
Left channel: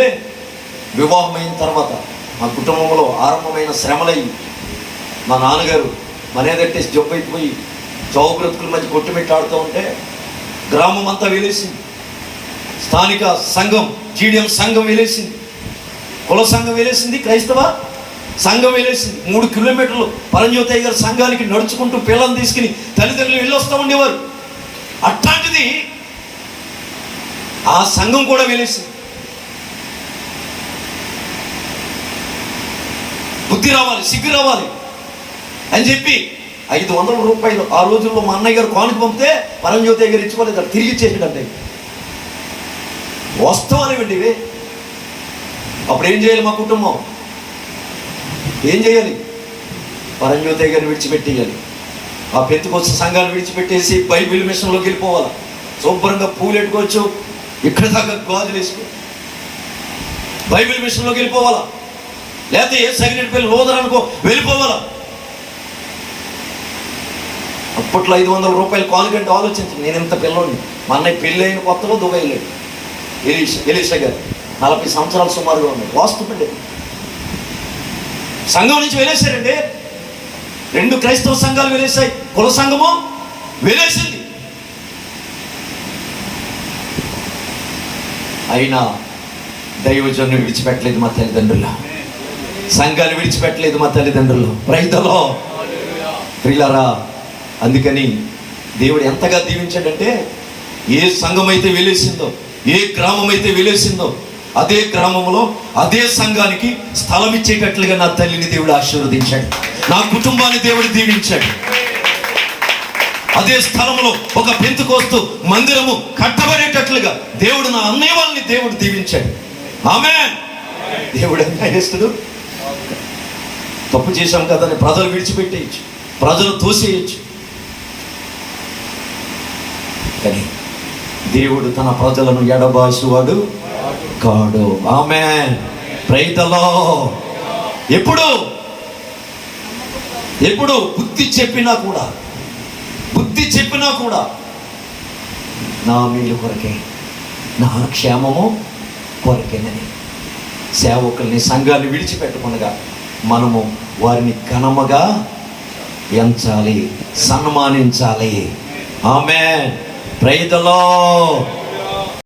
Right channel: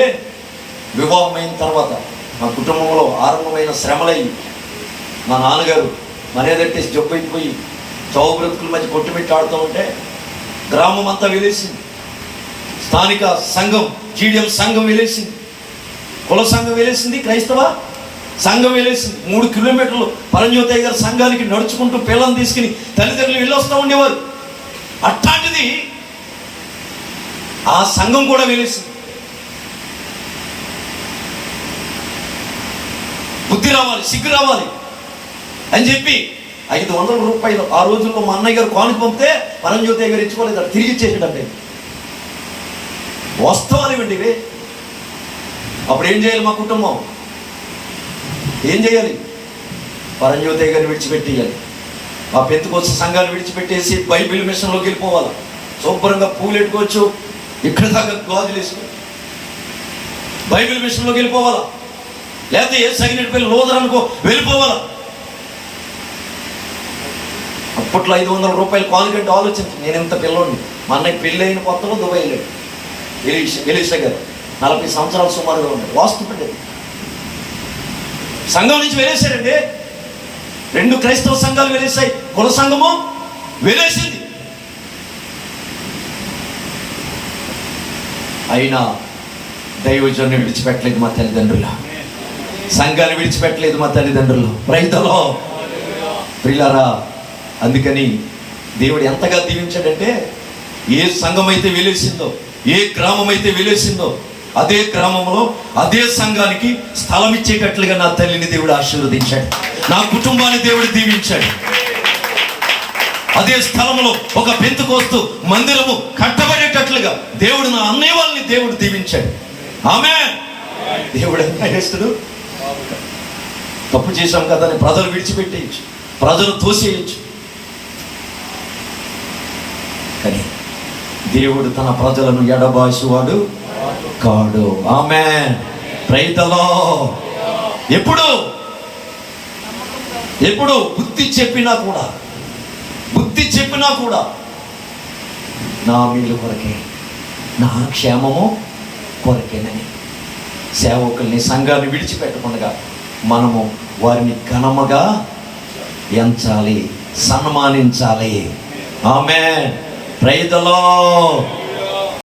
వివాహమైన తర్వాత మా కుటుంబంలో ఆరంభమైన శ్రమలయ్యి మా నాన్నగారు మర్యాదట్టేసి జబ్బు అయిపోయి చౌ బ్రతుకుల మధ్య కొట్టుమిట్టాడుతూ ఉంటే గ్రామం అంతా వెలేసింది. స్థానిక సంఘం, జీడియం సంఘం వెలేసింది, కుల సంఘం వెలేసింది, క్రైస్తవ సంఘం వెలేసింది. 3 కిలోమీటర్లు పరంజ్యోతయ్య గారి సంఘానికి నడుచుకుంటూ పిల్లల్ని తీసుకుని తల్లిదండ్రులు వెళ్ళొస్తూ ఉండేవారు. అట్లాంటిది ఆ సంఘం కూడా వెలేసింది. బుద్ధి రావాలి, సిగ్గు రావాలి అని చెప్పి 500 రూపాయలు ఆ రోజుల్లో మా అన్నయ్య గారు కానుక పంపితే పరంజ్యోతయ్య గారు ఇచ్చుకోలేదు, అది తిరిగి ఇచ్చేసాడంటే వస్తానివ్వండి. అప్పుడు ఏం చేయాలి? మా కుటుంబం ఏం చేయాలి? పరంజ్యోతయ్య గారిని విడిచిపెట్టేయాలి, ఆ పెంతుకొచ్చే సంఘాలు విడిచిపెట్టేసి బైబిల్ మిషన్లోకి వెళ్ళిపోవాలి. శుభ్రంగా పూలు ఎట్టుకోవచ్చు, ఇక్కడ దాకా గాజులు వేసుకో, బైబిల్ మిషన్లోకి వెళ్ళిపోవాలా. లేకపోతే ఏ సగినట్టు పెళ్ళి లోదరనుకో వెళ్ళిపోవాలా. అప్పట్లో 500 రూపాయలు కానుకంటే ఆలోచించి నేను ఇంత పిల్లని. మా అన్నయ్య పెళ్ళి అయిన కొత్తలో దుబాయ్ వెళ్ళాడు. ఎలీషా గారు 40 సంవత్సరాలు సుమారుగా ఉన్నారు. వాస్తుపడ్డాడు. సంఘం నుంచి వెళ్ళేశారండి. 2 క్రైస్తవ సంఘాలు వెళ్ళేశాయి, కుల సంఘము వెళ్ళేసింది. అయినా దైవజనుని విడిచిపెట్టలేదు మా తల్లిదండ్రులు, సంఘాన్ని విడిచిపెట్టలేదు మా తల్లిదండ్రులు. రైతులో ప్రియులారా, అందుకని దేవుడు ఎంతగా దీవించాడంటే, ఏ సంఘం అయితే వెలేసిందో, ఏ గ్రామం అయితే వెలేసిందో అదే గ్రామంలో అదే సంఘానికి స్థలం ఇచ్చేటట్లుగా నా తల్లిని దేవుడు ఆశీర్వదించాడు, నా కుటుంబాన్ని దేవుడు దీవించాడు. అదే స్థలంలో ఒక పెంతుకోస్తు మందిరము కట్టబడేటట్లుగా దేవుడు నా అన్నయ్య వాళ్ళని దేవుడు దీవించాడు. ఆమేన్. దేవుడు ఎంత చేస్తాడు? తప్పు చేశాం కదా అని ప్రజలు విడిచిపెట్టేయచ్చు, ప్రజలు తోసేయచ్చు, కానీ దేవుడు తన ప్రజలను ఎడబాసువాడు కాడు. ఆమేన్. Praise the Lord. ఎప్పుడు బుద్ధి చెప్పినా కూడా నా వీళ్ళు కొరకే, నా క్షేమము కొరకేనని సేవకుల్ని, సంఘాన్ని విడిచిపెట్టకుండా మనము వారిని ఘనముగా ఎంచాలి, సన్మానించాలి. ఆమేన్. Praise the lord.